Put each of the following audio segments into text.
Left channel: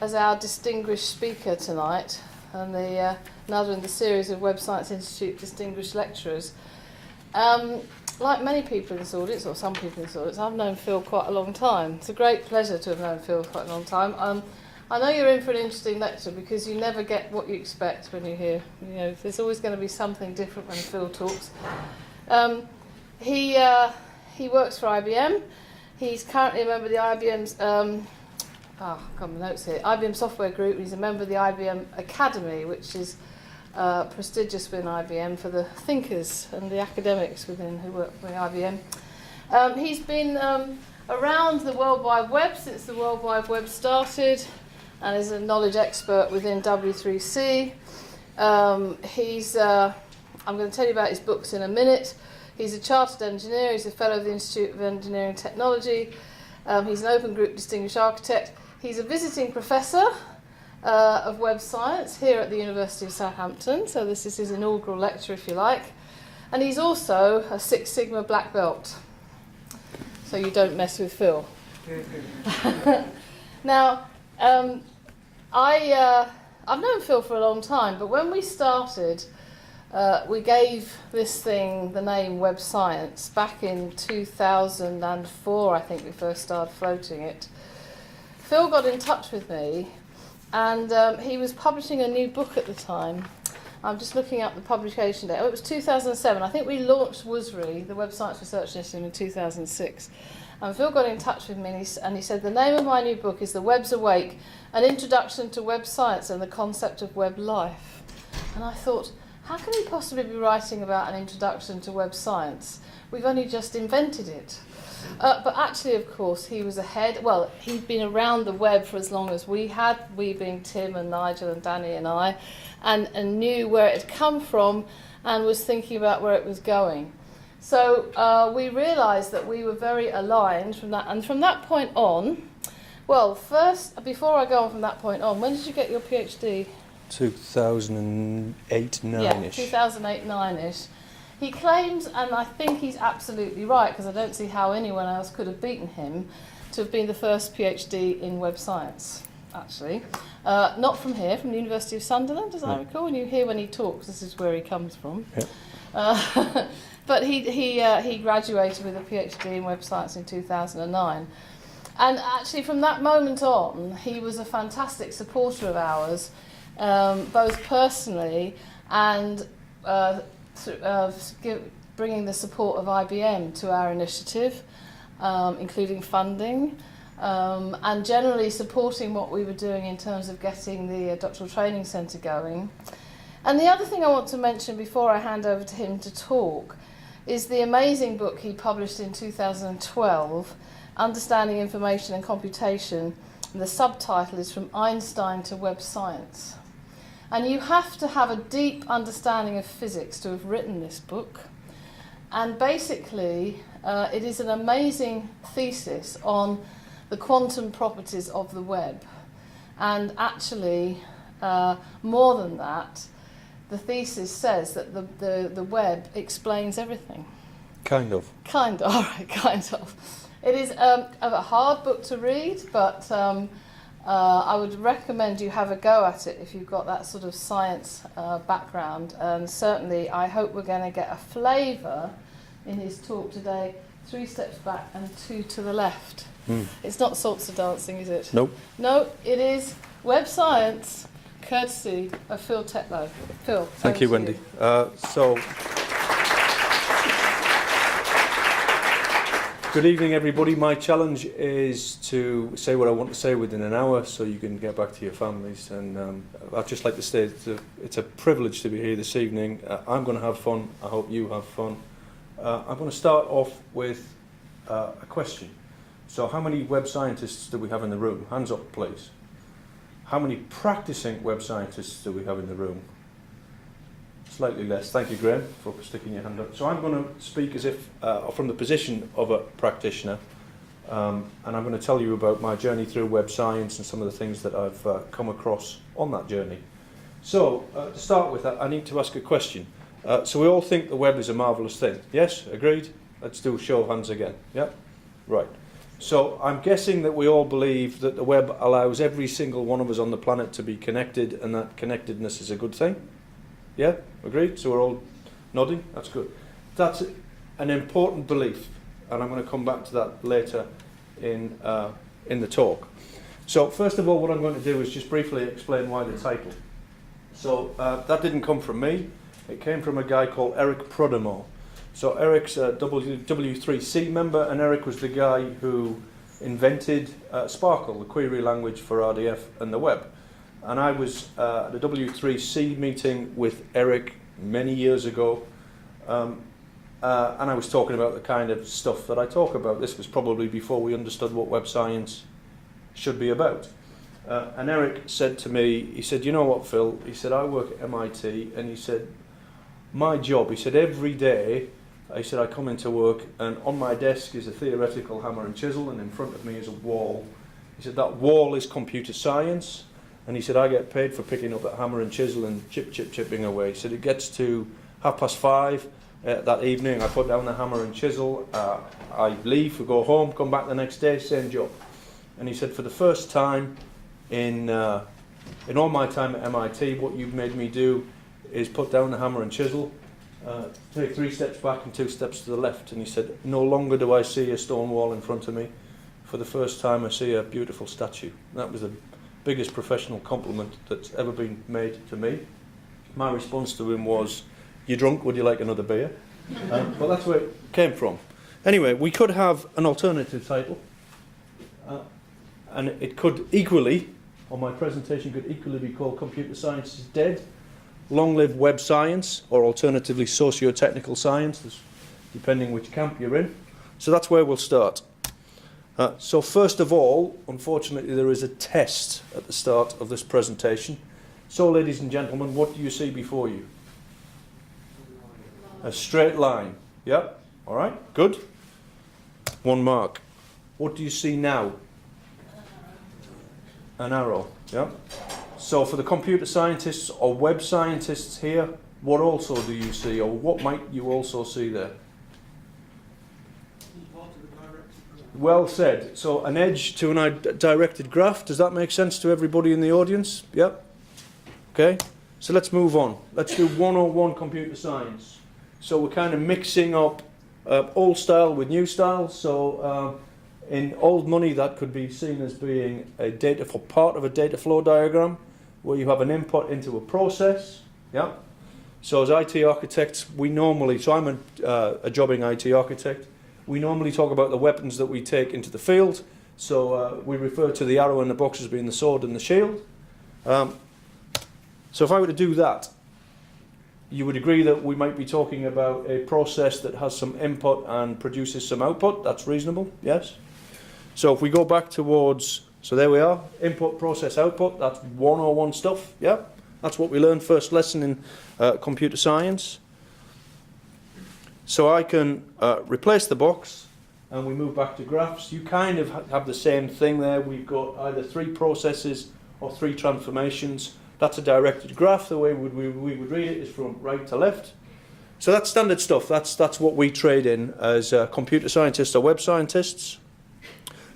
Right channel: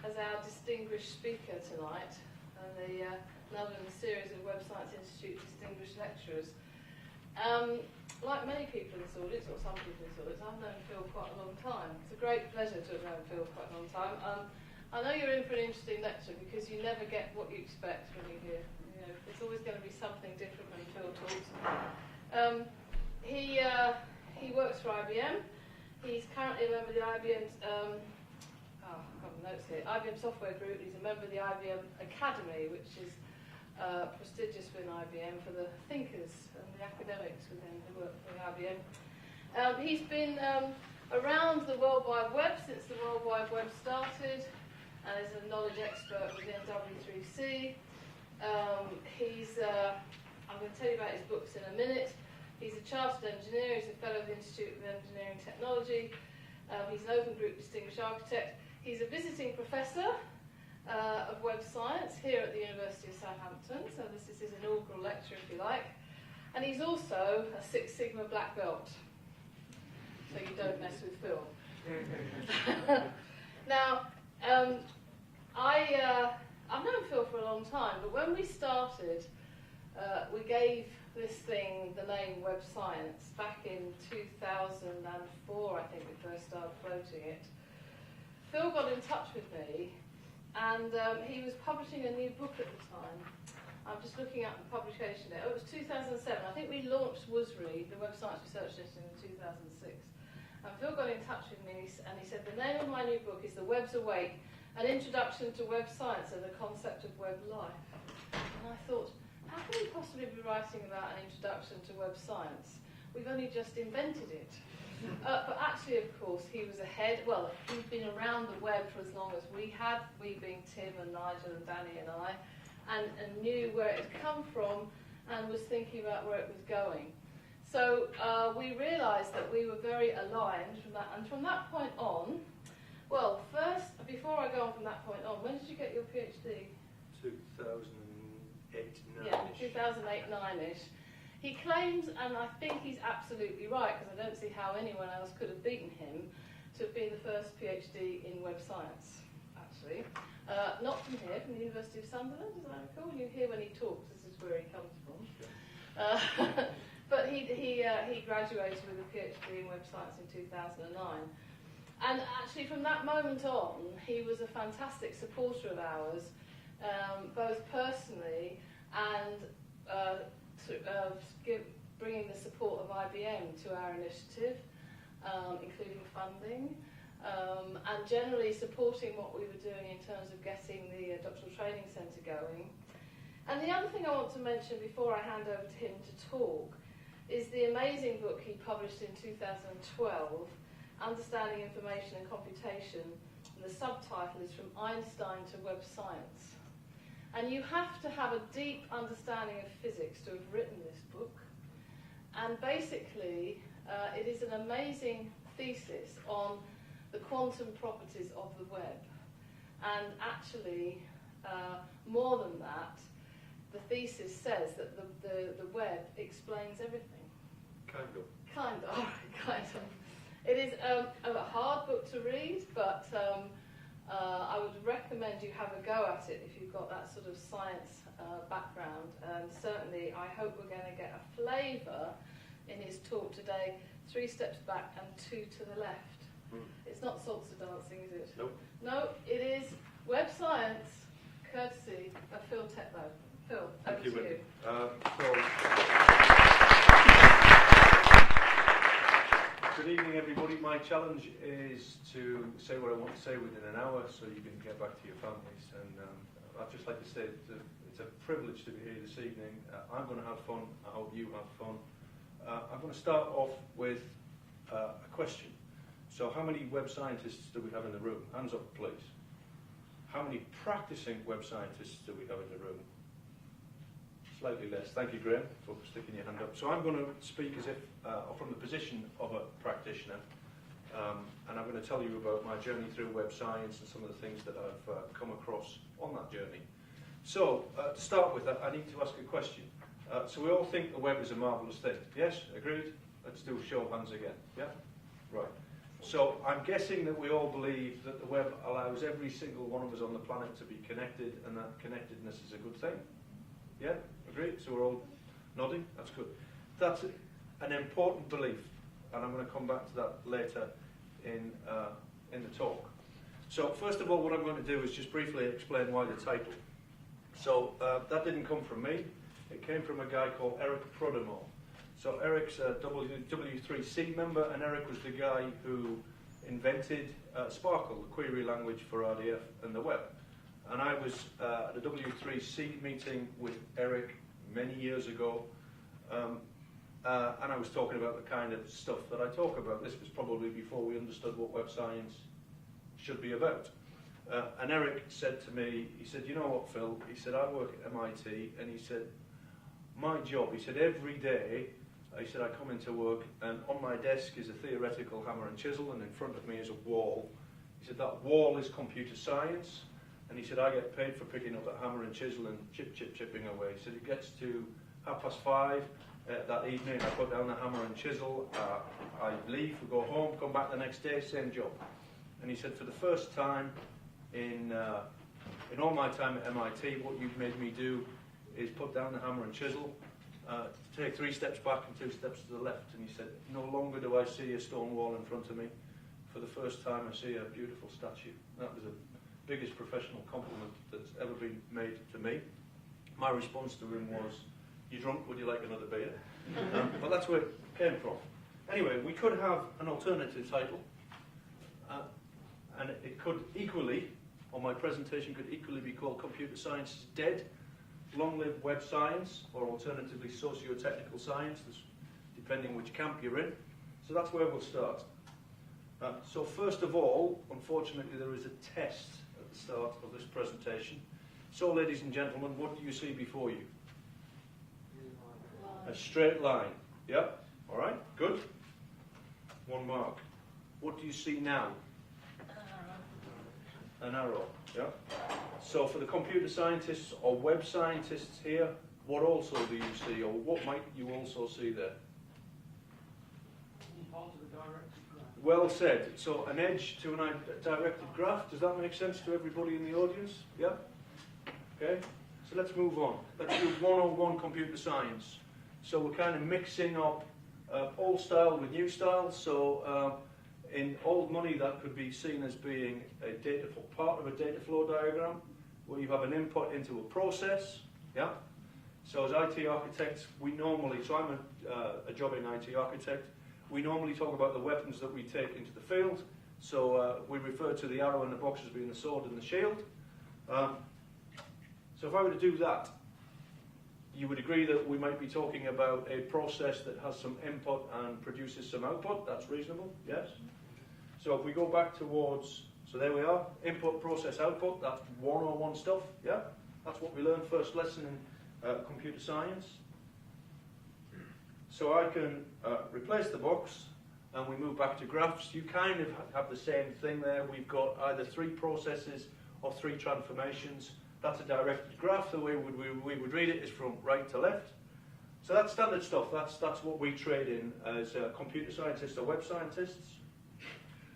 as our distinguished speaker tonight, and another in the series of Web Science Institute distinguished lecturers. Like many people in this audience, or some people in this audience, I've known Phil quite a long time. It's a great pleasure to have known Phil quite a long time. I know you're in for an interesting lecture because you never get what you expect when you hear. You know, there's always going to be something different when Phil talks. He works for IBM. He's currently a member of the IBM's I've got my notes here. IBM Software Group. He's a member of the IBM Academy, which is prestigious within IBM for the thinkers and the academics within who work for IBM. He's been around the World Wide Web since the World Wide Web started, and is a knowledge expert within W3C. I'm going to tell you about his books in a minute. He's a chartered engineer. He's a fellow of the Institute of Engineering and Technology. He's an Open Group Distinguished Architect. He's a visiting professor of web science here at the University of Southampton, so this is his inaugural lecture, if you like. And he's also a Six Sigma black belt, so you don't mess with Phil. Now, I've known Phil for a long time, but when we started, we gave this thing the name Web Science back in 2004, I think we first started floating it. Phil got in touch with me, and he was publishing a new book at the time. I'm just looking up the publication date. Oh, it was 2007. I think we launched WSI, the Web Science Research Initiative, in 2006. And Phil got in touch with me, and he said, the name of my new book is The Web's Awake, An Introduction to Web Science and the Concept of Web Life. And I thought, how can he possibly be writing about an introduction to web science? We've only just invented it. But actually, of course, he was ahead. Well, he'd been around the web for as long as we had, we being Tim and Nigel and Danny and I, and knew where it had come from and was thinking about where it was going. So we realised that we were very aligned from that. And from that point on, well, first, before I go on from that point on, when did you get your PhD? 2008, 9-ish. Yeah, 2008, 9-ish. He claims, and I think he's absolutely right, because I don't see how anyone else could have beaten him, to have been the first PhD in web science, actually. Not from here, from the University of Sunderland, as I recall. And you hear when he talks, this is where he comes from. Yeah. But he graduated with a PhD in web science in 2009. And actually, from that moment on, he was a fantastic supporter of ours, both personally and bringing the support of IBM to our initiative, including funding, and generally supporting what we were doing in terms of getting the doctoral training centre going. And the other thing I want to mention before I hand over to him to talk is the amazing book he published in 2012, Understanding Information and Computation, and the subtitle is From Einstein to Web Science. And you have to have a deep understanding of physics to have written this book. And basically, it is an amazing thesis on the quantum properties of the web. And actually, more than that, the thesis says that the web explains everything. Kind of. Kind of, all right, kind of. It is a hard book to read, but I would recommend you have a go at it if you've got that sort of science background. And certainly, I hope we're going to get a flavour in his talk today, 3 steps back and 2 to the left. It's not salsa dancing, is it? Nope. No, it is web science, courtesy of Phil Tetlow. Phil, thank you, Wendy. Good evening, everybody. My challenge is to say what I want to say within an hour so you can get back to your families. And I'd just like to say it's a privilege to be here this evening. I'm going to have fun. I hope you have fun. I'm going to start off with a question. So how many web scientists do we have in the room? Hands up, please. How many practicing web scientists do we have in the room? Slightly less. Thank you, Graham, for sticking your hand up. So I'm going to speak as if from the position of a practitioner, and I'm going to tell you about my journey through web science and some of the things that I've come across on that journey. So to start with, I need to ask a question. So we all think the web is a marvellous thing. Yes? Agreed? Let's do a show of hands again. Yeah? Right. So I'm guessing that we all believe that the web allows every single one of us on the planet to be connected, and that connectedness is a good thing. Yeah, agreed? So we're all nodding. That's good. That's an important belief, and I'm going to come back to that later in the talk. So first of all, what I'm going to do is just briefly explain why the title. So that didn't come from me. It came from a guy called Eric Prodemore. So Eric's a W3C member, and Eric was the guy who invented Sparkle, the query language for RDF and the web. And I was at a W3C meeting with Eric many years ago, and I was talking about the kind of stuff that I talk about. This was probably before we understood what web science should be about. And Eric said to me, he said, you know what, Phil? He said, I work at MIT, and he said, my job, he said, every day, he said, I come into work, and on my desk is a theoretical hammer and chisel, and in front of me is a wall. He said, that wall is computer science, and he said, I get paid for picking up that hammer and chisel and chipping away. He said, it gets to 5:30 that evening, I put down the hammer and chisel, I leave, we go home, come back the next day, same job. And he said, for the first time in all my time at MIT, what you've made me do is put down the hammer and chisel, take 3 steps back and 2 steps to the left. And he said, no longer do I see a stone wall in front of me. For the first time I see a beautiful statue. And that was the biggest professional compliment that's ever been made to me. My response to him was, you drunk, would you like another beer? Well, that's where it came from. Anyway, we could have an alternative title. And it could equally, or my presentation could equally be called Computer Science is Dead, Long Live Web Science, or alternatively socio-technical science, depending which camp you're in. So that's where we'll start. So first of all, unfortunately, there is a test at the start of this presentation. So ladies and gentlemen, what do you see before you? A straight line. Yeah? All right, good. 1 mark. What do you see now? An arrow. Yeah? So for the computer scientists or web scientists here, what also do you see, or what might you also see there? Well said. So an edge to a directed graph. Does that make sense to everybody in the audience? Yep. Okay. So let's move on. Let's do 101 computer science. So we're kind of mixing up old style with new style. So in old money, that could be seen as being a part of a data flow diagram, where you have an input into a process. Yeah. So as IT architects, we normally, so I'm a jobbing IT architect, we normally talk about the weapons that we take into the field. So we refer to the arrow in the box as being the sword and the shield. So if I were to do that, you would agree that we might be talking about a process that has some input and produces some output. That's reasonable, yes? So if we go back towards, so there we are, input, process, output, that's 101 stuff, yeah? That's what we learned first lesson in computer science. So I can replace the box, and we move back to graphs. You kind of have the same thing there. We've got either 3 processes or 3 transformations. That's a directed graph. The way we would read it is from right to left. So that's standard stuff. That's what we trade in as computer scientists or web scientists.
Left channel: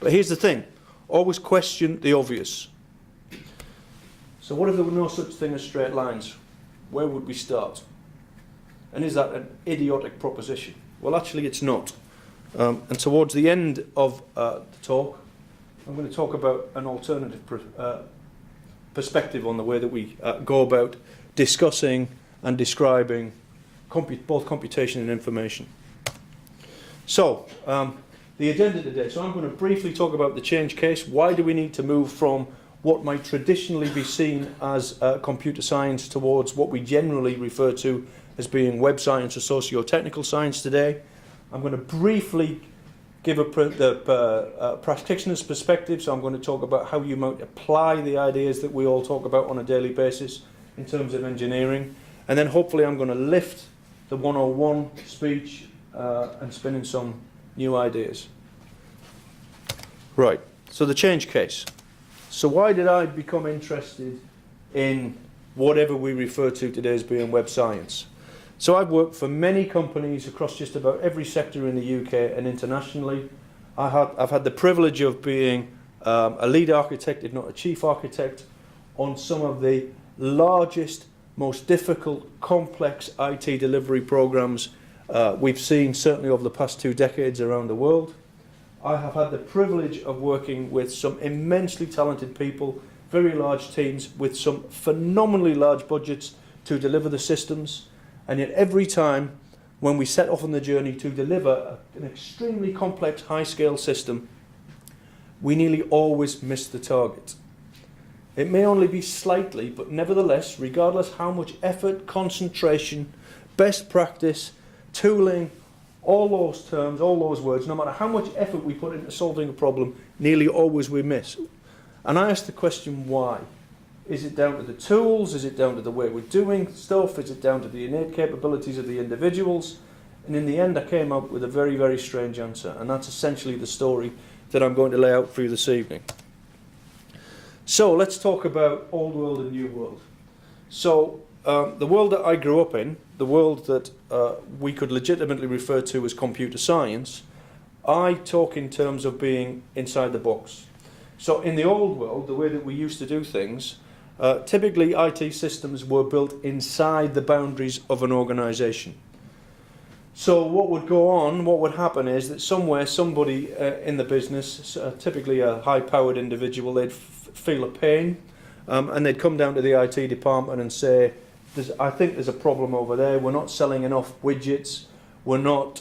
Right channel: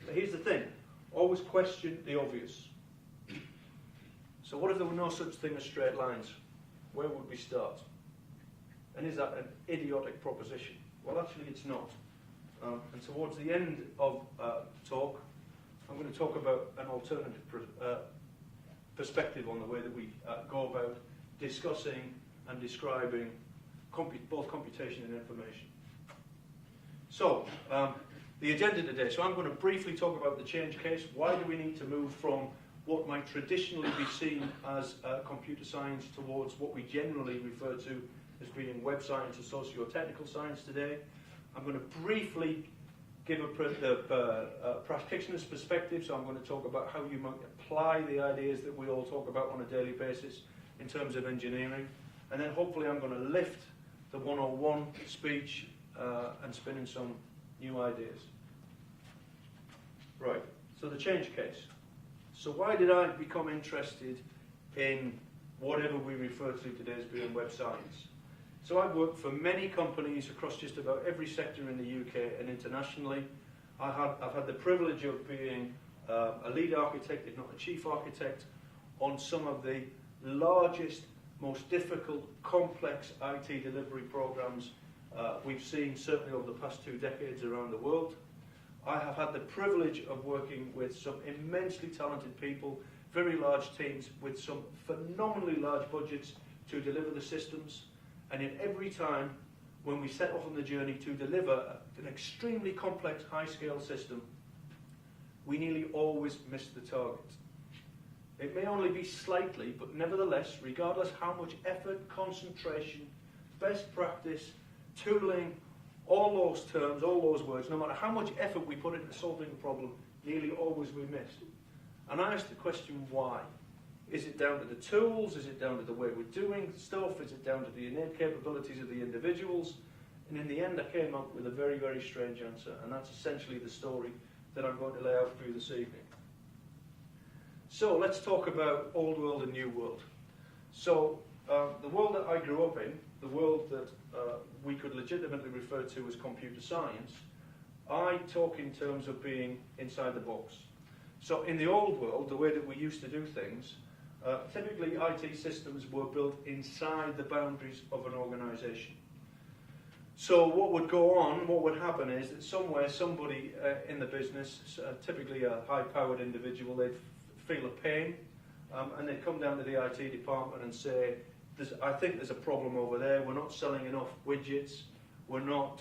But here's the thing. Always question the obvious. So what if there were no such thing as straight lines? Where would we start? And is that an idiotic proposition? Well, actually, it's not. And towards the end of the talk, I'm going to talk about an alternative perspective on the way that we go about discussing and describing both computation and information. So, the agenda today. So I'm going to briefly talk about the change case. Why do we need to move from what might traditionally be seen as computer science towards what we generally refer to as being web science or socio-technical science today? I'm going to briefly give the practitioner's perspective, so I'm going to talk about how you might apply the ideas that we all talk about on a daily basis in terms of engineering, and then hopefully I'm going to lift the 101 speech and spin in some new ideas. Right, so the change case. So why did I become interested in whatever we refer to today as being web science? So I've worked for many companies across just about every sector in the UK and internationally. I've had the privilege of being a lead architect, if not a chief architect, on some of the largest, most difficult, complex IT delivery programs we've seen certainly over the past 2 decades around the world. I have had the privilege of working with some immensely talented people, very large teams with some phenomenally large budgets to deliver the systems, and yet every time when we set off on the journey to deliver an extremely complex high-scale system, we nearly always miss the target. It may only be slightly, but nevertheless, regardless how much effort, concentration, best practice, tooling, all those terms, all those words, no matter how much effort we put into solving a problem, nearly always we miss. And I ask the question, why? Is it down to the tools? Is it down to the way we're doing stuff? Is it down to the innate capabilities of the individuals? And in the end, I came up with a very, very strange answer. And that's essentially the story that I'm going to lay out for you this evening. So let's talk about old world and new world. So the world that I grew up in, the world that we could legitimately refer to as computer science, I talk in terms of being inside the box. So in the old world, the way that we used to do things, typically IT systems were built inside the boundaries of an organisation. So what would go on, what would happen is that somewhere somebody in the business, typically a high-powered individual, they'd feel a pain and they'd come down to the IT department and say, I think there's a problem over there, we're not selling enough widgets, we're not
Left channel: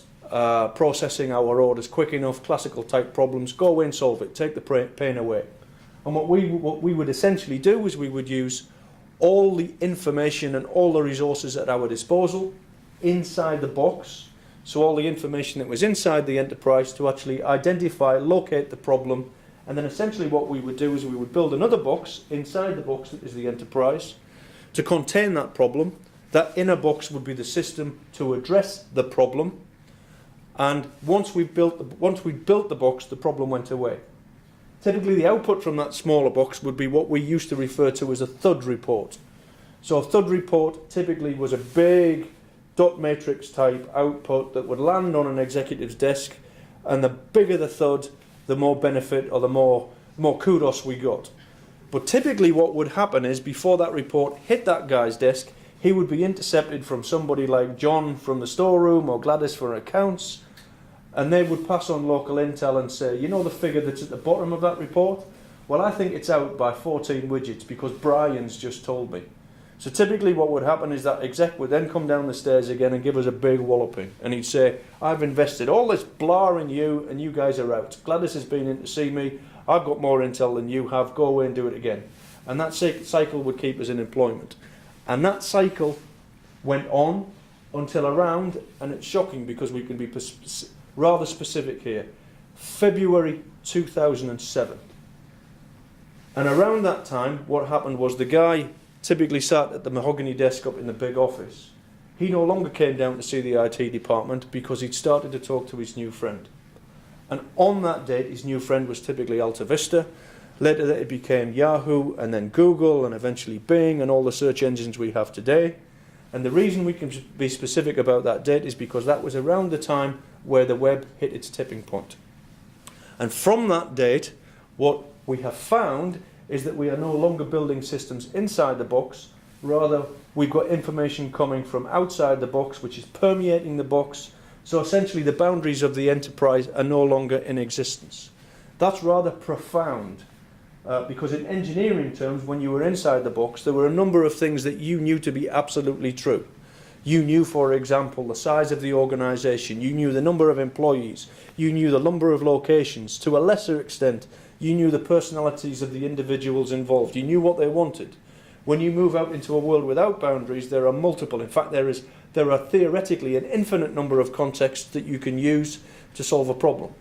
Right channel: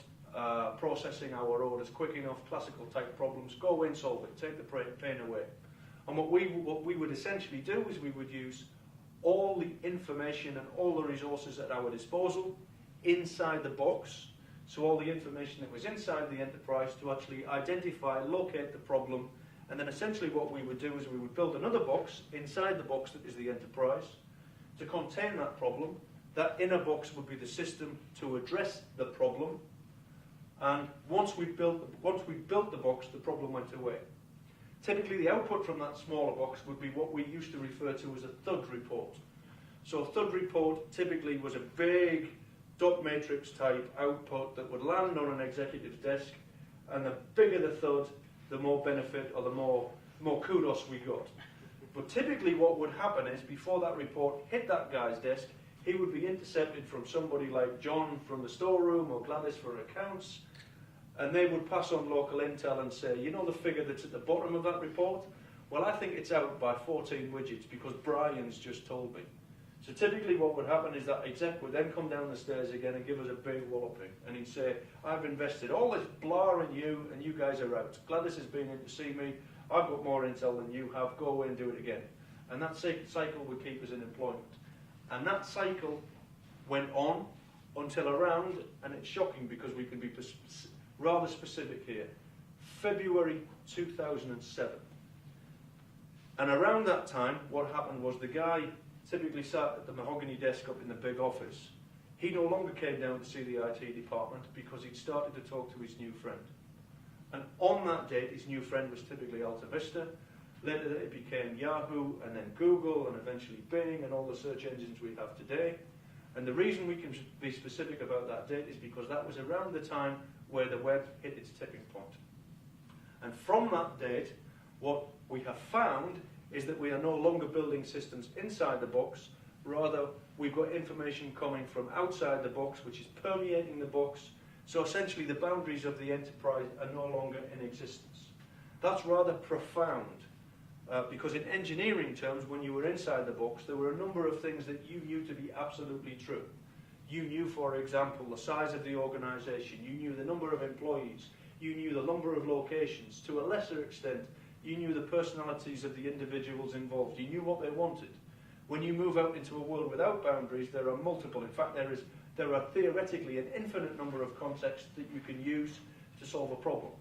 processing our orders quick enough, classical type problems, go away and solve it, take the pain away. And what we would essentially do is we would use all the information and all the resources at our disposal inside the box, so all the information that was inside the enterprise to actually identify, locate the problem, and then essentially what we would do is we would build another box inside the box that is the enterprise to contain that problem. That inner box would be the system to address the problem, and once we built the box, the problem went away. Typically the output from that smaller box would be what we used to refer to as a thud report. So a thud report typically was a big dot matrix type output that would land on an executive's desk, and the bigger the thud, the more benefit or the more kudos we got. But typically what would happen is before that report hit that guy's desk, he would be intercepted from somebody like John from the storeroom or Gladys for accounts, and they would pass on local intel and say, you know the figure that's at the bottom of that report? Well, I think it's out by 14 widgets because Brian's just told me. So typically what would happen is that exec would then come down the stairs again and give us a big walloping. And he'd say, I've invested all this blah in you and you guys are out. Gladys has been in to see me. I've got more intel than you have. Go away and do it again. And that cycle would keep us in employment. And that cycle went on until around, and it's shocking because we can be rather specific here, February 2007. And around that time, what happened was the guy typically sat at the mahogany desk up in the big office. He no longer came down to see the IT department because he'd started to talk to his new friend. And on that date, his new friend was typically Alta Vista. Later it became Yahoo, and then Google, and eventually Bing, and all the search engines we have today. And the reason we can be specific about that date is because that was around the time where the web hit its tipping point. And from that date, what we have found is that we are no longer building systems inside the box, rather we've got information coming from outside the box which is permeating the box, so essentially the boundaries of the enterprise are no longer in existence. That's rather profound, because in engineering terms, when you were inside the box, there were a number of things that you knew to be absolutely true. You knew, for example, the size of the organization, you knew the number of employees, you knew the number of locations, to a lesser extent, you knew the personalities of the individuals involved. You knew what they wanted. When you move out into a world without boundaries, there are multiple. In fact, there are theoretically an infinite number of contexts that you can use to solve a problem.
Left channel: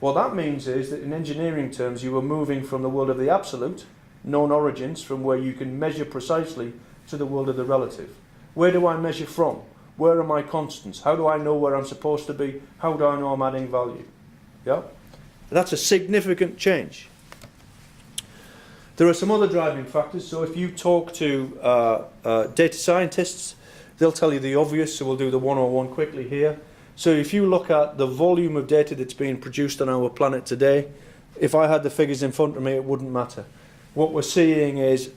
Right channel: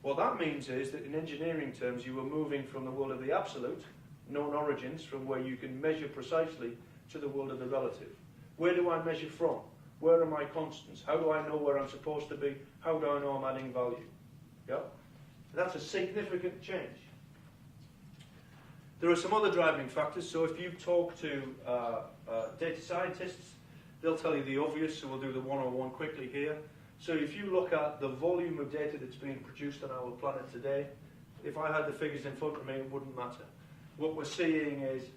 What that means is that in engineering terms, you are moving from the world of the absolute, known origins, from where you can measure precisely, to the world of the relative. Where do I measure from? Where are my constants? How do I know where I'm supposed to be? How do I know I'm adding value? Yeah? That's a significant change. There are some other driving factors. So if you talk to data scientists, they'll tell you the obvious, so we'll do the 101 quickly here. So if you look at the volume of data that's being produced on our planet today, if I had the figures in front of me, it wouldn't matter. What we're seeing is,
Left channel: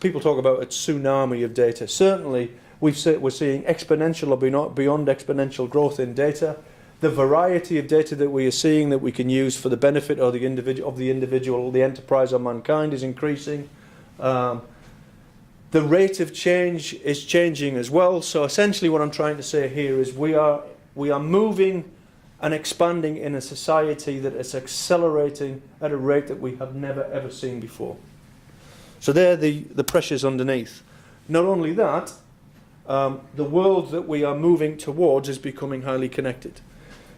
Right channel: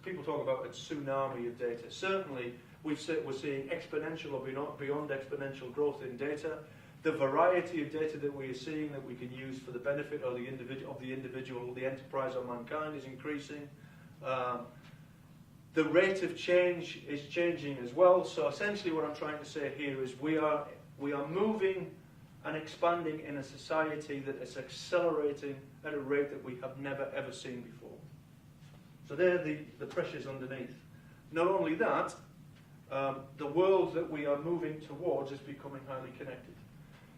people talk about a tsunami of data. Certainly, we're seeing exponential or beyond exponential growth in data. The variety of data that we are seeing that we can use for the benefit of the individual, the enterprise, or mankind is increasing. The rate of change is changing as well. So essentially what I'm trying to say here is we are moving and expanding in a society that is accelerating at a rate that we have never ever seen before. So there are the pressures underneath. Not only that, the world that we are moving towards is becoming highly connected.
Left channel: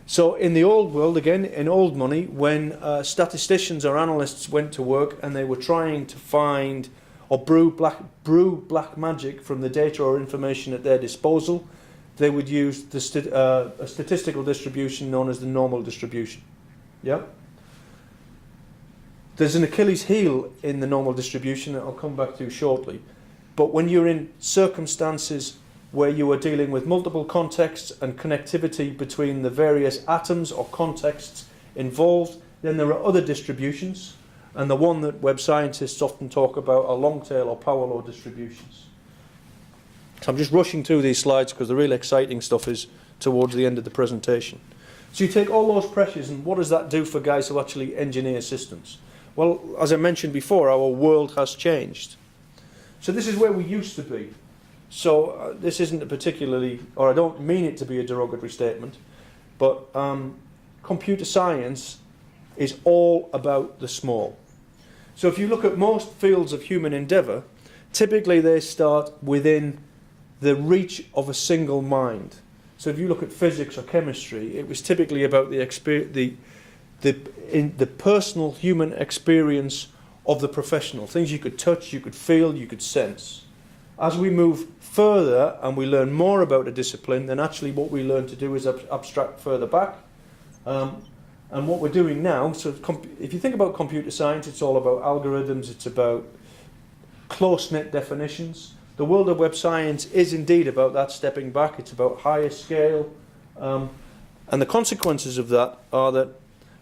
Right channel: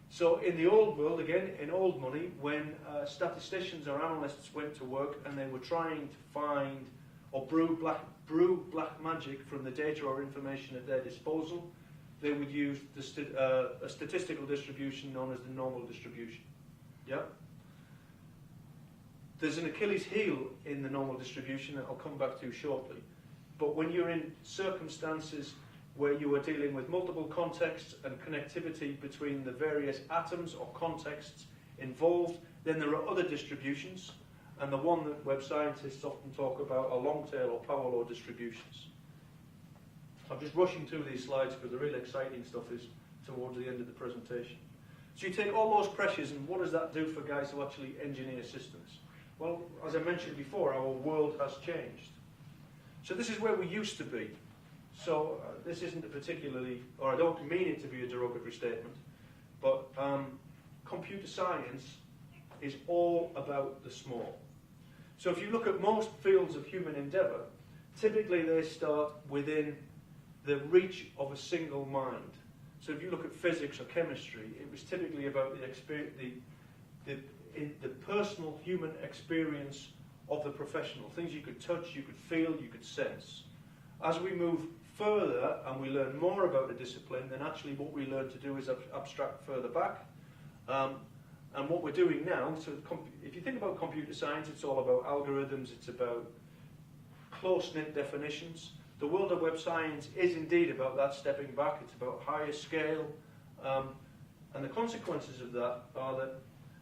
So in the old world, again, in old money, when statisticians or analysts went to work and they were trying to find or brew black magic from the data or information at their disposal, they would use a statistical distribution known as the normal distribution. Yeah? There's an Achilles heel in the normal distribution that I'll come back to shortly. But when you're in circumstances where you are dealing with multiple contexts and connectivity between the various atoms or contexts involved, then there are other distributions. And the one that web scientists often talk about are long-tail or power law distributions. So I'm just rushing through these slides because the really exciting stuff is towards the end of the presentation. So you take all those pressures and what does that do for guys who actually engineer systems? Well, as I mentioned before, our world has changed. So this is where we used to be. So this isn't a particularly, or I don't mean it to be a derogatory statement, but computer science is all about the small. So if you look at most fields of human endeavour, typically they start within the reach of a single mind. So if you look at physics or chemistry, it was typically about the personal human experience of the professional, things you could touch, you could feel, you could sense. As we move further and we learn more about a discipline, then actually what we learn to do is abstract further back. And what we're doing now, so if you think about computer science, it's all about algorithms, it's about close-knit definitions. The world of web science is indeed about that stepping back, it's about higher scale. And the consequences of that are that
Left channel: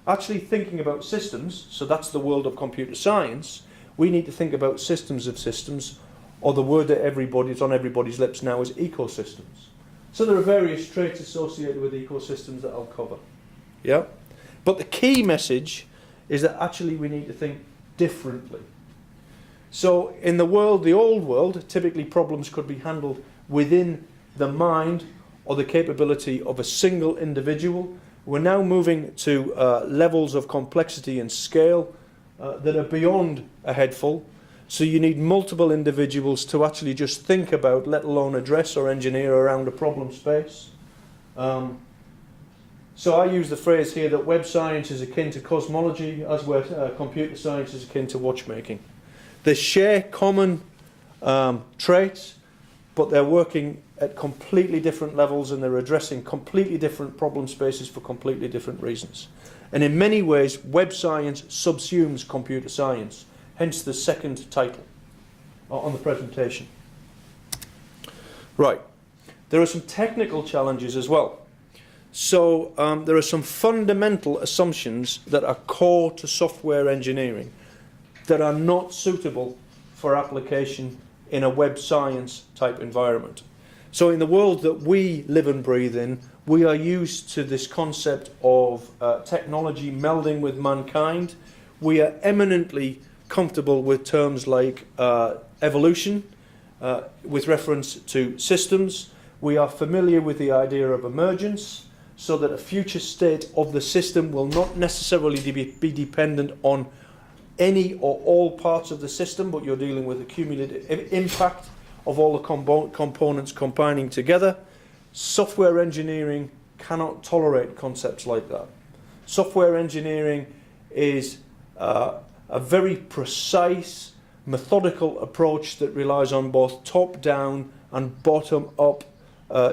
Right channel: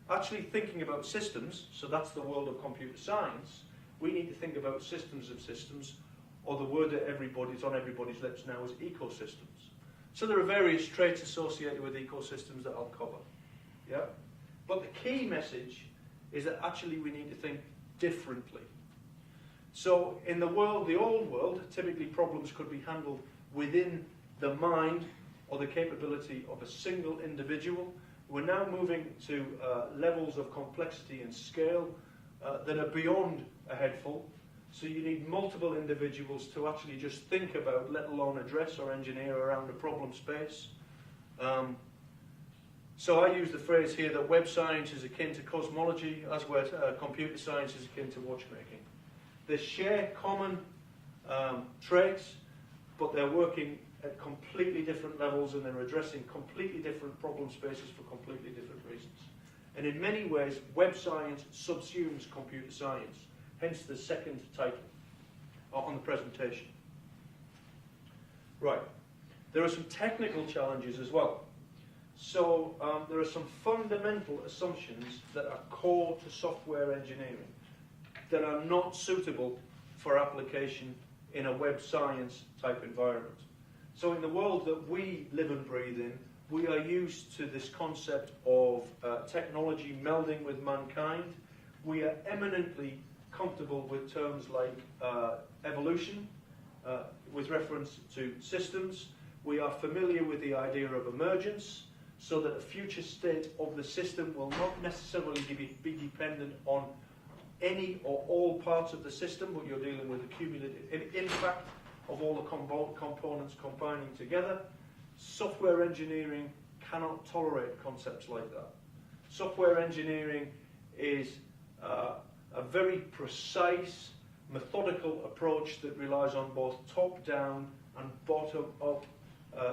actually thinking about systems, so that's the world of computer science, we need to think about systems of systems, or the word that is on everybody's lips now is ecosystems. So there are various traits associated with ecosystems that I'll cover. Yeah? But the key message is that actually we need to think differently. So in the world, the old world, typically problems could be handled within the mind or the capability of a single individual. We're now moving to levels of complexity and scale that are beyond a headful. So you need multiple individuals to actually just think about, let alone address or engineer around a problem space. So I use the phrase here that web science is akin to cosmology, as where computer science is akin to watchmaking. They share common traits, but they're working at completely different levels and they're addressing completely different problem spaces for completely different reasons. And in many ways, web science subsumes computer science, hence the second title on the presentation. Right, there are some technical challenges as well. So there are some fundamental assumptions that are core to software engineering that are not suitable for application in a web science type environment. So in the world that we live and breathe in, we are used to this concept of technology melding with mankind. We are eminently comfortable with terms like evolution with reference to systems. We are familiar with the idea of emergence, so that a future state of the system will not necessarily be dependent on any or all parts of the system, but you're dealing with a cumulative impact of all the components combining together. Software engineering cannot tolerate concepts like that. Software engineering is a very precise, methodical approach that relies on both top-down and bottom-up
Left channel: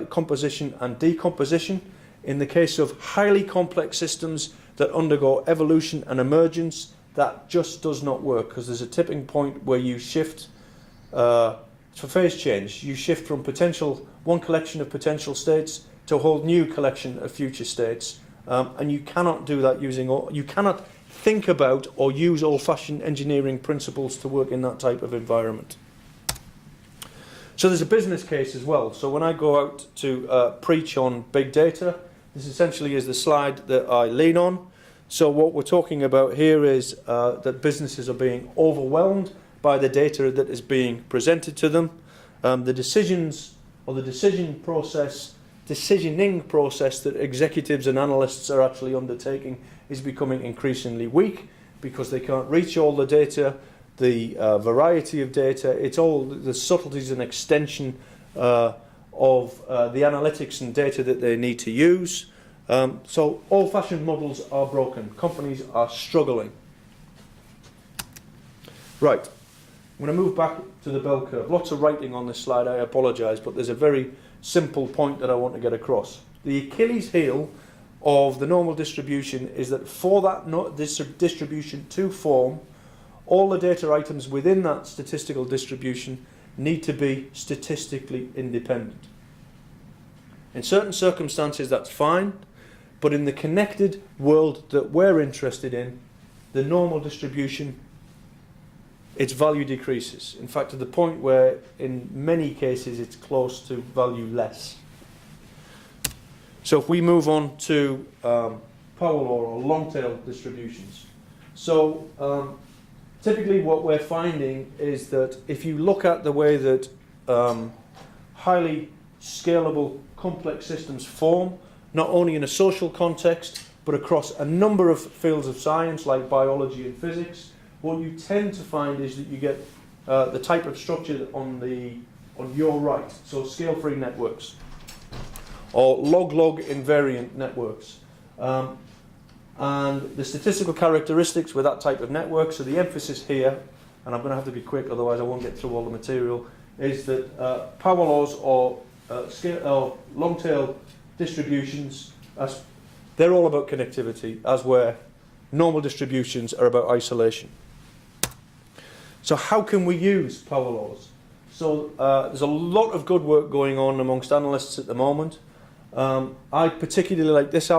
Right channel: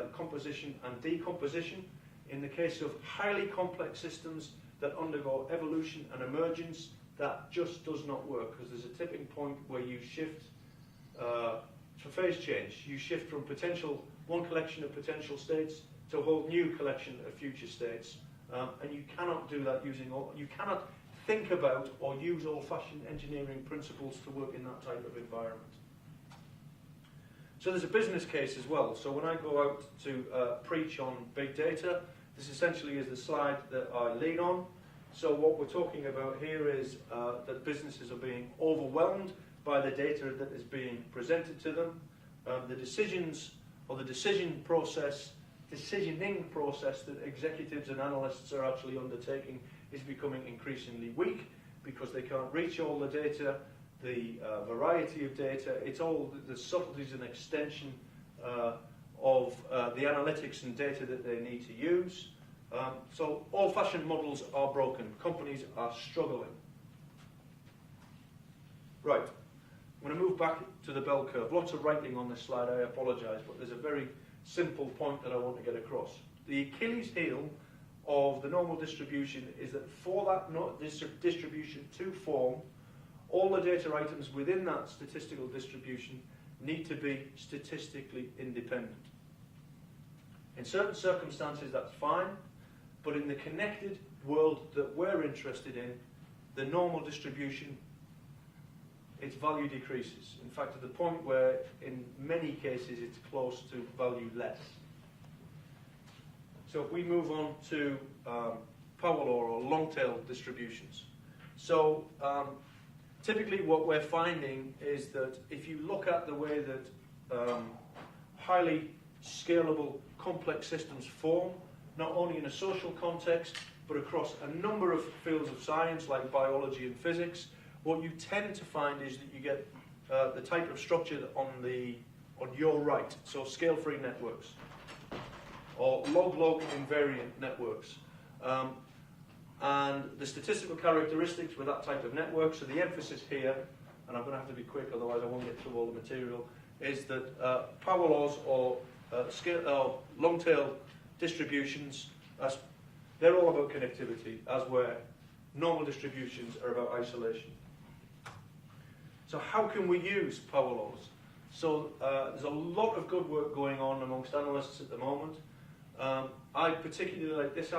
composition and decomposition. In the case of highly complex systems that undergo evolution and emergence, that just does not work because there's a tipping point where you shift for phase change. You shift from one collection of potential states to a whole new collection of future states, and you cannot do that you cannot think about or use old-fashioned engineering principles to work in that type of environment. So there's a business case as well. So when I go out to preach on big data, this essentially is the slide that I lean on. So what we're talking about here is that businesses are being overwhelmed by the data that is being presented to them. The decisions or the decisioning process that executives and analysts are actually undertaking is becoming increasingly weak because they can't reach all the data, the variety of data. It's all the subtleties and extension of the analytics and data that they need to use. So old-fashioned models are broken. Companies are struggling. Right. I'm going to move back to the bell curve. Lots of writing on this slide, I apologise, but there's a very simple point that I want to get across. The Achilles heel of the normal distribution is that for that distribution to form, all the data items within that statistical distribution need to be statistically independent. In certain circumstances that's fine, but in the connected world that we're interested in, the normal distribution, its value decreases. In fact, to the point where in many cases it's close to value less. So if we move on to power law or long tail distributions. So typically what we're finding is that if you look at the way that highly scalable complex systems form, not only in a social context but across a number of fields of science like biology and physics, what you tend to find is that you get the type of structure on your right, so scale-free networks or log-log invariant networks. And the statistical characteristics with that type of network, so the emphasis here, and I'm going to have to be quick otherwise I won't get through all the material, is that power laws or long-tail distributions, they're all about connectivity, as where normal distributions are about isolation. So how can we use power laws? So there's a lot of good work going on amongst analysts at the moment. I particularly like this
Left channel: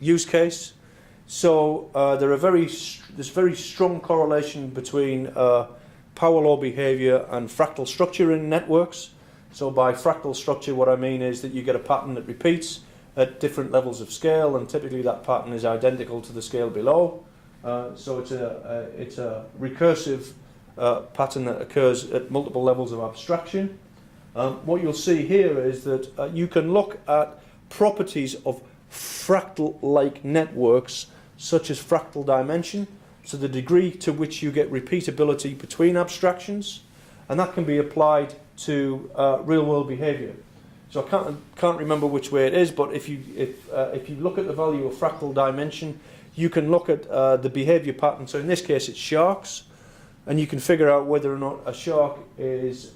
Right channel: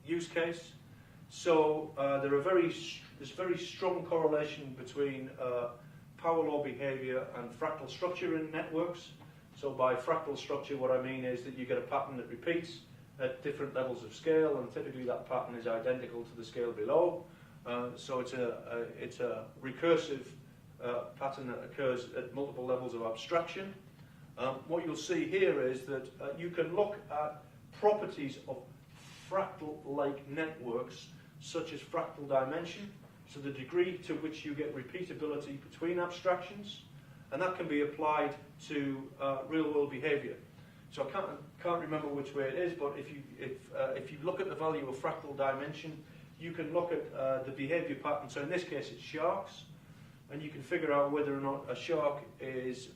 use case. So there's very strong correlation between power law behavior and fractal structure in networks. So by fractal structure, what I mean is that you get a pattern that repeats at different levels of scale, and typically that pattern is identical to the scale below. So it's a recursive pattern that occurs at multiple levels of abstraction. What you'll see here is that you can look at properties of fractal-like networks, such as fractal dimension, so the degree to which you get repeatability between abstractions, and that can be applied to real-world behavior. So I can't remember which way it is, but if you look at the value of fractal dimension, you can look at the behavior pattern. So in this case, it's sharks, and you can figure out whether or not a shark is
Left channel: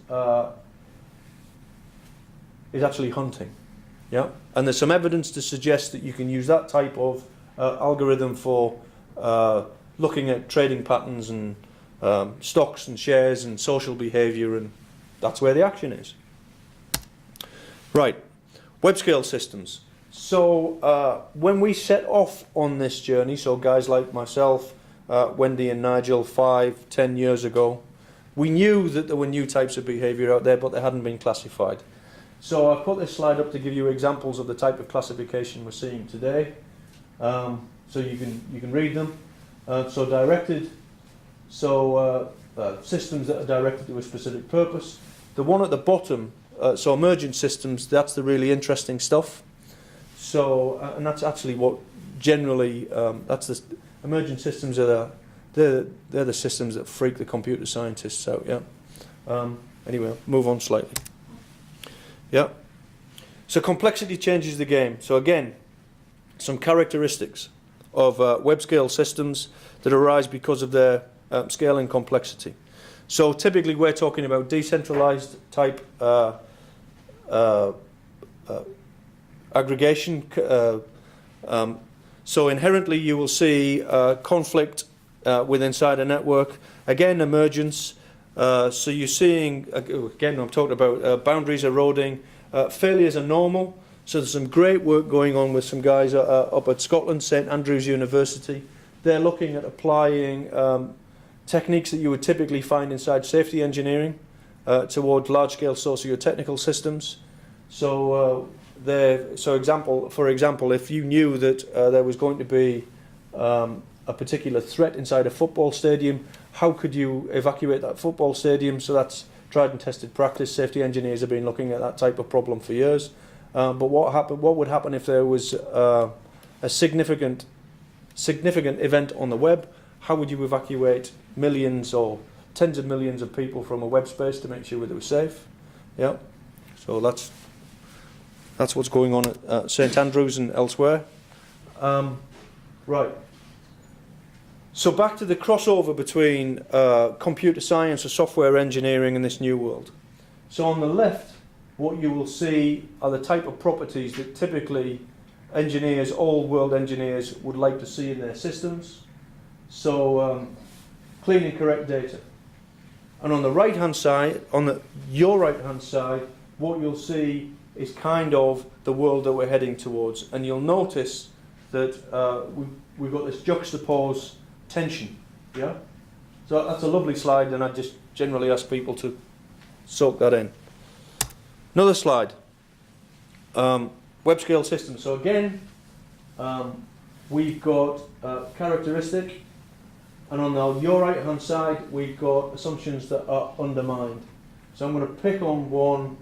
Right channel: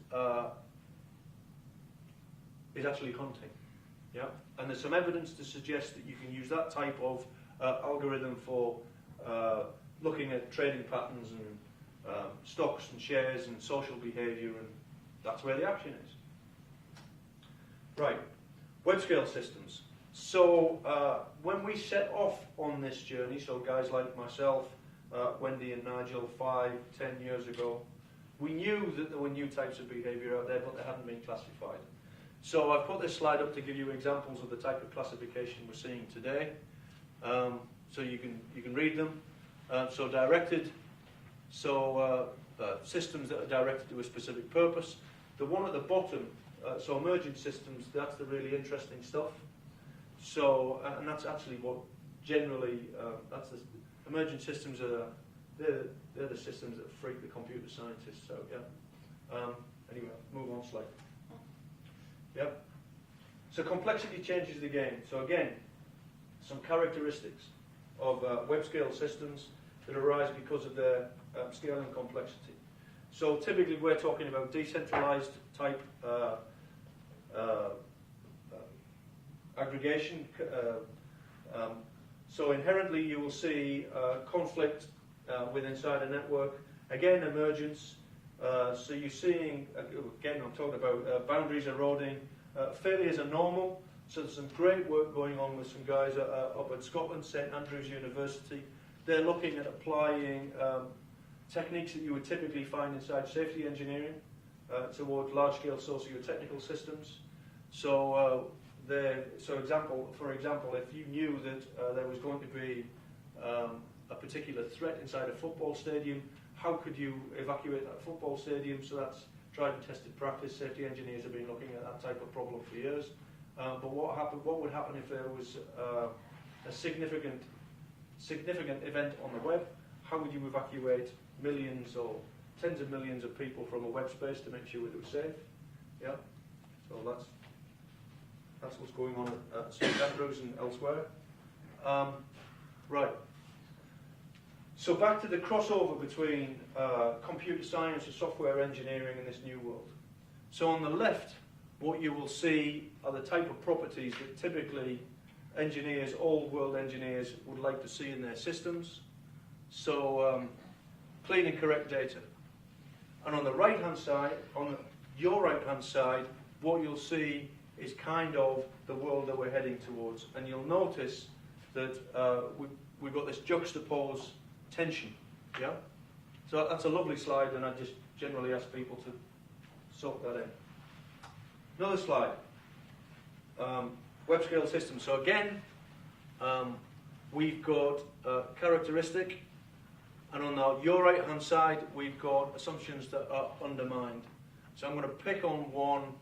actually hunting. Yeah, and there's some evidence to suggest that you can use that type of algorithm for looking at trading patterns and stocks and shares and social behavior, and that's where the action is. Right, web scale systems. So when we set off on this journey, so guys like myself, Wendy and Nigel 5-10 years ago, we knew that there were new types of behavior out there, but they hadn't been classified. So I put this slide up to give you examples of the type of classification we're seeing today. So you can read them. So directed, so systems that are directed to a specific purpose. The one at the bottom, so emergent systems, that's the really interesting stuff. So and that's actually what generally that's the emergent systems are they're the systems that freak the computer scientists out. Yeah. Anyway, move on slightly. Yeah. So complexity changes the game. So again, some characteristics of web scale systems that arise because of their scale and complexity. So typically we're talking about decentralized type aggregation. So inherently you will see conflict inside a network. Again, emergence. So you're seeing, again, I'm talking about boundaries eroding, Failures are normal, so there's some great work going on with some guys up at Scotland, St Andrews University. They're looking at applying techniques that you would typically find inside safety engineering towards large-scale socio-technical systems. So, for example, if you knew that there was going to be a particular threat inside a football stadium, how could you evacuate that football stadium? So that's tried and tested practice. Safety engineers have been looking at that type of problem for years. But what would happen if there was a significant event on the web? How would you evacuate millions or tens of millions of people from a web space to make sure that it was safe? Yeah. So that's what's going on at St Andrews and elsewhere. Right. So back to the crossover between computer science or software engineering in this new world. So on the left, what you will see are the type of properties that typically engineers, old world engineers, would like to see in their systems. So clean and correct data. And on the right hand side, your right hand side, what you'll see is kind of the world that we're heading towards. And you'll notice that we've got this juxtaposed tension. Yeah? So that's a lovely slide, and I just generally ask people to soak that in. Another slide. Web scale systems. So again, we've got characteristic, and on your right hand side we've got assumptions that are undermined. So I'm going to pick on one.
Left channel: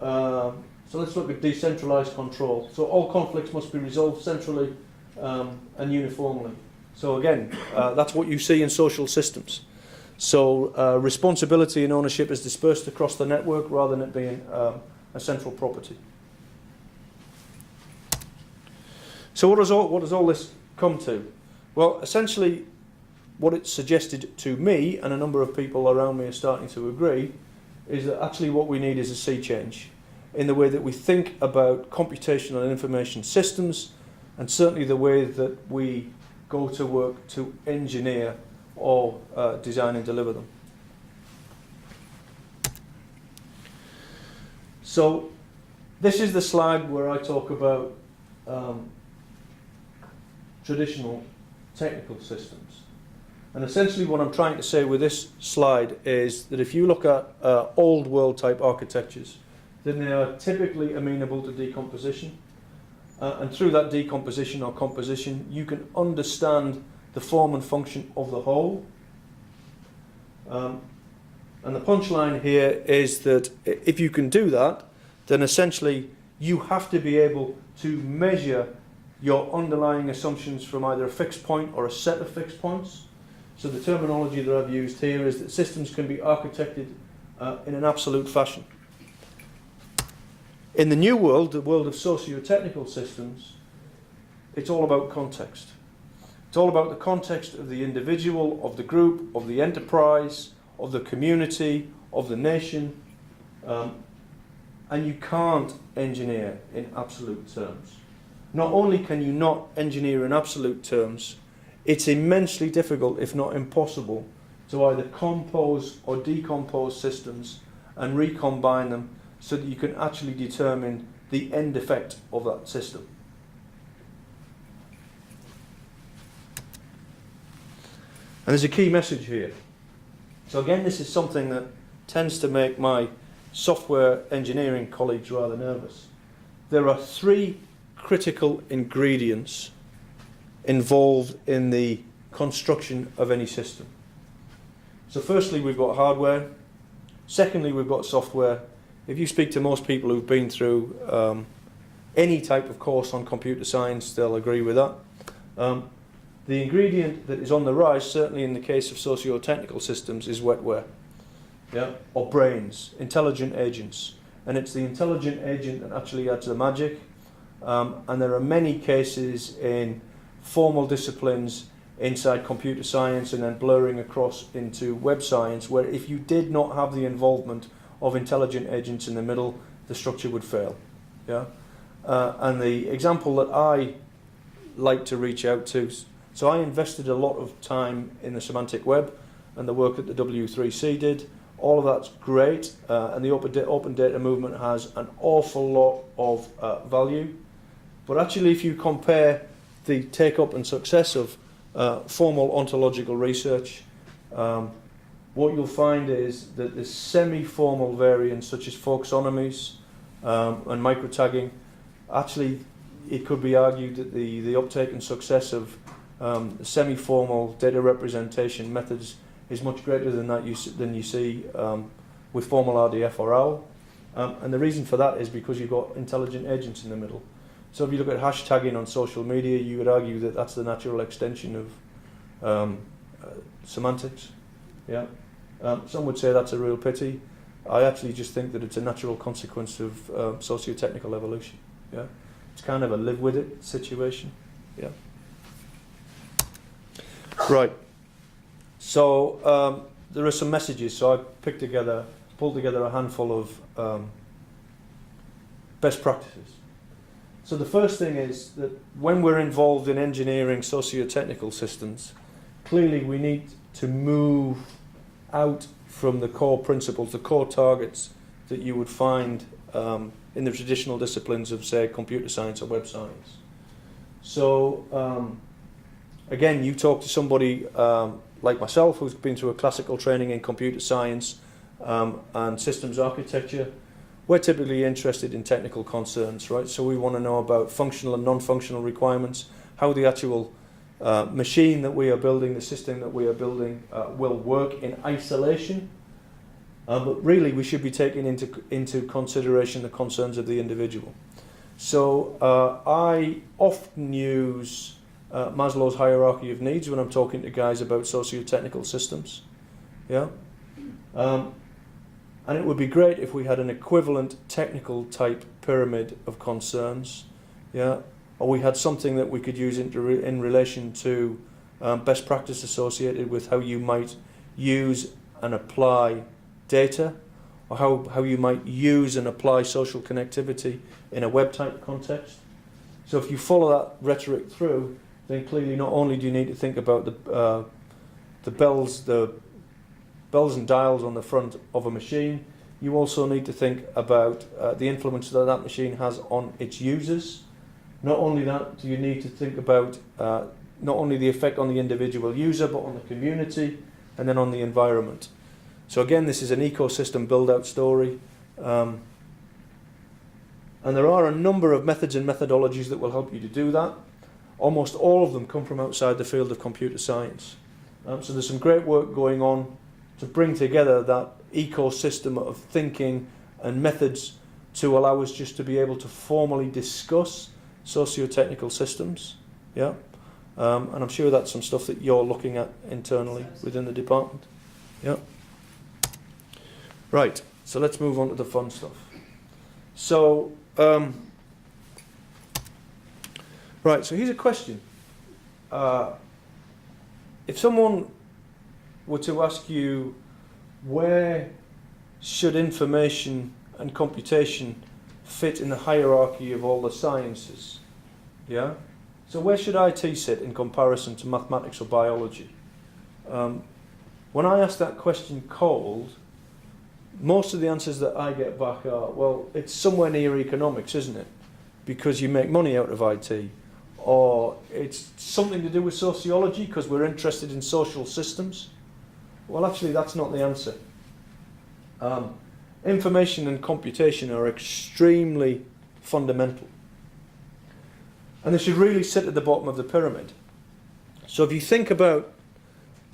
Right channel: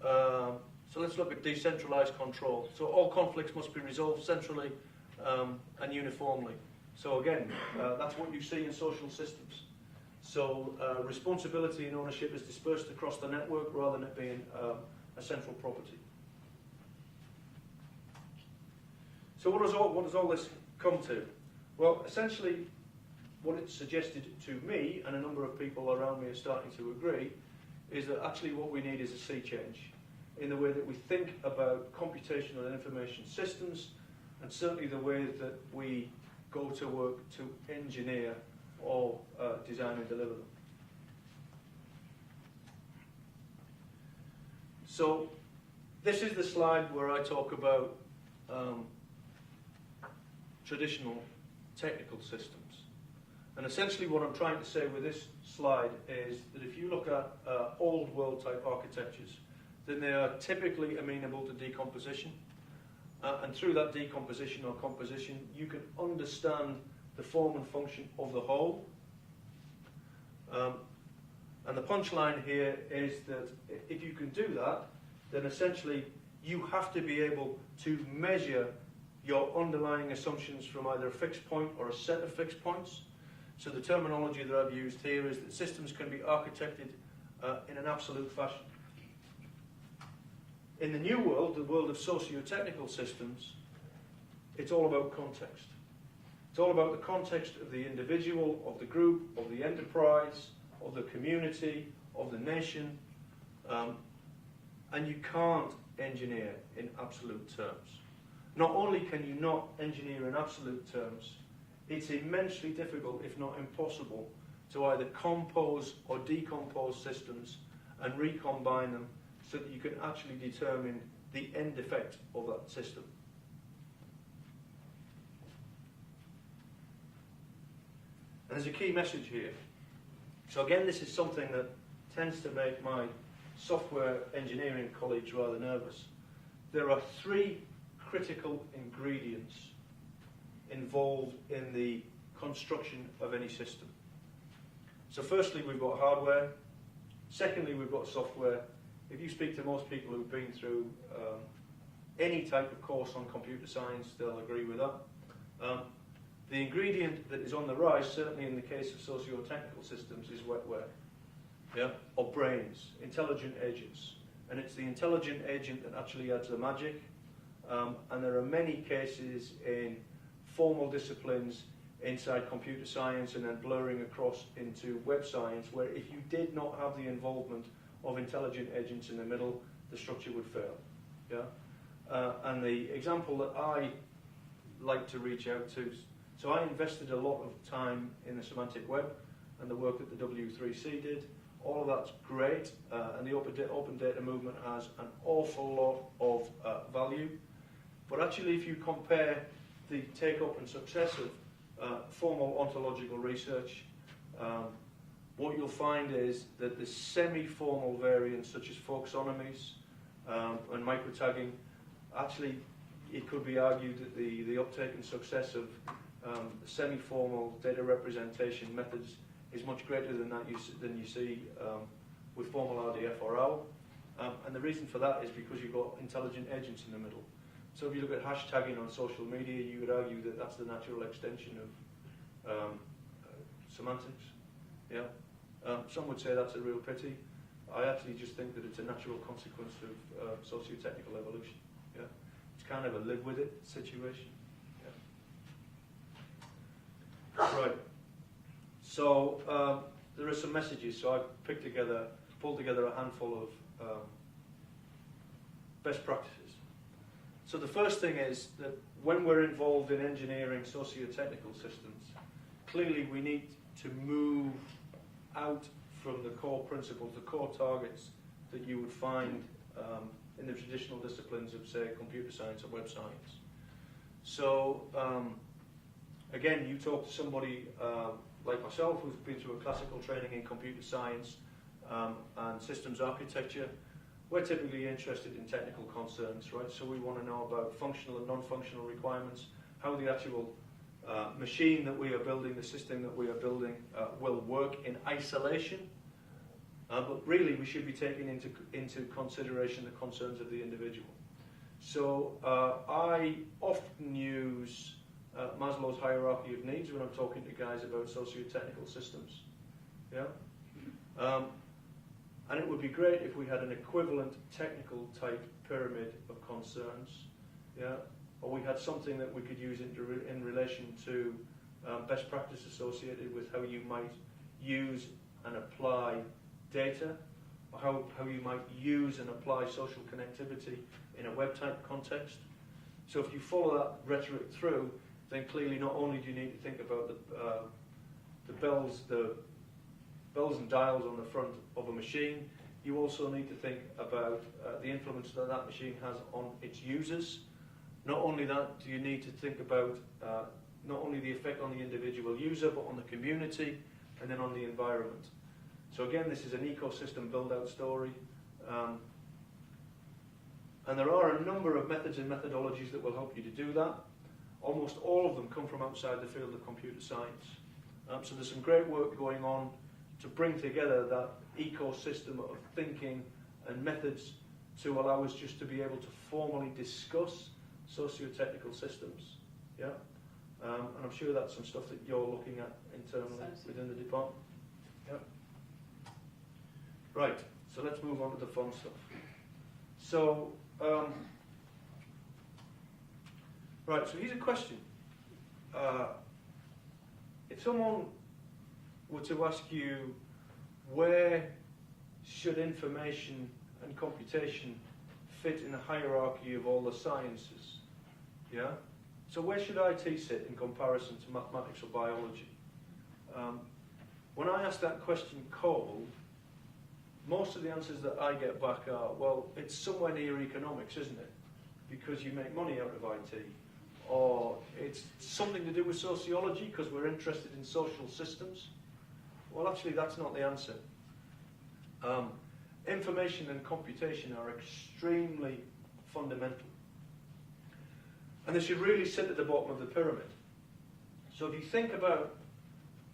So let's look at decentralized control. So all conflicts must be resolved centrally and uniformly. So again, that's what you see in social systems. So responsibility and ownership is dispersed across the network rather than it being a central property. So what does all this come to? Well, essentially, what it suggested to me, and a number of people around me are starting to agree, is that actually what we need is a sea change in the way that we think about computational and information systems, and certainly the way that we go to work to engineer or design and deliver them. So this is the slide where I talk about traditional technical systems. And essentially what I'm trying to say with this slide is that if you look at old world type architectures, then they are typically amenable to decomposition. And through that decomposition or composition, you can understand the form and function of the whole. And the punchline here is that if you can do that, then essentially you have to be able to measure your underlying assumptions from either a fixed point or a set of fixed points. So the terminology that I've used here is that systems can be architected in an absolute fashion. In the new world, the world of socio-technical systems, it's all about context. It's all about the context of the individual, of the group, of the enterprise, of the community, of the nation. And you can't engineer in absolute terms. Not only can you not engineer in absolute terms, it's immensely difficult, if not impossible, to either compose or decompose systems and recombine them so that you can actually determine the end effect of that system. And there's a key message here. So again, this is something that tends to make my software engineering colleagues rather nervous. There are three critical ingredients involved in the construction of any system. So firstly, we've got hardware. Secondly, we've got software. If you speak to most people who've been through any type of course on computer science, they'll agree with that. The ingredient that is on the rise, certainly in the case of socio-technical systems, is wetware, yeah, or brains, intelligent agents. And it's the intelligent agent that actually adds the magic. And there are many cases in formal disciplines inside computer science and then blurring across into web science where if you did not have the involvement of intelligent agents in the middle, the structure would fail. Yeah? And the example that I like to reach out to, so I invested a lot of time in the semantic web and the work that the W3C did all of that's great, and the open data movement has an awful lot of value. But actually, if you compare the take-up and success of formal ontological research, what you'll find is that the semi-formal variants, such as folksonomies and microtagging, actually, it could be argued that the uptake and success of semi-formal data representation methods is much greater than you see with formal RDF or OWL. And the reason for that is because you've got intelligent agents in the middle. So if you look at hashtagging on social media, you would argue that that's the natural extension of semantics. Yeah. Some would say that's a real pity. I actually just think that it's a natural consequence of socio-technical evolution. Yeah. It's kind of a live with it situation. Yeah. Right. So there are some messages. So I pulled together a handful of best practices. So the first thing is that when we're involved in engineering socio-technical systems, clearly we need to move out from the core principles, the core targets that you would find in the traditional disciplines of, say, computer science or web science. So again, you talk to somebody like myself who's been through a classical training in computer science and systems architecture. We're typically interested in technical concerns, right? So we want to know about functional and non-functional requirements, how the actual machine that we are building, the system that we are building, will work in isolation. But really, we should be taking into consideration the concerns of the individual. So I often use Maslow's hierarchy of needs when I'm talking to guys about socio-technical systems. Yeah. And it would be great if we had an equivalent technical type pyramid of concerns, yeah, or we had something that we could use in relation to best practice associated with how you might use and apply data, or how you might use and apply social connectivity in a web type context. So if you follow that rhetoric through, then clearly not only do you need to think about the bells and dials on the front of a machine, you also need to think about the influence that that machine has on its users. Not only that, do you need to think about not only the effect on the individual user, but on the community, and then on the environment. So again, this is an ecosystem build-out story. And there are a number of methods and methodologies that will help you to do that. Almost all of them come from outside the field of computer science. So there's some great work going on to bring together that ecosystem of thinking and methods to allow us just to be able to formally discuss socio-technical systems. Yeah, and I'm sure that's some stuff that you're looking at internally within the department. Yeah. Right, so let's move on to the fun stuff. So, right, so here's a question. If someone were to ask you, where should information and computation fit in the hierarchy of all the sciences? Yeah? So where should IT sit in comparison to mathematics or biology? When I ask that question cold, most of the answers that I get back are, well, it's somewhere near economics, isn't it? Because you make money out of IT. Or it's something to do with sociology because we're interested in social systems. Well, actually, that's not the answer. Information and computation are extremely fundamental. And they should really sit at the bottom of the pyramid. So if you think about,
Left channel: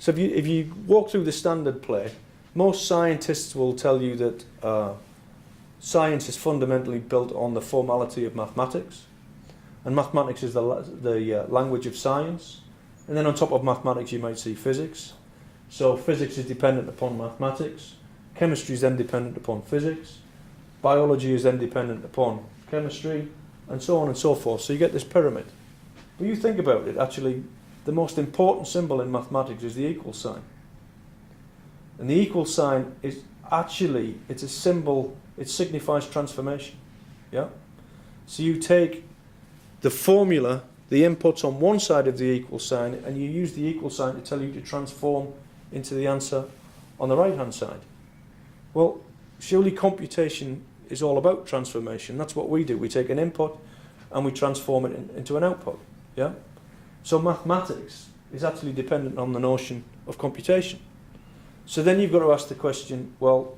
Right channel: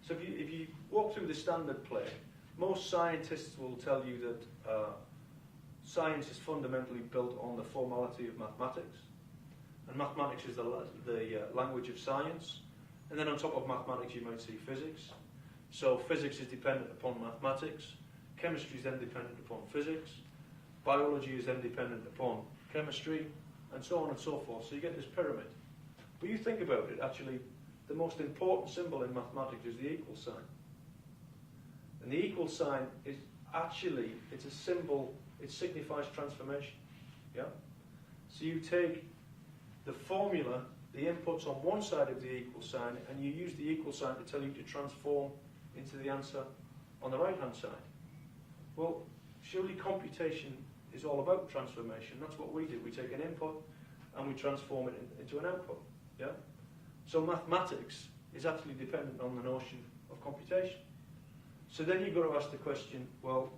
if you walk through the standard play, most scientists will tell you that science is fundamentally built on the formality of mathematics. And mathematics is the language of science. And then on top of mathematics, you might see physics. So physics is dependent upon mathematics. Chemistry is then dependent upon physics. Biology is then dependent upon chemistry, and so on and so forth. So you get this pyramid. When you think about it, actually, the most important symbol in mathematics is the equal sign. And the equal sign is actually, it's a symbol, it signifies transformation. Yeah? So you take the formula, the inputs on one side of the equal sign, and you use the equal sign to tell you to transform into the answer on the right-hand side. Well, surely computation is all about transformation. That's what we do. We take an input and we transform it into an output. Yeah? So mathematics is actually dependent on the notion of computation. So then you've got to ask the question, well,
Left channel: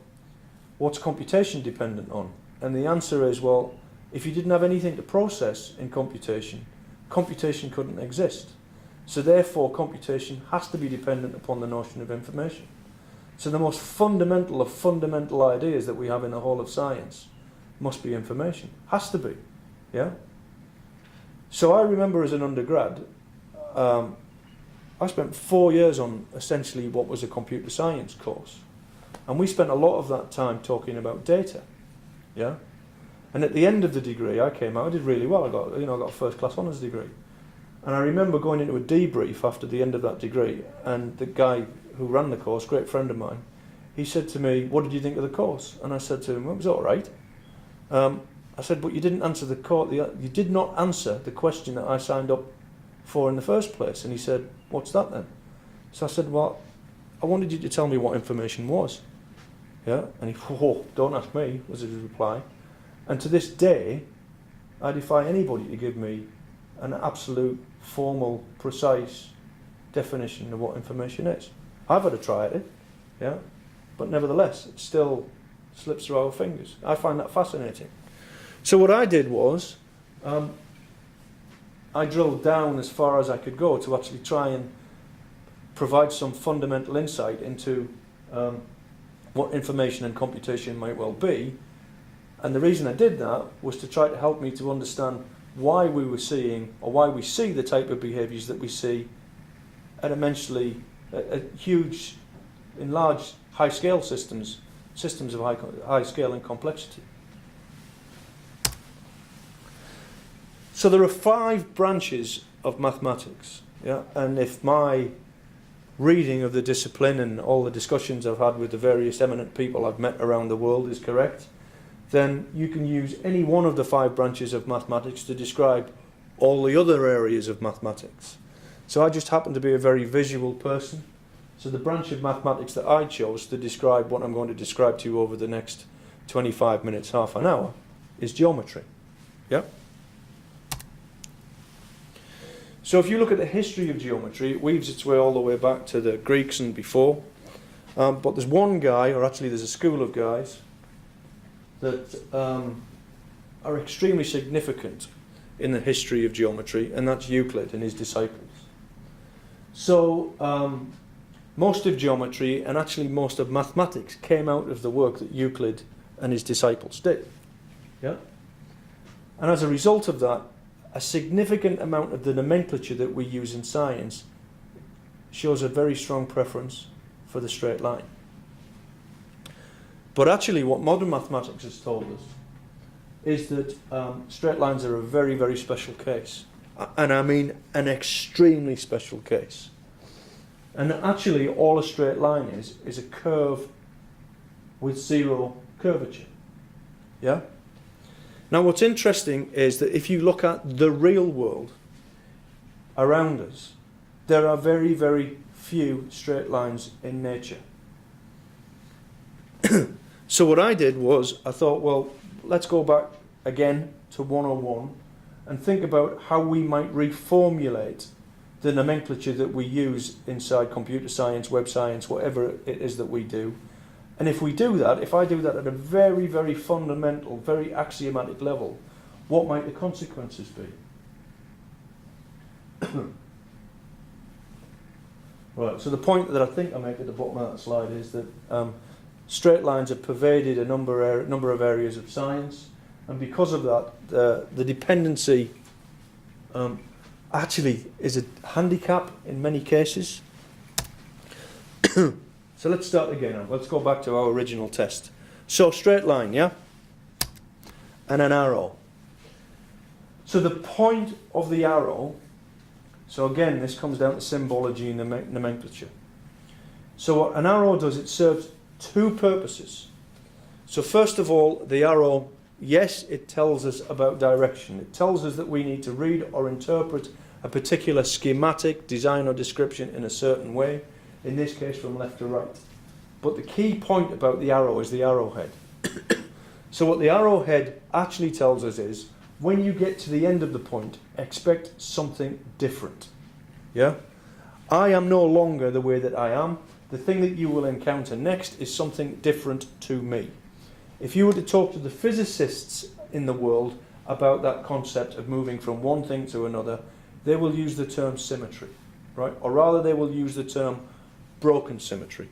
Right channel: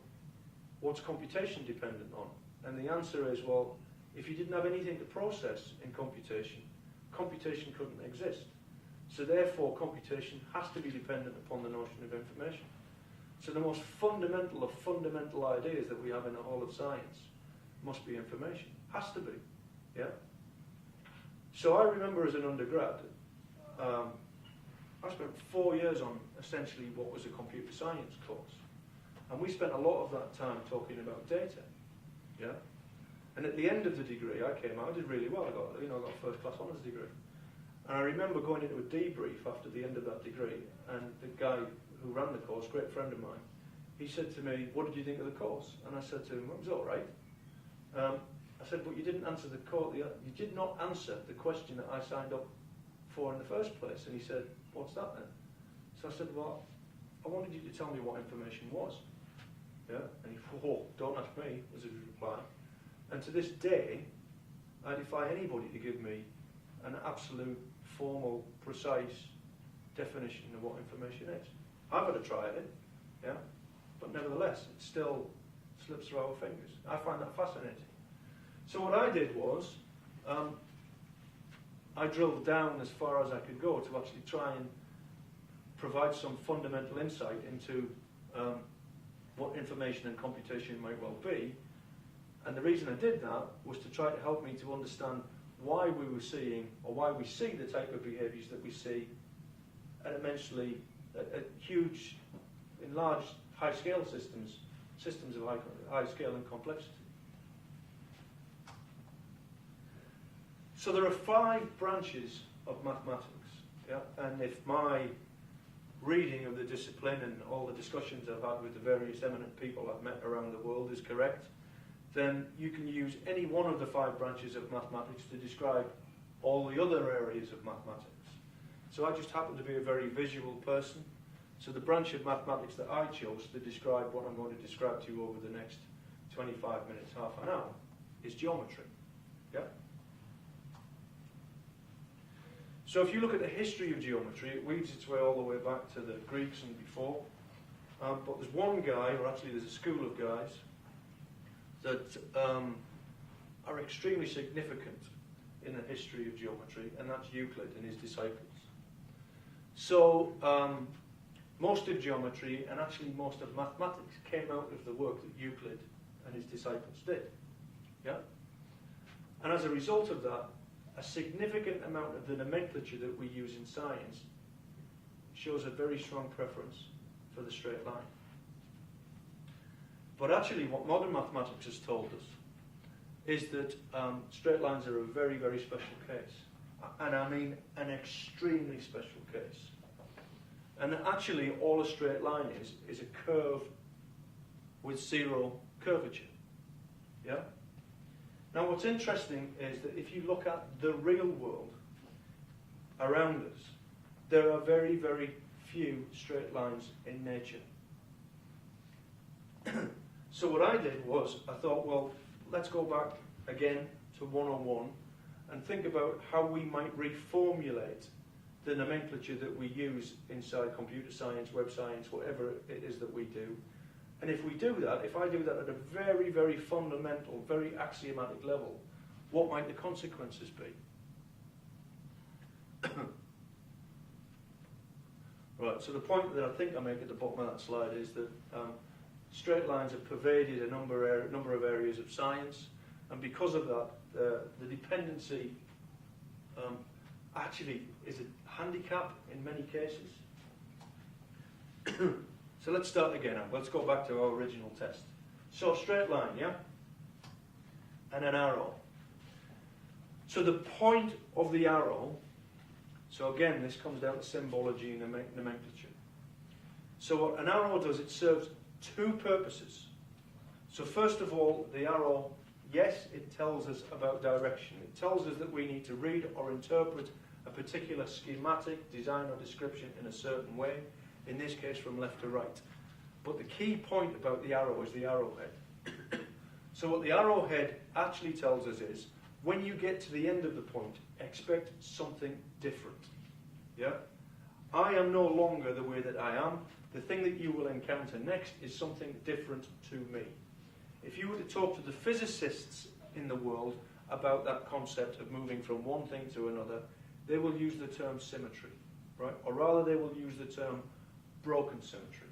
what's computation dependent on? And the answer is, well, if you didn't have anything to process in computation, computation couldn't exist. So therefore, computation has to be dependent upon the notion of information. So the most fundamental of fundamental ideas that we have in the whole of science must be information. Has to be. Yeah? So I remember as an undergrad, I spent 4 years on essentially what was a computer science course. And we spent a lot of that time talking about data. Yeah? And at the end of the degree, I came out, I did really well. I got a first class honours degree. And I remember going into a debrief after the end of that degree, and the guy who ran the course, great friend of mine, he said to me, "What did you think of the course?" And I said to him, "Well, it was all right." I said, "But you didn't answer you did not answer the question that I signed up for in the first place." And he said, "What's that then?" So I said, "Well, I wanted you to tell me what information was." Yeah, and he, "Oh, don't ask me," was his reply. And to this day, I defy anybody to give me an absolute, formal, precise definition of what information is. I've had a try at it, yeah, but nevertheless, it still slips through our fingers. I find that fascinating. So what I did was, I drilled down as far as I could go to actually try and provide some fundamental insight into what information and computation might well be. And the reason I did that was to try to help me to understand why we were seeing, or why we see the type of behaviours that we see at immensely, huge, in large, high-scale systems of high scale and complexity. So there are 5 branches of mathematics, yeah, and if my reading of the discipline and all the discussions I've had with the various eminent people I've met around the world is correct, then you can use any one of the 5 branches of mathematics to describe all the other areas of mathematics. So I just happen to be a very visual person. So the branch of mathematics that I chose to describe what I'm going to describe to you over the next 25 minutes, half an hour, is geometry. Yeah? So if you look at the history of geometry, it weaves its way all the way back to the Greeks and before. But there's one guy, or actually there's a school of guys, that are extremely significant in the history of geometry, and that's Euclid and his disciples. So most of geometry, and actually most of mathematics, came out of the work that Euclid and his disciples did. Yeah? And as a result of that, a significant amount of the nomenclature that we use in science shows a very strong preference for the straight line. But actually what modern mathematics has told us is that straight lines are a very, very special case. And I mean an extremely special case. And actually all a straight line is a curve with 0 curvature. Yeah? Now what's interesting is that if you look at the real world around us, there are very, very few straight lines in nature. So what I did was, I thought, well, let's go back again to 101 and think about how we might reformulate the nomenclature that we use inside computer science, web science, whatever it is that we do. And if we do that, if I do that at a very, very fundamental, very axiomatic level, what might the consequences be? Right, so the point that I think I make at the bottom of that slide is that straight lines have pervaded a number of areas of science, and because of that, the dependency actually is a handicap in many cases. So let's start again now. Let's go back to our original test. So straight line, yeah? And an arrow. So the point of the arrow, so again, this comes down to symbology and nomenclature. So what an arrow does, it serves 2 purposes. So first of all, the arrow, yes, it tells us about direction. It tells us that we need to read or interpret a particular schematic, design or description in a certain way, in this case from left to right. But the key point about the arrow is the arrowhead. So what the arrowhead actually tells us is, when you get to the end of the point, expect something different. Yeah? I am no longer the way that I am. The thing that you will encounter next is something different to me. If you were to talk to the physicists in the world about that concept of moving from one thing to another, they will use the term symmetry, right? Or rather, they will use the term broken symmetry.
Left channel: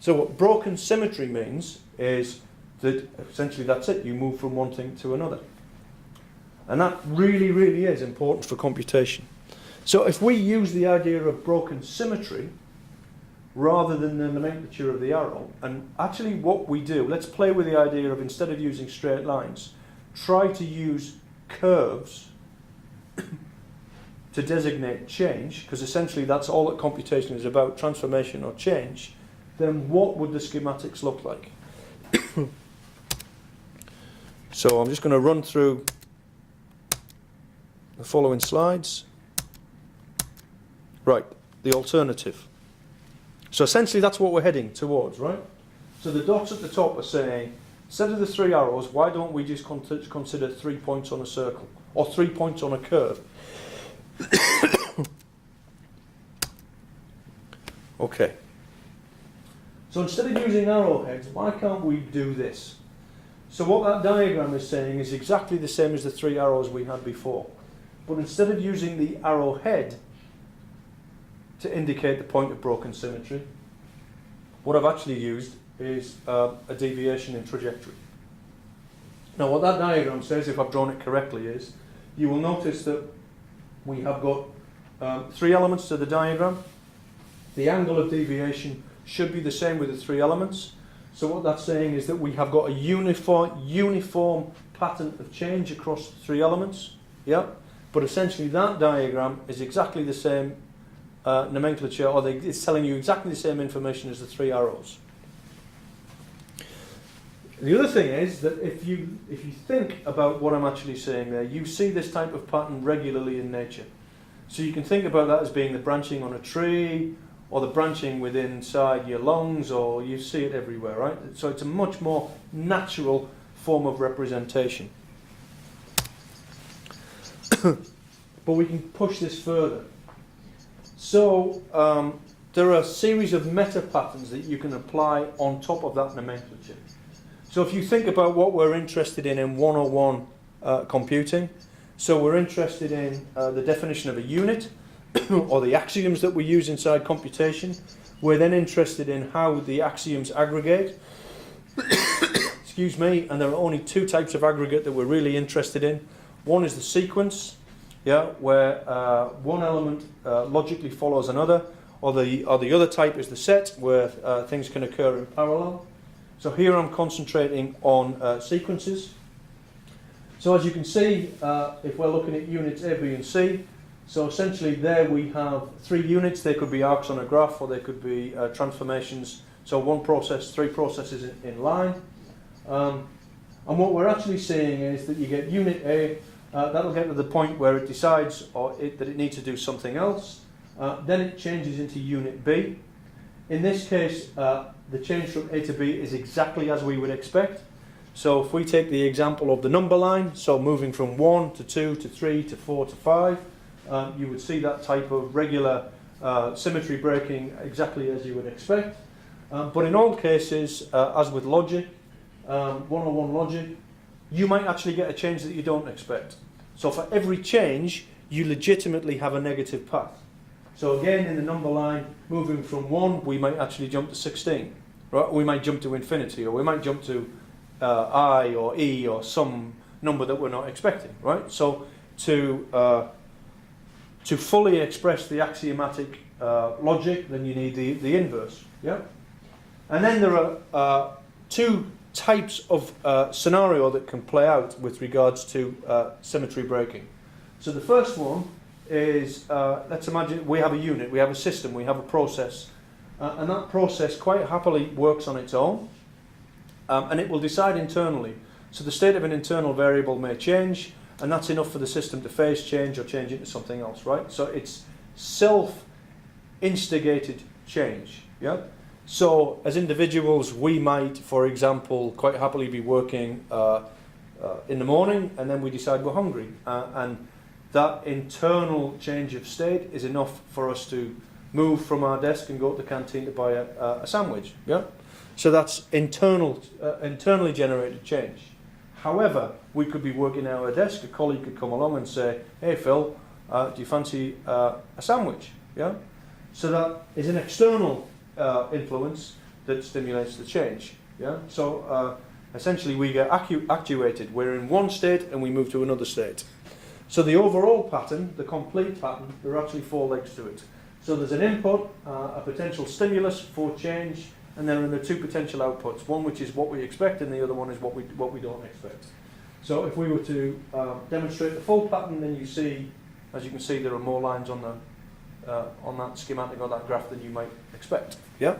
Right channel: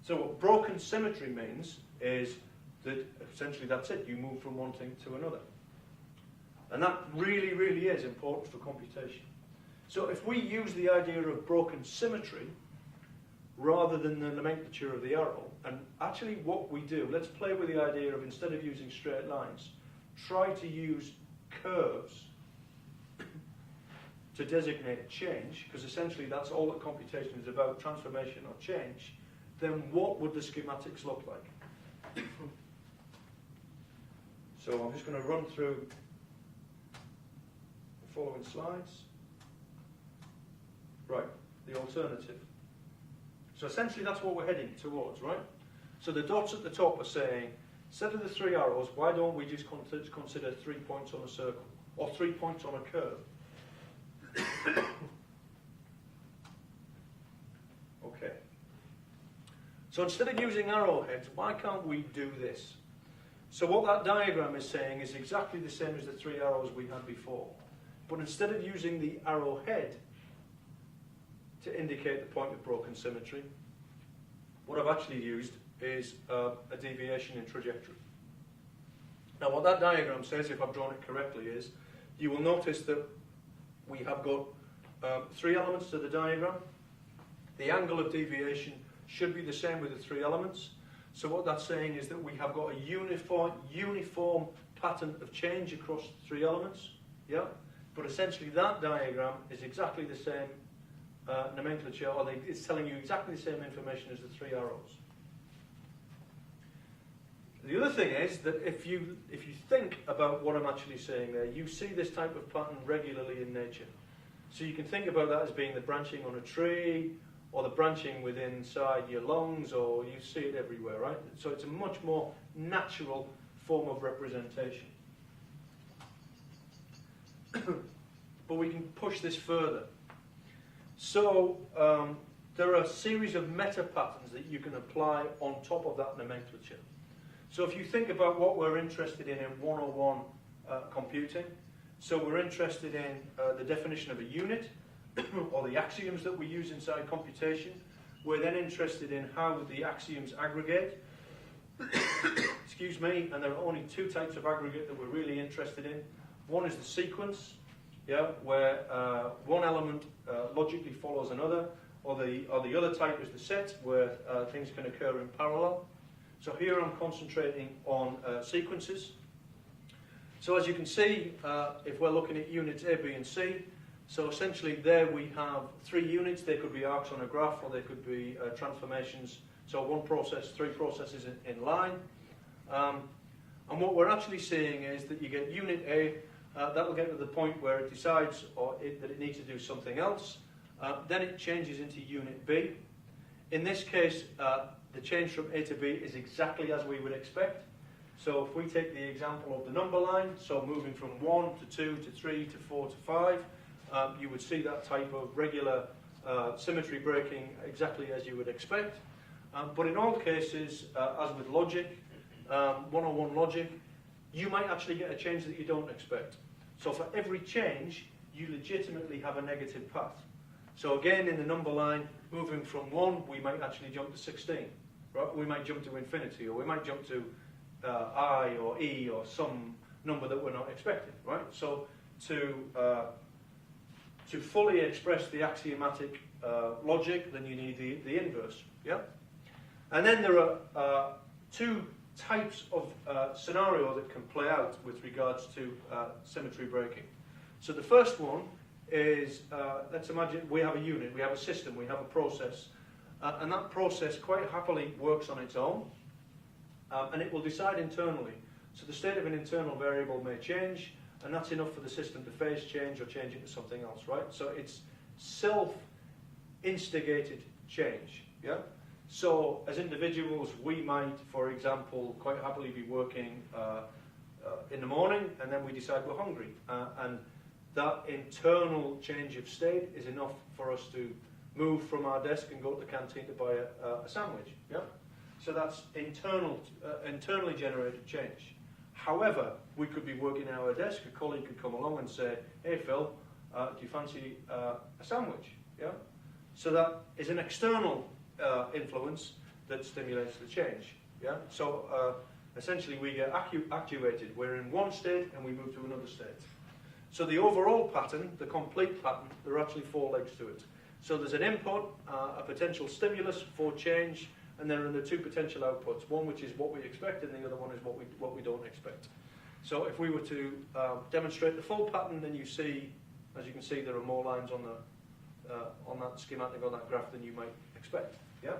So what broken symmetry means is that essentially that's it, you move from one thing to another. And that really, really is important for computation. So if we use the idea of broken symmetry rather than the nomenclature of the arrow, and actually what we do, let's play with the idea of, instead of using straight lines, try to use curves to designate change, because essentially that's all that computation is about, transformation or change. Then what would the schematics look like? So I'm just going to run through the following slides. Right, the alternative. So essentially that's what we're heading towards, right? So the dots at the top are saying, instead of the 3 arrows, why don't we just consider 3 points on a circle, or 3 points on a curve? Okay. So instead of using arrowheads, why can't we do this? So what that diagram is saying is exactly the same as the 3 arrows we had before. But instead of using the arrowhead to indicate the point of broken symmetry, what I've actually used is a deviation in trajectory. Now what that diagram says, if I've drawn it correctly, is you will notice that we have got 3 elements to the diagram. The angle of deviation should be the same with the 3 elements. So what that's saying is that we have got a uniform pattern of change across 3 elements. Yeah? But essentially that diagram is exactly the same nomenclature, or it's telling you exactly the same information as the 3 arrows. The other thing is that if you think about what I'm actually saying there, you see this type of pattern regularly in nature. So you can think about that as being the branching on a tree, or the branching within inside your lungs, or you see it everywhere, right? So it's a much more natural form of representation. But we can push this further. So there are a series of meta patterns that you can apply on top of that nomenclature. So if you think about what we're interested in 101 computing, so we're interested in the definition of a unit, or the axioms that we use inside computation. We're then interested in how the axioms aggregate. Excuse me, and there are only 2 types of aggregate that we're really interested in. One is the sequence, yeah, where one element logically follows another, or the other type is the set, where things can occur in parallel. So here I'm concentrating on sequences. So as you can see, if we're looking at units A, B and C, so essentially there we have 3 units. They could be arcs on a graph, or they could be transformations. So 1 process, 3 processes in line. And what we're actually seeing is that you get unit A, that'll get to the point where it decides that it needs to do something else. Then it changes into unit B. In this case, the change from A to B is exactly as we would expect. So if we take the example of the number line, so moving from 1 to 2 to 3 to 4 to 5, you would see that type of regular symmetry breaking exactly as you would expect. But in all cases, as with logic, 101 logic, you might actually get a change that you don't expect. So for every change, you legitimately have a negative path. So again, in the number line, moving from 1, we might actually jump to 16. Right? We might jump to infinity, or we might jump to I or E, or some number that we're not expecting. Right? So to fully express the axiomatic logic, then you need the inverse. Yeah? And then there are 2 types of scenario that can play out with regards to symmetry breaking. So the first one is, let's imagine we have a unit, we have a system, we have a process, and that process quite happily works on its own, and it will decide internally. So the state of an internal variable may change, and that's enough for the system to phase change or change into something else, right? So it's self-instigated change, yeah? So as individuals, we might, for example, quite happily be working in the morning, and then we decide we're hungry, and that internal change of state is enough for us to move from our desk and go to the canteen to buy a sandwich. Yeah, so that's internally generated change. However, we could be working at our desk. A colleague could come along and say, "Hey Phil, do you fancy a sandwich?" Yeah, so that is an external influence that stimulates the change. Yeah, so essentially we get actuated. We're in one state and we move to another state. So the overall pattern, the complete pattern, there are actually 4 legs to it. So there's an input, a potential stimulus for change, and then there are 2 potential outputs. One which is what we expect, and the other one is what we don't expect. So if we were to demonstrate the full pattern, then you see, as you can see, there are more lines on that schematic or that graph than you might expect. Yeah.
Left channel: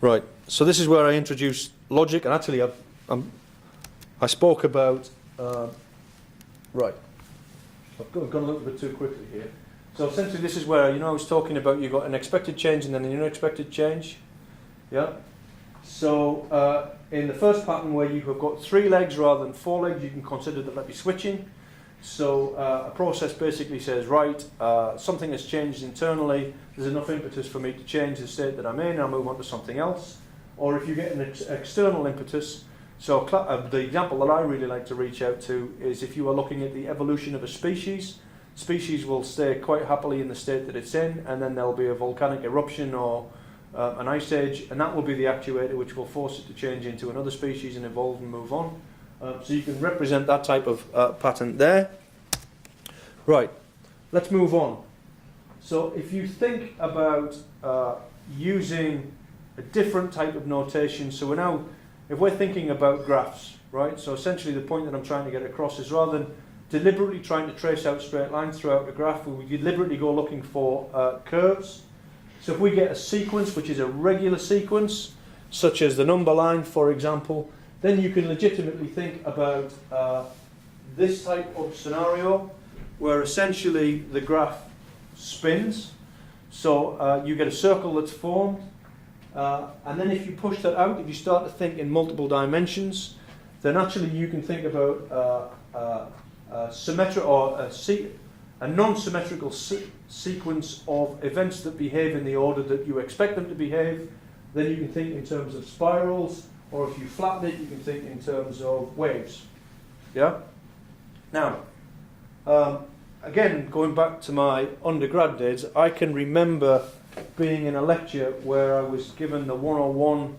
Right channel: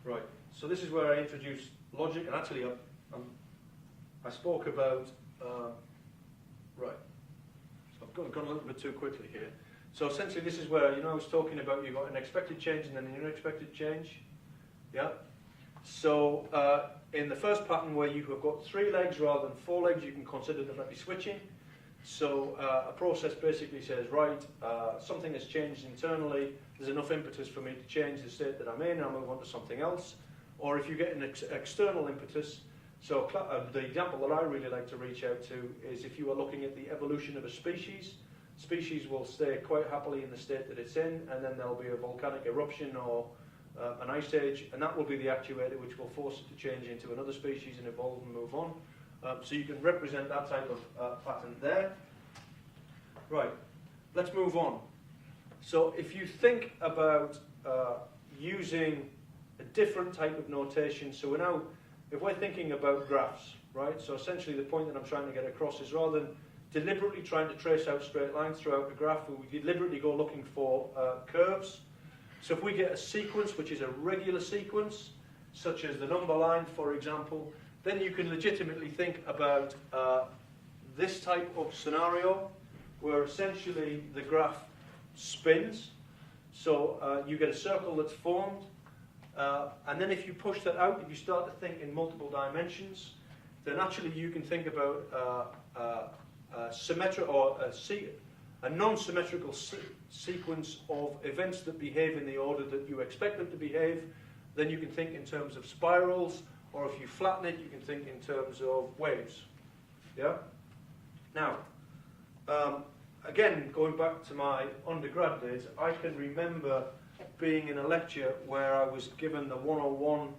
Right. So this is where I introduce logic, and actually I spoke about right. I've gone a little bit too quickly here. So essentially, this is where I was talking about you've got an expected change and then an unexpected change. Yeah. So in the first pattern where you have got 3 legs rather than 4 legs, you can consider that be switching. So a process basically says, right, something has changed internally, there's enough impetus for me to change the state that I'm in, I'll move on to something else. Or if you get an external impetus, so the example that I really like to reach out to is if you are looking at the evolution of a species will stay quite happily in the state that it's in, and then there'll be a volcanic eruption or an ice age, and that will be the actuator which will force it to change into another species and evolve and move on. So you can represent that type of pattern there. Right, let's move on. So if you think about using a different type of notation, so if we're thinking about graphs, right, so essentially the point that I'm trying to get across is rather than deliberately trying to trace out straight lines throughout the graph, we deliberately go looking for curves. So if we get a sequence which is a regular sequence, such as the number line, for example, then you can legitimately think about this type of scenario where essentially the graph spins. So you get a circle that's formed, and then if you push that out, if you start to think in multiple dimensions, then actually you can think about symmetric or a non-symmetrical sequence of events that behave in the order that you expect them to behave. Then you can think in terms of spirals, or if you flatten it, you can think in terms of waves. Yeah? Now, again, going back to my undergrad days, I can remember being in a lecture where I was given the 101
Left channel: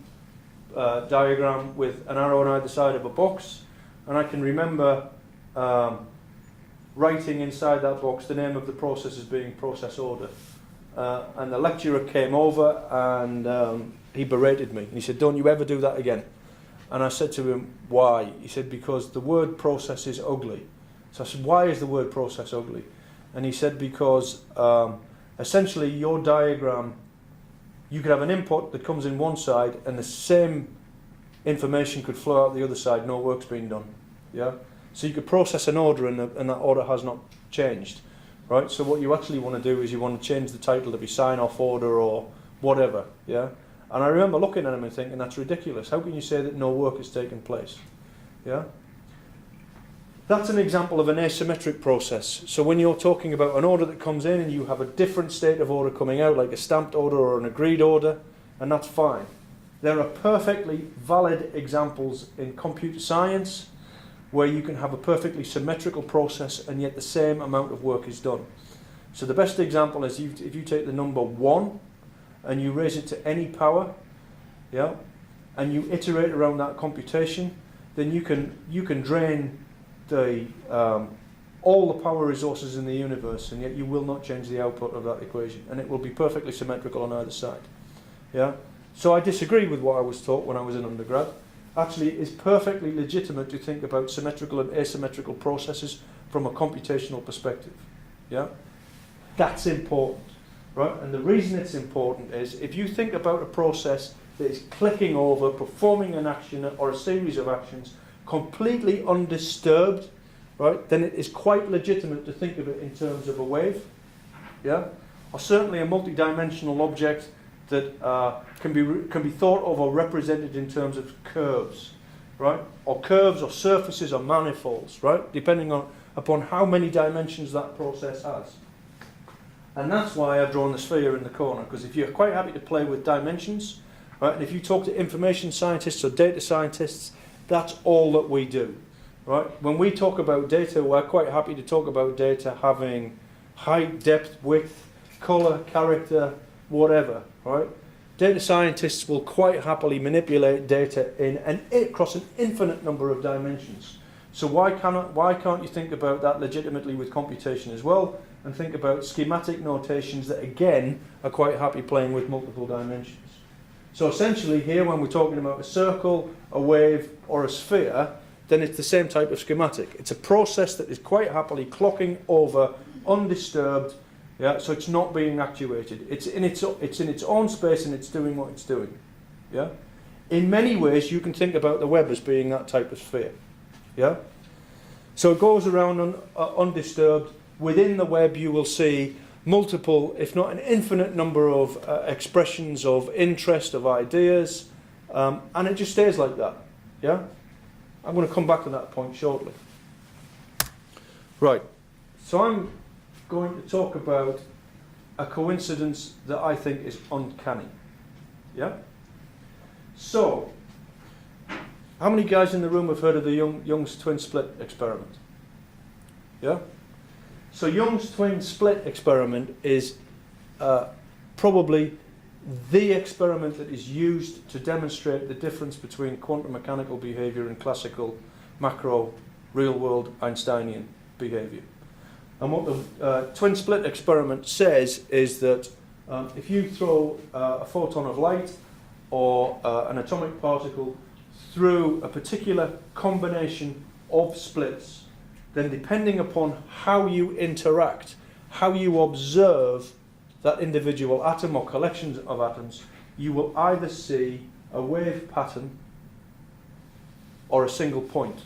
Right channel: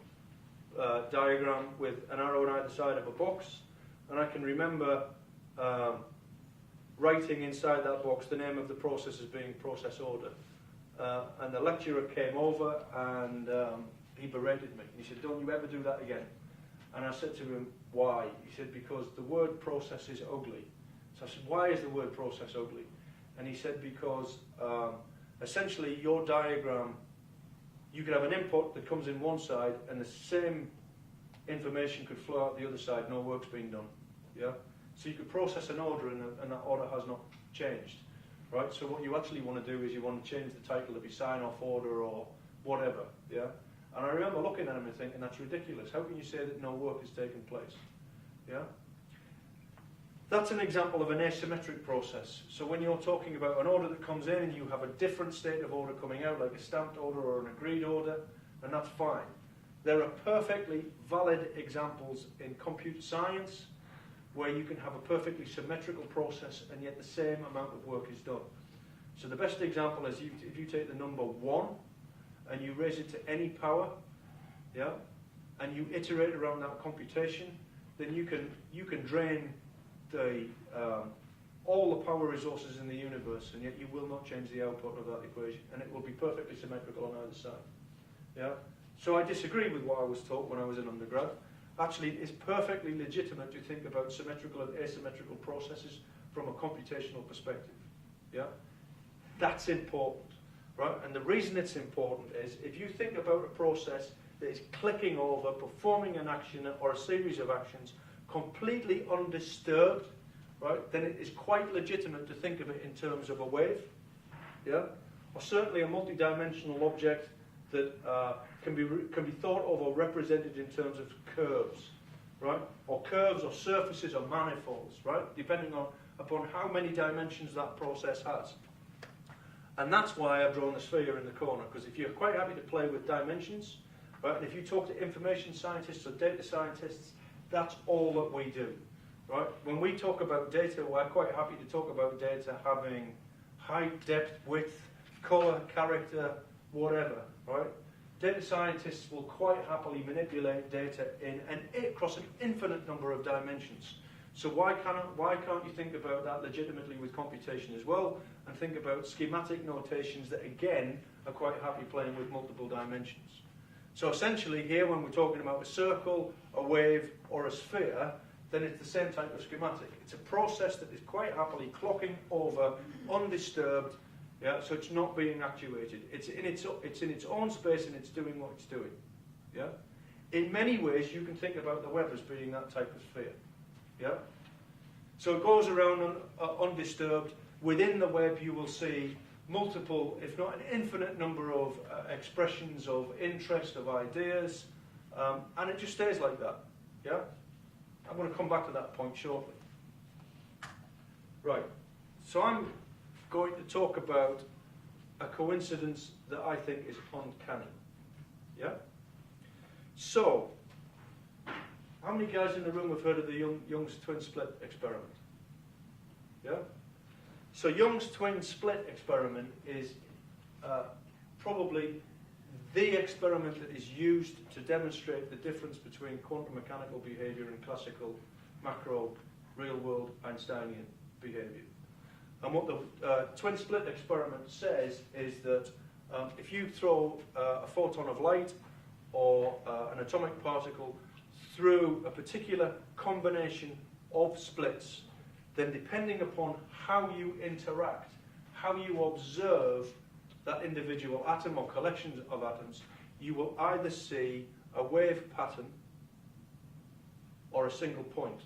diagram with an arrow on either side of a box, and I can remember writing inside that box the name of the process as being process order. And the lecturer came over and he berated me. He said, "Don't you ever do that again." And I said to him, "Why?" He said, "Because the word process is ugly." So I said, "Why is the word process ugly?" And he said, "Because essentially your diagram, you could have an input that comes in one side and the same information could flow out the other side, no work's being done. Yeah? So you could process an order and that order has not changed. Right? So what you actually want to do is you want to change the title to be sign-off order or whatever. Yeah? And I remember looking at him and thinking, that's ridiculous. How can you say that no work has taken place? Yeah? That's an example of an asymmetric process. So when you're talking about an order that comes in and you have a different state of order coming out, like a stamped order or an agreed order, and that's fine. There are perfectly valid examples in computer science where you can have a perfectly symmetrical process and yet the same amount of work is done. So the best example is if you take the number 1 and you raise it to any power, yeah, and you iterate around that computation, then you can drain all the power resources in the universe, and yet you will not change the output of that equation, and it will be perfectly symmetrical on either side. Yeah. So I disagree with what I was taught when I was in undergrad. Actually, it's perfectly legitimate to think about symmetrical and asymmetrical processes from a computational perspective. Yeah. That's important, right? And the reason it's important is if you think about a process that is clicking over, performing an action or a series of actions completely undisturbed, right, then it is quite legitimate to think of it in terms of a wave, yeah? or certainly a multi-dimensional object that can be thought of or represented in terms of curves, right? Or curves or surfaces or manifolds, right? Depending upon how many dimensions that process has. And that's why I've drawn the sphere in the corner, because if you're quite happy to play with dimensions, right, and if you talk to information scientists or data scientists, that's all that we do, right? When we talk about data, we're quite happy to talk about data having height, depth, width, colour, character, whatever, right? Data scientists will quite happily manipulate data across an infinite number of dimensions. So why can't you think about that legitimately with computation as well, and think about schematic notations that again are quite happy playing with multiple dimensions. So essentially here, when we're talking about a circle, a wave or a sphere, then it's the same type of schematic. It's a process that is quite happily clocking over undisturbed, yeah, so it's not being actuated. It's in its own space and it's doing what it's doing. Yeah? In many ways you can think about the web as being that type of sphere. Yeah? So it goes around undisturbed. Within the web you will see multiple, if not an infinite number of expressions of interest, of ideas, and it just stays like that. Yeah? I'm going to come back to that point shortly. Right, so I'm going to talk about a coincidence that I think is uncanny. Yeah? So, how many guys in the room have heard of the Young's twin split experiment? Yeah? So Young's twin split experiment is probably the experiment that is used to demonstrate the difference between quantum mechanical behavior and classical macro real-world Einsteinian behavior. And what the twin split experiment says is that if you throw a photon of light or an atomic particle through a particular combination of splits, then depending upon how you interact, how you observe that individual atom or collections of atoms, you will either see a wave pattern or a single point.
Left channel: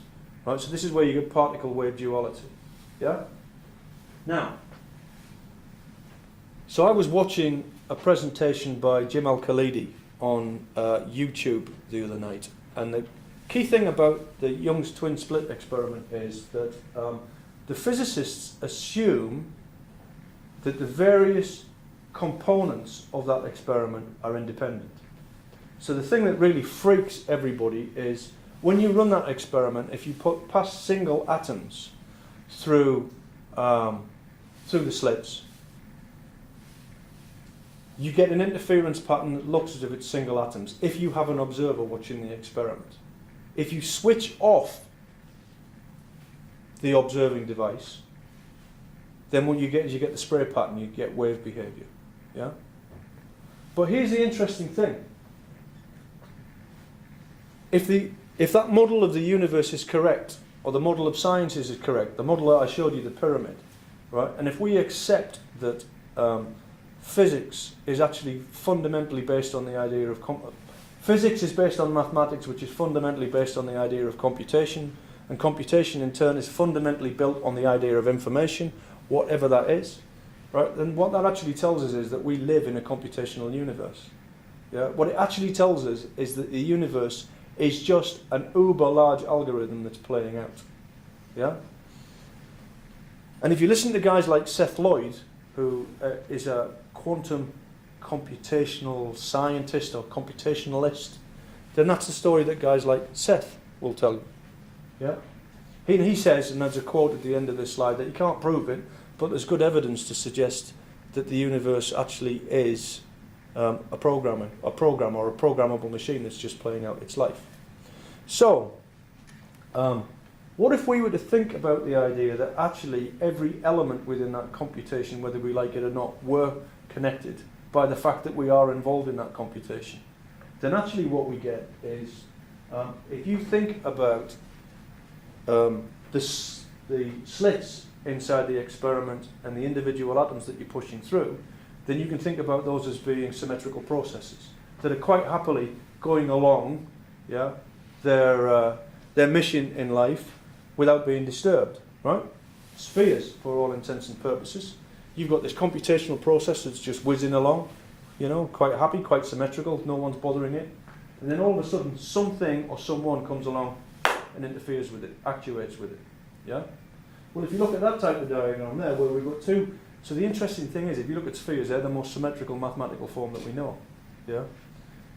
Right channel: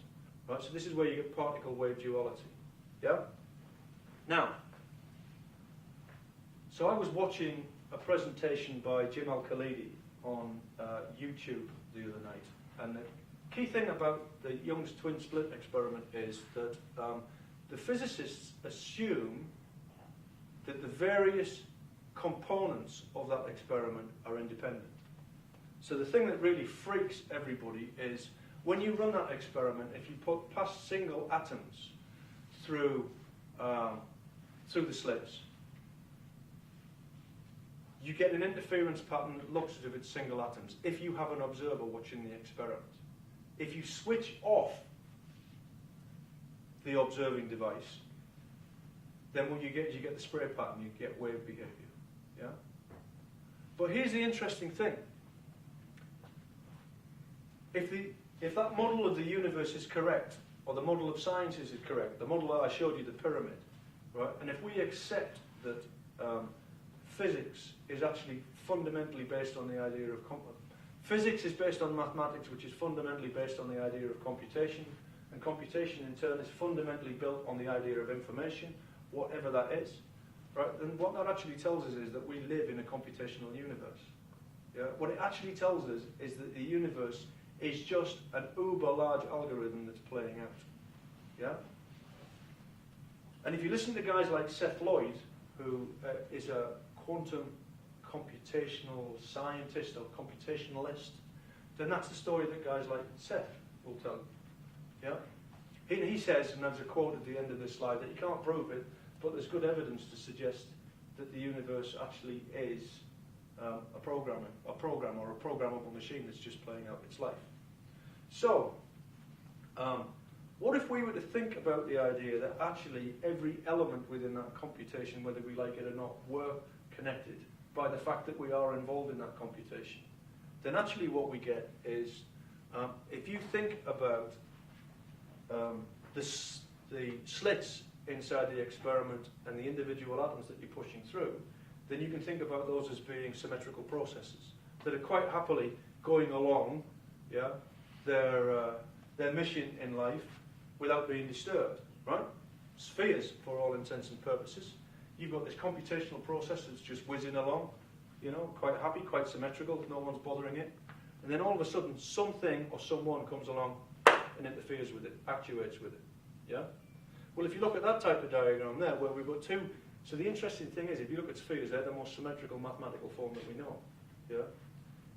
Right? So this is where you get particle-wave duality. Yeah? Now, so I was watching a presentation by Jim Al-Khalidi on YouTube the other night, and the key thing about the Young's twin split experiment is that the physicists assume that the various components of that experiment are independent. So the thing that really freaks everybody is when you run that experiment, if you pass single atoms through the slits, you get an interference pattern that looks as if it's single atoms if you have an observer watching the experiment. If you switch off the observing device, then what you get is you get the spray pattern, you get wave behavior. Yeah? But here's the interesting thing. If that model of the universe is correct, or the model of sciences is correct, the model that I showed you, the pyramid, right? And if we accept that physics is actually fundamentally based on the idea of physics is based on mathematics, which is fundamentally based on the idea of computation, and computation in turn is fundamentally built on the idea of information, whatever that is, right? Then what that actually tells us is that we live in a computational universe. Yeah? What it actually tells us is that the universe is just an uber large algorithm that's playing out. Yeah? And if you listen to guys like Seth Lloyd, who is a quantum computational scientist or computationalist, then that's the story that guys like Seth will tell you. Yeah? He says, and there's a quote at the end of this slide, that you can't prove it, but there's good evidence to suggest that the universe actually is a program or a programmable machine that's just playing out its life. So, what if we were to think about the idea that actually every element within that computation, whether we like it or not, were connected by the fact that we are involved in that computation? Then actually what we get is, if you think about the slits inside the experiment and the individual atoms that you're pushing through, then you can think about those as being symmetrical processes that are quite happily going along, yeah, their mission in life without being disturbed, right? Spheres, for all intents and purposes. you've got this computational process that's just whizzing along, you know, quite happy, quite symmetrical, no one's bothering it. And then all of a sudden, something or someone comes along and interferes with it, actuates with it. Yeah? Well, if you look at that type of diagram there, where we've got two, so the interesting thing is, if you look at spheres, they're the most symmetrical mathematical form that we know. Yeah?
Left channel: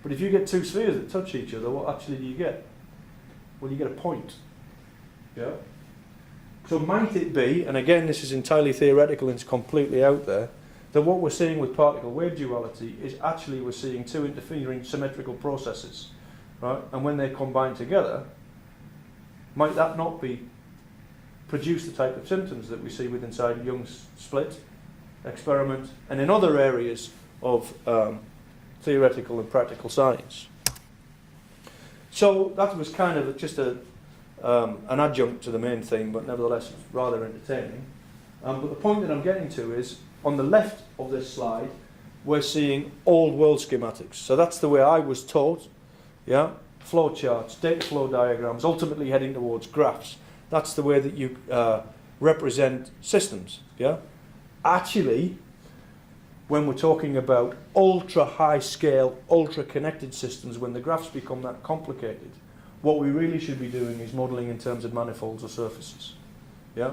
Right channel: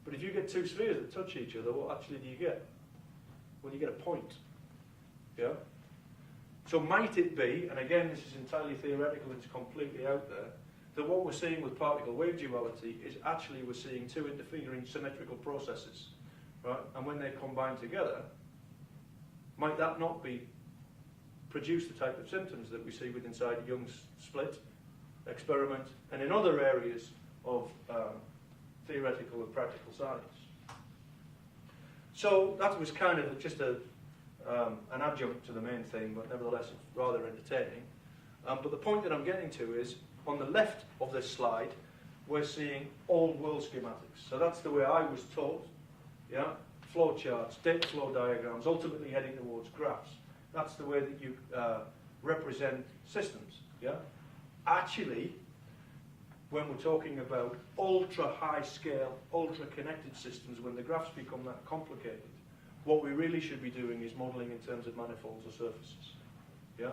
But if you get two spheres that touch each other, what actually do you get? Well, you get a point. Yeah? So might it be, and again this is entirely theoretical and it's completely out there, that what we're seeing with particle wave duality is actually we're seeing two interfering symmetrical processes, right? And when they combine together, might that not be produce the type of symptoms that we see with inside Young's split experiment and in other areas of theoretical and practical science? So that was kind of just an adjunct to the main thing, but nevertheless rather entertaining. But the point that I'm getting to is, on the left of this slide, we're seeing old world schematics. So that's the way I was taught, yeah? Flow charts, data flow diagrams, ultimately heading towards graphs. That's the way that you represent systems, yeah? Actually, when we're talking about ultra high scale, ultra connected systems, when the graphs become that complicated, what we really should be doing is modelling in terms of manifolds or surfaces. Yeah?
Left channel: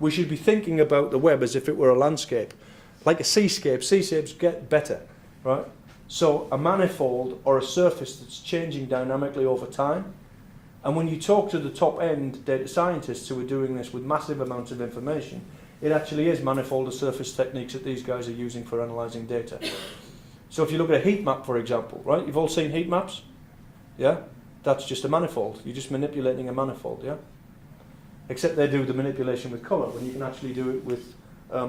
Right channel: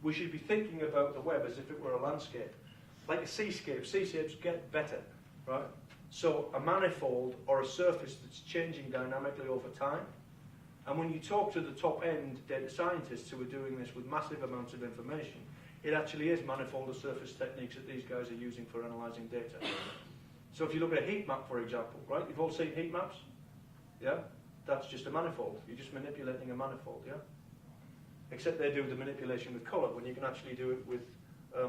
We should be thinking about the web as if it were a landscape, like a seascape. Seascapes get better, right? So a manifold or a surface that's changing dynamically over time. And when you talk to the top end data scientists who are doing this with massive amounts of information, it actually is manifold or surface techniques that these guys are using for analysing data. So if you look at a heat map, for example, right? You've all seen heat maps? Yeah? That's just a manifold. You're just manipulating a manifold, yeah? Except they do the manipulation with colour, when you can actually do it with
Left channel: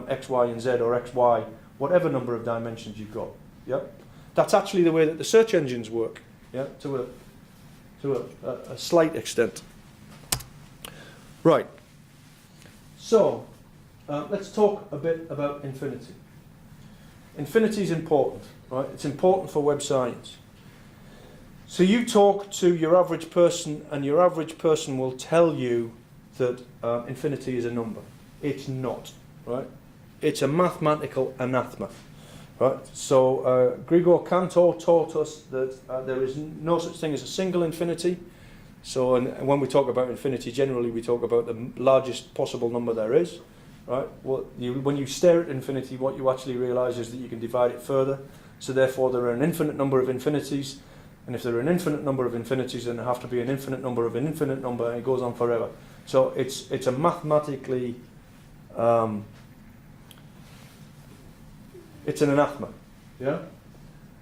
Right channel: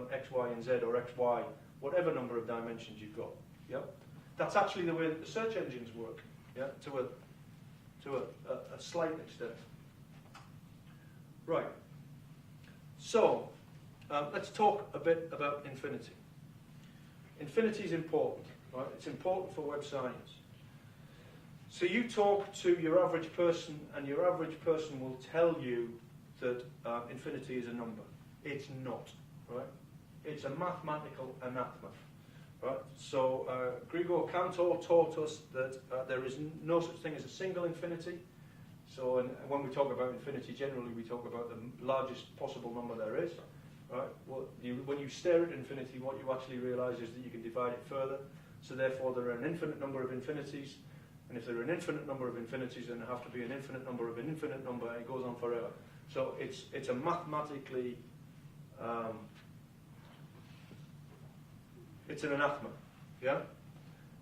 X, Y, and Z, or X, Y, whatever number of dimensions you've got. Yeah? That's actually the way that the search engines work, yeah? To a slight extent. Right. So, let's talk a bit about infinity. Infinity is important, right? It's important for web science. So you talk to your average person, and your average person will tell you that infinity is a number. It's not, right? It's a mathematical anathema, right? So Grigor Cantor taught us that there is no such thing as a single infinity. So and when we talk about infinity, generally we talk about the largest possible number there is, right? When you stare at infinity, what you actually realise is that you can divide it further. So therefore there are an infinite number of infinities. And if there are an infinite number of infinities, then there have to be an infinite number of an infinite number, and it goes on forever. So it's a mathematically, it's an anathema, yeah?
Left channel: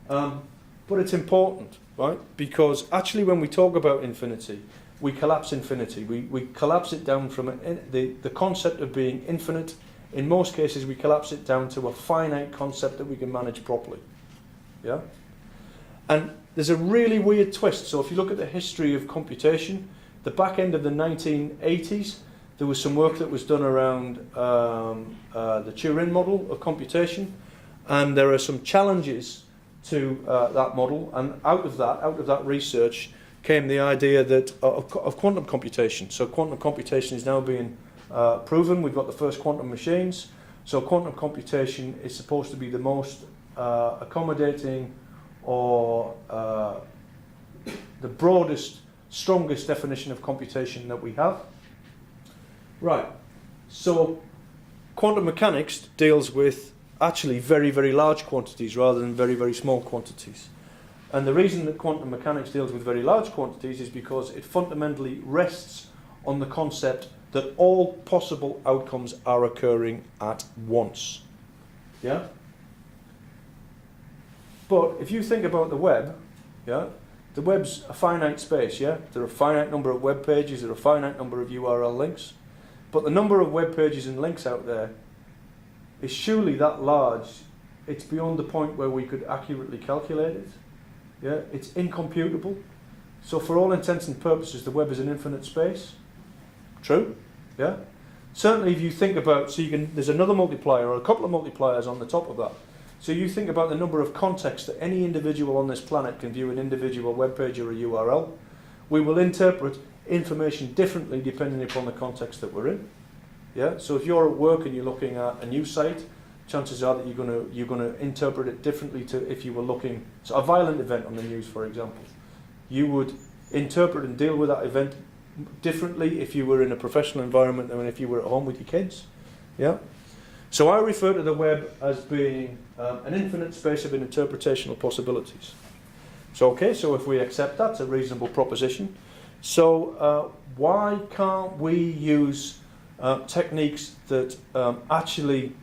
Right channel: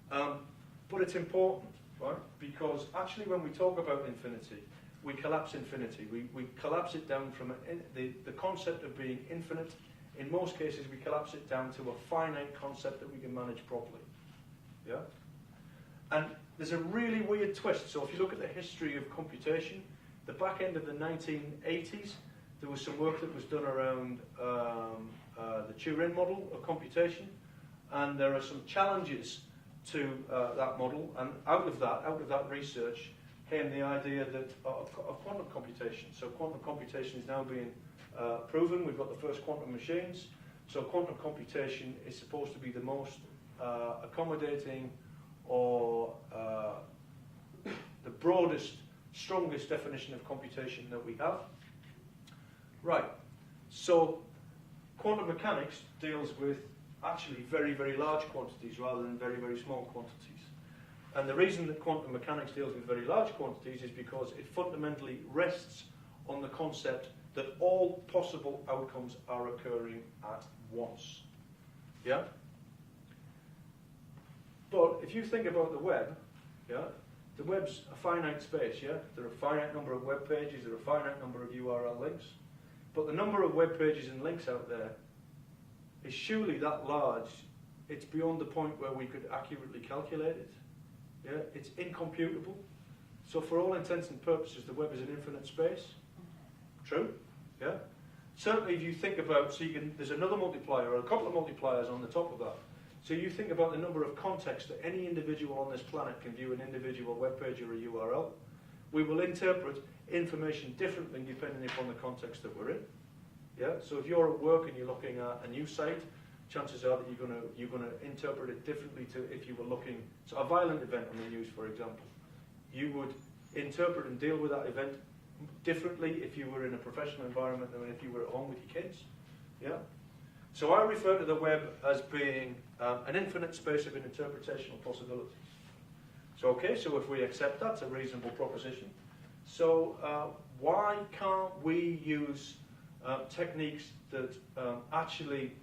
But it's important, right? Because actually when we talk about infinity, we collapse infinity. We collapse it down from the concept of being infinite. In most cases, we collapse it down to a finite concept that we can manage properly, yeah? And there's a really weird twist. So if you look at the history of computation, the back end of the 1980s, there was some work that was done around the Turing model of computation, and there are some challenges to that model. And out of that research, came the idea that of quantum computation. So quantum computation is now being proven. We've got the first quantum machines. So quantum computation is supposed to be the most accommodating, or the broadest, strongest definition of computation that we have. Right, so quantum mechanics deals with actually very, very large quantities rather than very, very small quantities. And the reason that quantum mechanics deals with very large quantities is because it fundamentally rests on the concept that all possible outcomes are occurring at once. Yeah? But if you think about the web, yeah, the web's a finite space, yeah? There are a finite number of web pages, there are a finite number of URL links, but the number of web pages and links out there is surely that large, it's beyond the point where we could accurately calculate it, yeah? It's incomputable. So for all intents and purposes, the web is an infinite space. True? Yeah? Certainly if you think about, there's another multiplier or a couple of multipliers on the top of that. So you think about the number of contexts that any individual on this planet can view an individual web page or a URL. We will interpret information differently depending upon the context that we're in. Yeah? So if you're at work and you're looking at a news site, chances are that you're gonna interpret it differently to if you were looking. So a violent event on the news, for example, you would interpret and deal with that event differently if you were in a professional environment than if you were at home with your kids. Yeah. So I refer to the web as being an infinite space of interpretational possibilities. So okay, so if we accept that's a reasonable proposition. So why can't we use techniques that actually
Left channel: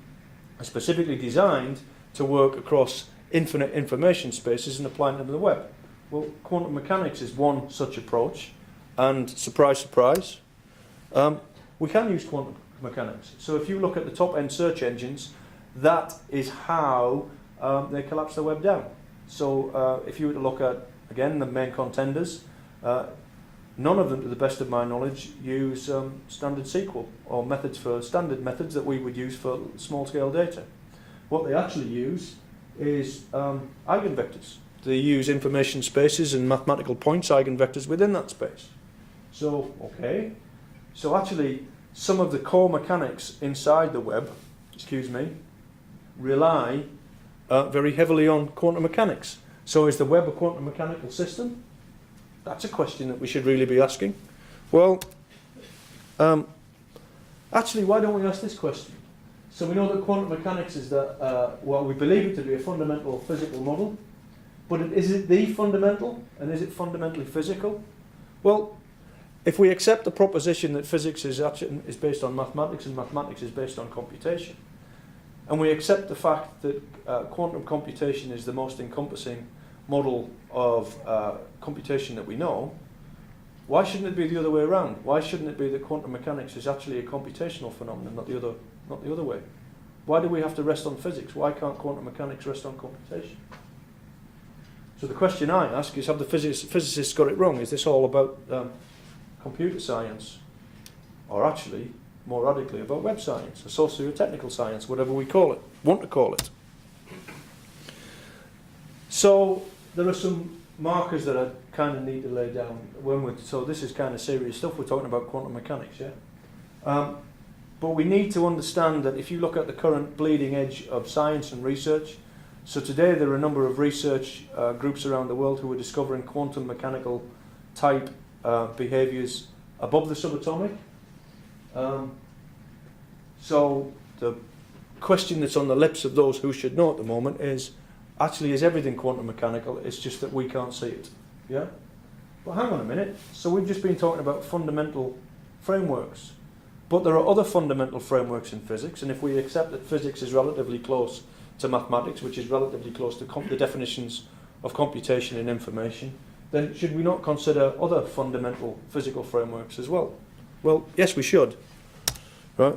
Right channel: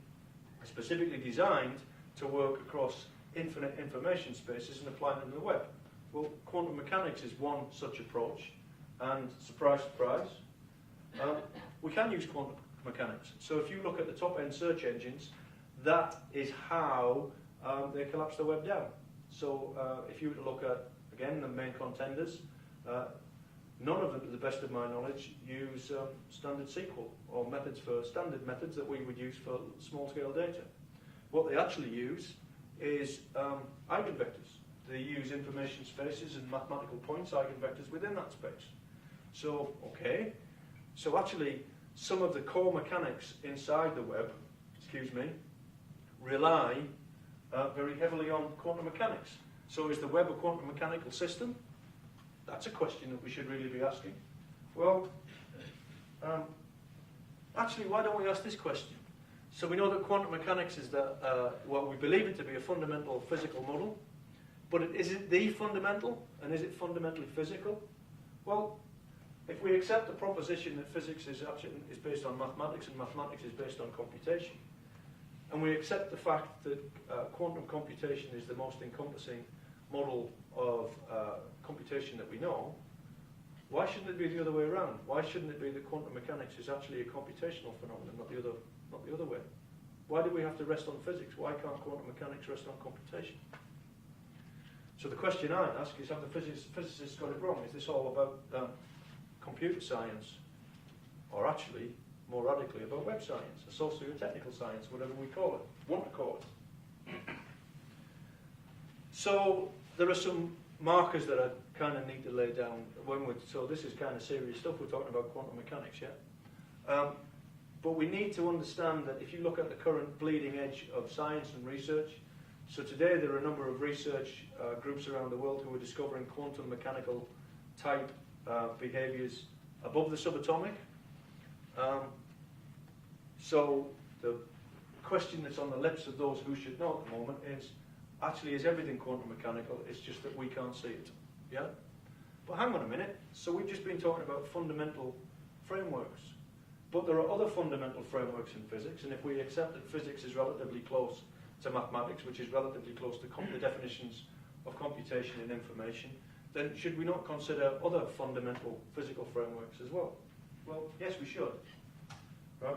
are specifically designed to work across infinite information spaces and apply them to the web? Well, quantum mechanics is one such approach, and surprise, surprise, we can use quantum mechanics. So if you look at the top-end search engines, that is how they collapse the web down. So if you were to look at, again, the main contenders, none of them, to the best of my knowledge, use standard SQL or methods for standard methods that we would use for small-scale data. What they actually use is eigenvectors. They use information spaces and mathematical points, eigenvectors within that space. So, okay, so actually some of the core mechanics inside the web, rely very heavily on quantum mechanics. So is the web a quantum mechanical system? That's a question that we should really be asking. Well, actually, why don't we ask this question? So we know that quantum mechanics is well, we believe it to be a fundamental physical model, but is it the fundamental, and is it fundamentally physical? Well, if we accept the proposition that physics is based on mathematics and mathematics is based on computation, and we accept the fact that quantum computation is the most encompassing model of computation that we know, why shouldn't it be the other way around? Why shouldn't it be that quantum mechanics is actually a computational phenomenon, not the other way? Why do we have to rest on physics? Why can't quantum mechanics rest on computation? So the question I ask is, have the physicists got it wrong? Is this all about computer science, or actually, more radically, about web science, or socio-technical science, whatever we want to call it? So there are some markers that I kind of need to lay down so this is kind of serious stuff. We're talking about quantum mechanics, yeah? But we need to understand that if you look at the current bleeding edge of science and research, so today there are a number of research groups around the world who are discovering quantum mechanical type behaviors above the subatomic. So the question that's on the lips of those who should know at the moment is, actually, is everything quantum mechanical? It's just that we can't see it. Yeah? Well, hang on a minute. So we've just been talking about fundamental frameworks. But there are other fundamental frameworks in physics, and if we accept that physics is relatively close to mathematics, which is relatively close to the definitions of computation and information, then should we not consider other fundamental physical frameworks as well? Well, yes, we should. Right?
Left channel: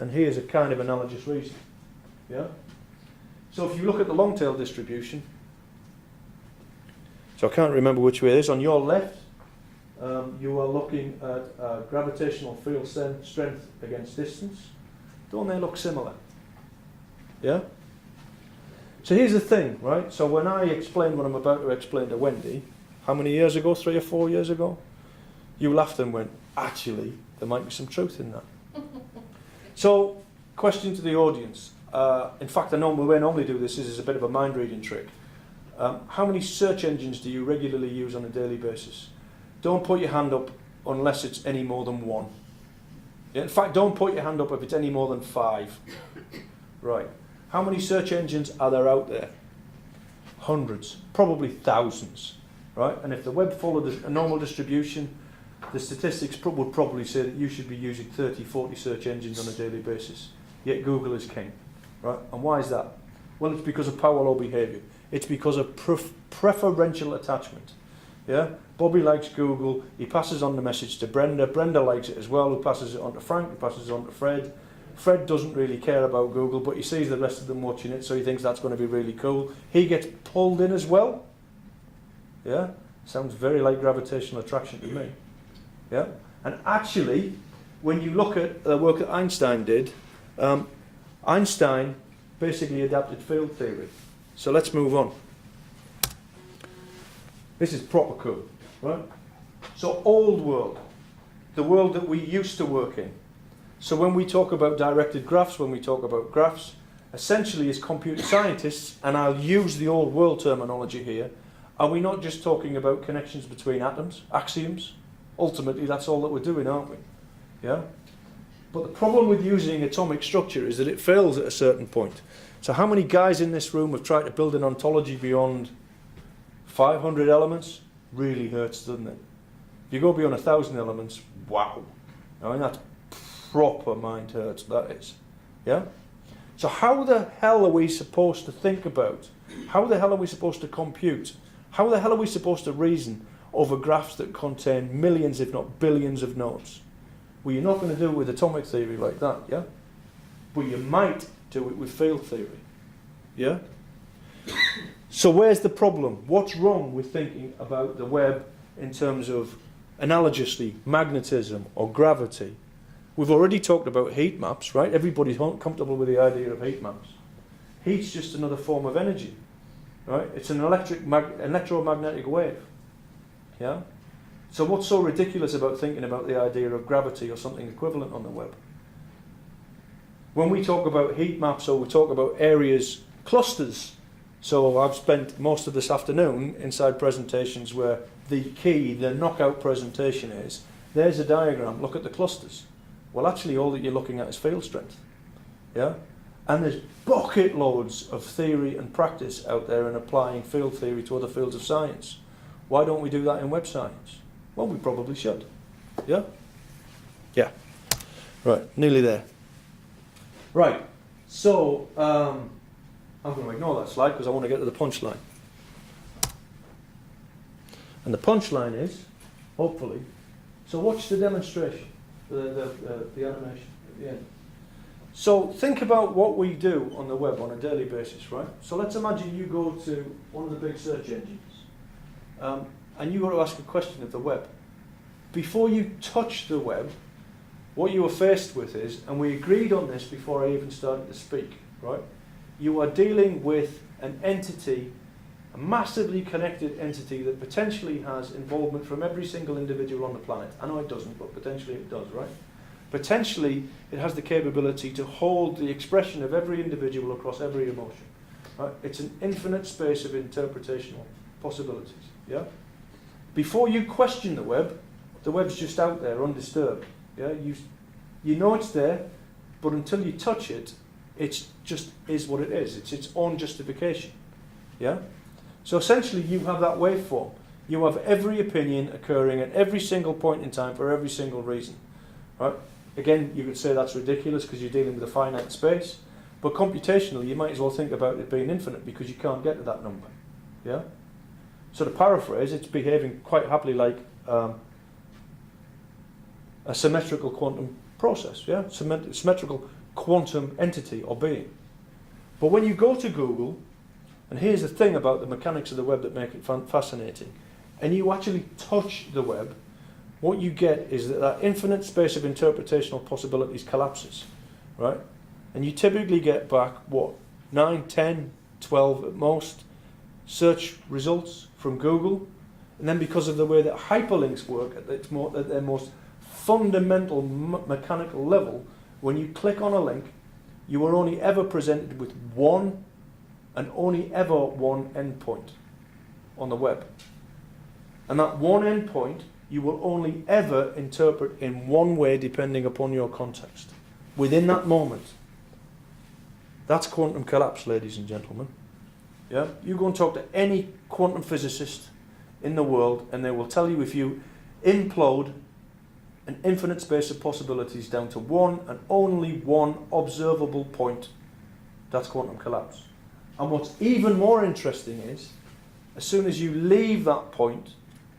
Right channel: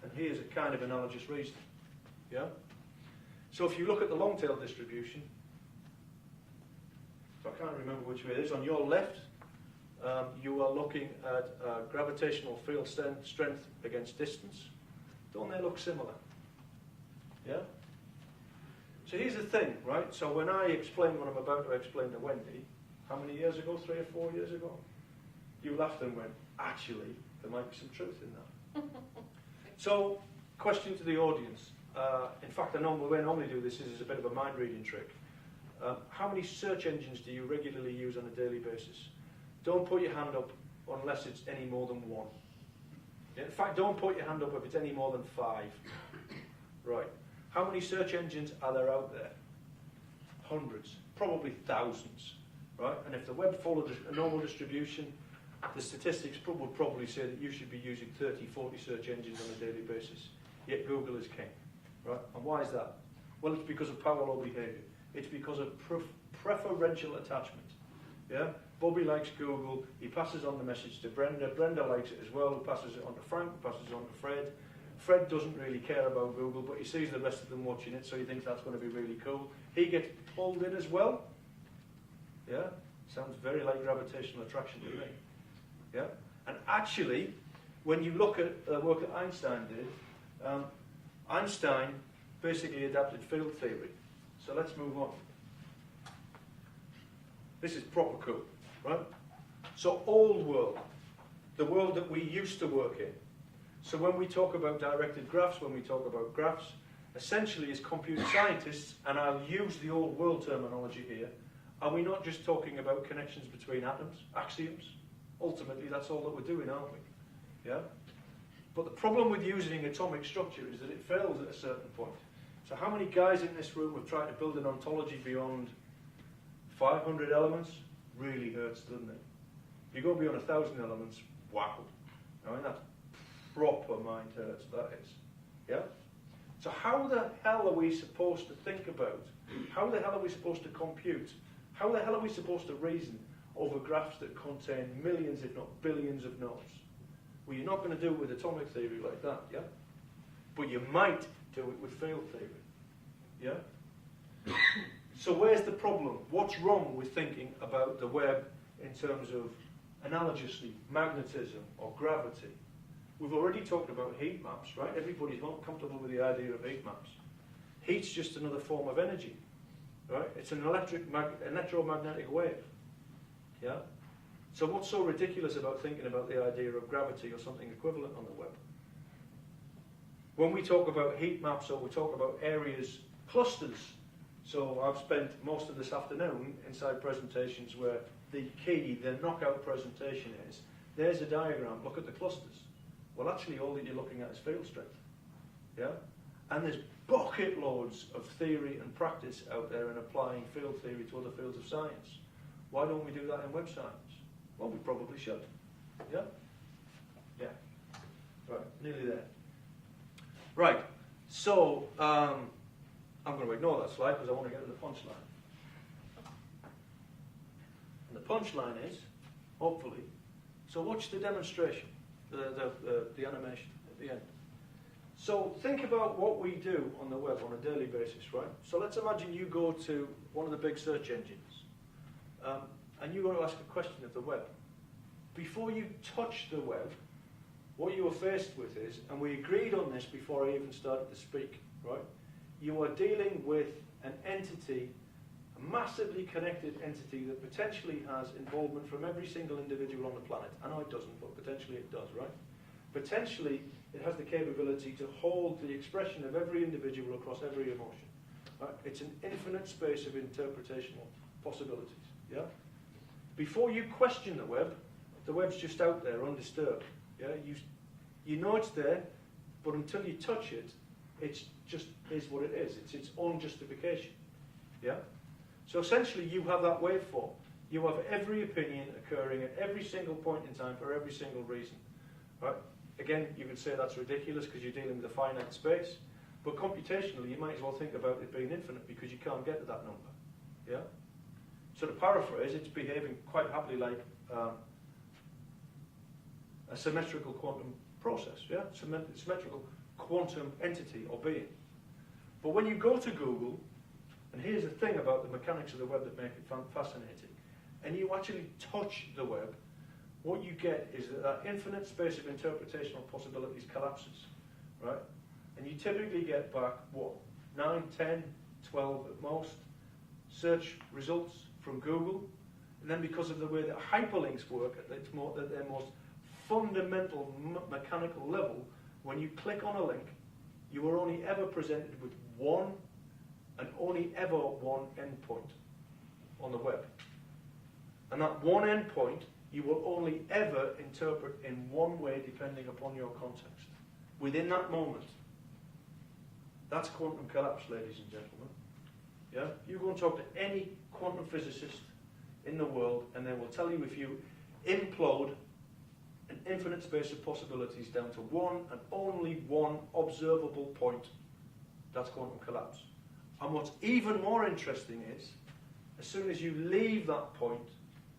And here's a kind of analogous reason. Yeah? So if you look at the long tail distribution, so I can't remember which way it is, on your left, you are looking at gravitational field strength against distance. Don't they look similar? Yeah? So here's the thing, right? So when I explain what I'm about to explain to Wendy, how many years ago, 3 or 4 years ago, you laughed and went, actually, there might be some truth in that. So, question to the audience. In fact, the way I normally do this is a bit of a mind-reading trick. How many search engines do you regularly use on a daily basis? Don't put your hand up unless it's any more than 1. Yeah, in fact, don't put your hand up if it's any more than 5. Right. How many search engines are there out there? Hundreds, probably thousands. Right? And if the web followed a normal distribution, the statistics would probably say that you should be using 30, 40 search engines on a daily basis. Yet Google is king. Right? And why is that? Well, it's because of power law behavior. It's because of preferential attachment. Yeah? Bobby likes Google. He passes on the message to Brenda. Brenda likes it as well. Who passes it on to Frank. Who passes it on to Fred. Fred doesn't really care about Google, but he sees the rest of them watching it, so he thinks that's going to be really cool. He gets pulled in as well. Yeah? Sounds very like gravitational attraction to me. Yeah? And actually, when you look at the work that Einstein did, Einstein basically adapted field theory. So let's move on. This is proper cool, right? So old world, the world that we used to work in. So when we talk about directed graphs, when we talk about graphs, essentially as computer scientists, and I'll use the old world terminology here, are we not just talking about connections between atoms, axioms? Ultimately, that's all that we're doing, aren't we? Yeah? But the problem with using atomic structure is that it fails at a certain point. So how many guys in this room have tried to build an ontology beyond 500 elements? Really hurts, doesn't it? If you go beyond 1,000 elements, wow. I mean, that's proper mind hurts, that is. Yeah? So how the hell are we supposed to think about? How the hell are we supposed to compute? How the hell are we supposed to reason over graphs that contain millions, if not billions of nodes? Well, you're not going to do it with atomic theory like that, yeah? But you might do it with field theory, yeah? So where's the problem? What's wrong with thinking about the web in terms of analogously magnetism or gravity? We've already talked about heat maps, right? Everybody's comfortable with the idea of heat maps. Heat's just another form of energy, right? It's an electromagnetic wave, yeah? So what's so ridiculous about thinking about the idea of gravity or something equivalent on the web? When we talk about heat maps or we talk about areas, clusters, so I've spent most of this afternoon inside presentations where the key, the knockout presentation is, there's a diagram, look at the clusters. Well, actually all that you're looking at is field strength, yeah? And there's bucket loads of theory and practice out there in applying field theory to other fields of science. Why don't we do that in web science? Well, we probably should. Yeah? Yeah. Right, nearly there. Right, so I'm going to ignore that slide because I want to get to the punchline. And the punchline is, hopefully, so watch the demonstration, the animation at the end. So think about what we do on the web on a daily basis, right? So let's imagine you go to one of the big search engines. And you want to ask a question of the web. Before you touch the web, what you are faced with is, and we agreed on this before I even started to speak, right? You are dealing with an entity, a massively connected entity that potentially has involvement from every single individual on the planet. I know it doesn't, but potentially it does, right? Potentially it has the capability to hold the expression of every individual across every emotion. Right? It's an infinite space of interpretational possibilities, yeah? Before you question the web's just out there undisturbed. Yeah, you know it's there, but until you touch it, it just is what it is. It's its own justification. Yeah. So essentially, you have that waveform. You have every opinion occurring at every single point in time for every single reason. Right. Again, you could say that's ridiculous because you're dealing with a finite space, but computationally, you might as well think about it being infinite because you can't get to that number. Yeah. So to paraphrase, it's behaving quite happily like a symmetrical quantum process, yeah? Symmetrical quantum entity or being. But when you go to Google, and here's the thing about the mechanics of the web that make it fascinating, and you actually touch the web, what you get is that infinite space of interpretational possibilities collapses, right? And you typically get back, what, 9, 10, 12 at most search results from Google. And then because of the way that hyperlinks work at their most fundamental mechanical level, when you click on a link, you are only ever presented with one and only ever one endpoint on the web. And that one endpoint you will only ever interpret in one way depending upon your context. Within that moment. That's quantum collapse, ladies and gentlemen. Yeah? You go and talk to any quantum physicist in the world and they will tell you if you implode an infinite space of possibilities down to one and only one observable point, that's quantum collapse. And what's even more interesting is, as soon as you leave that point,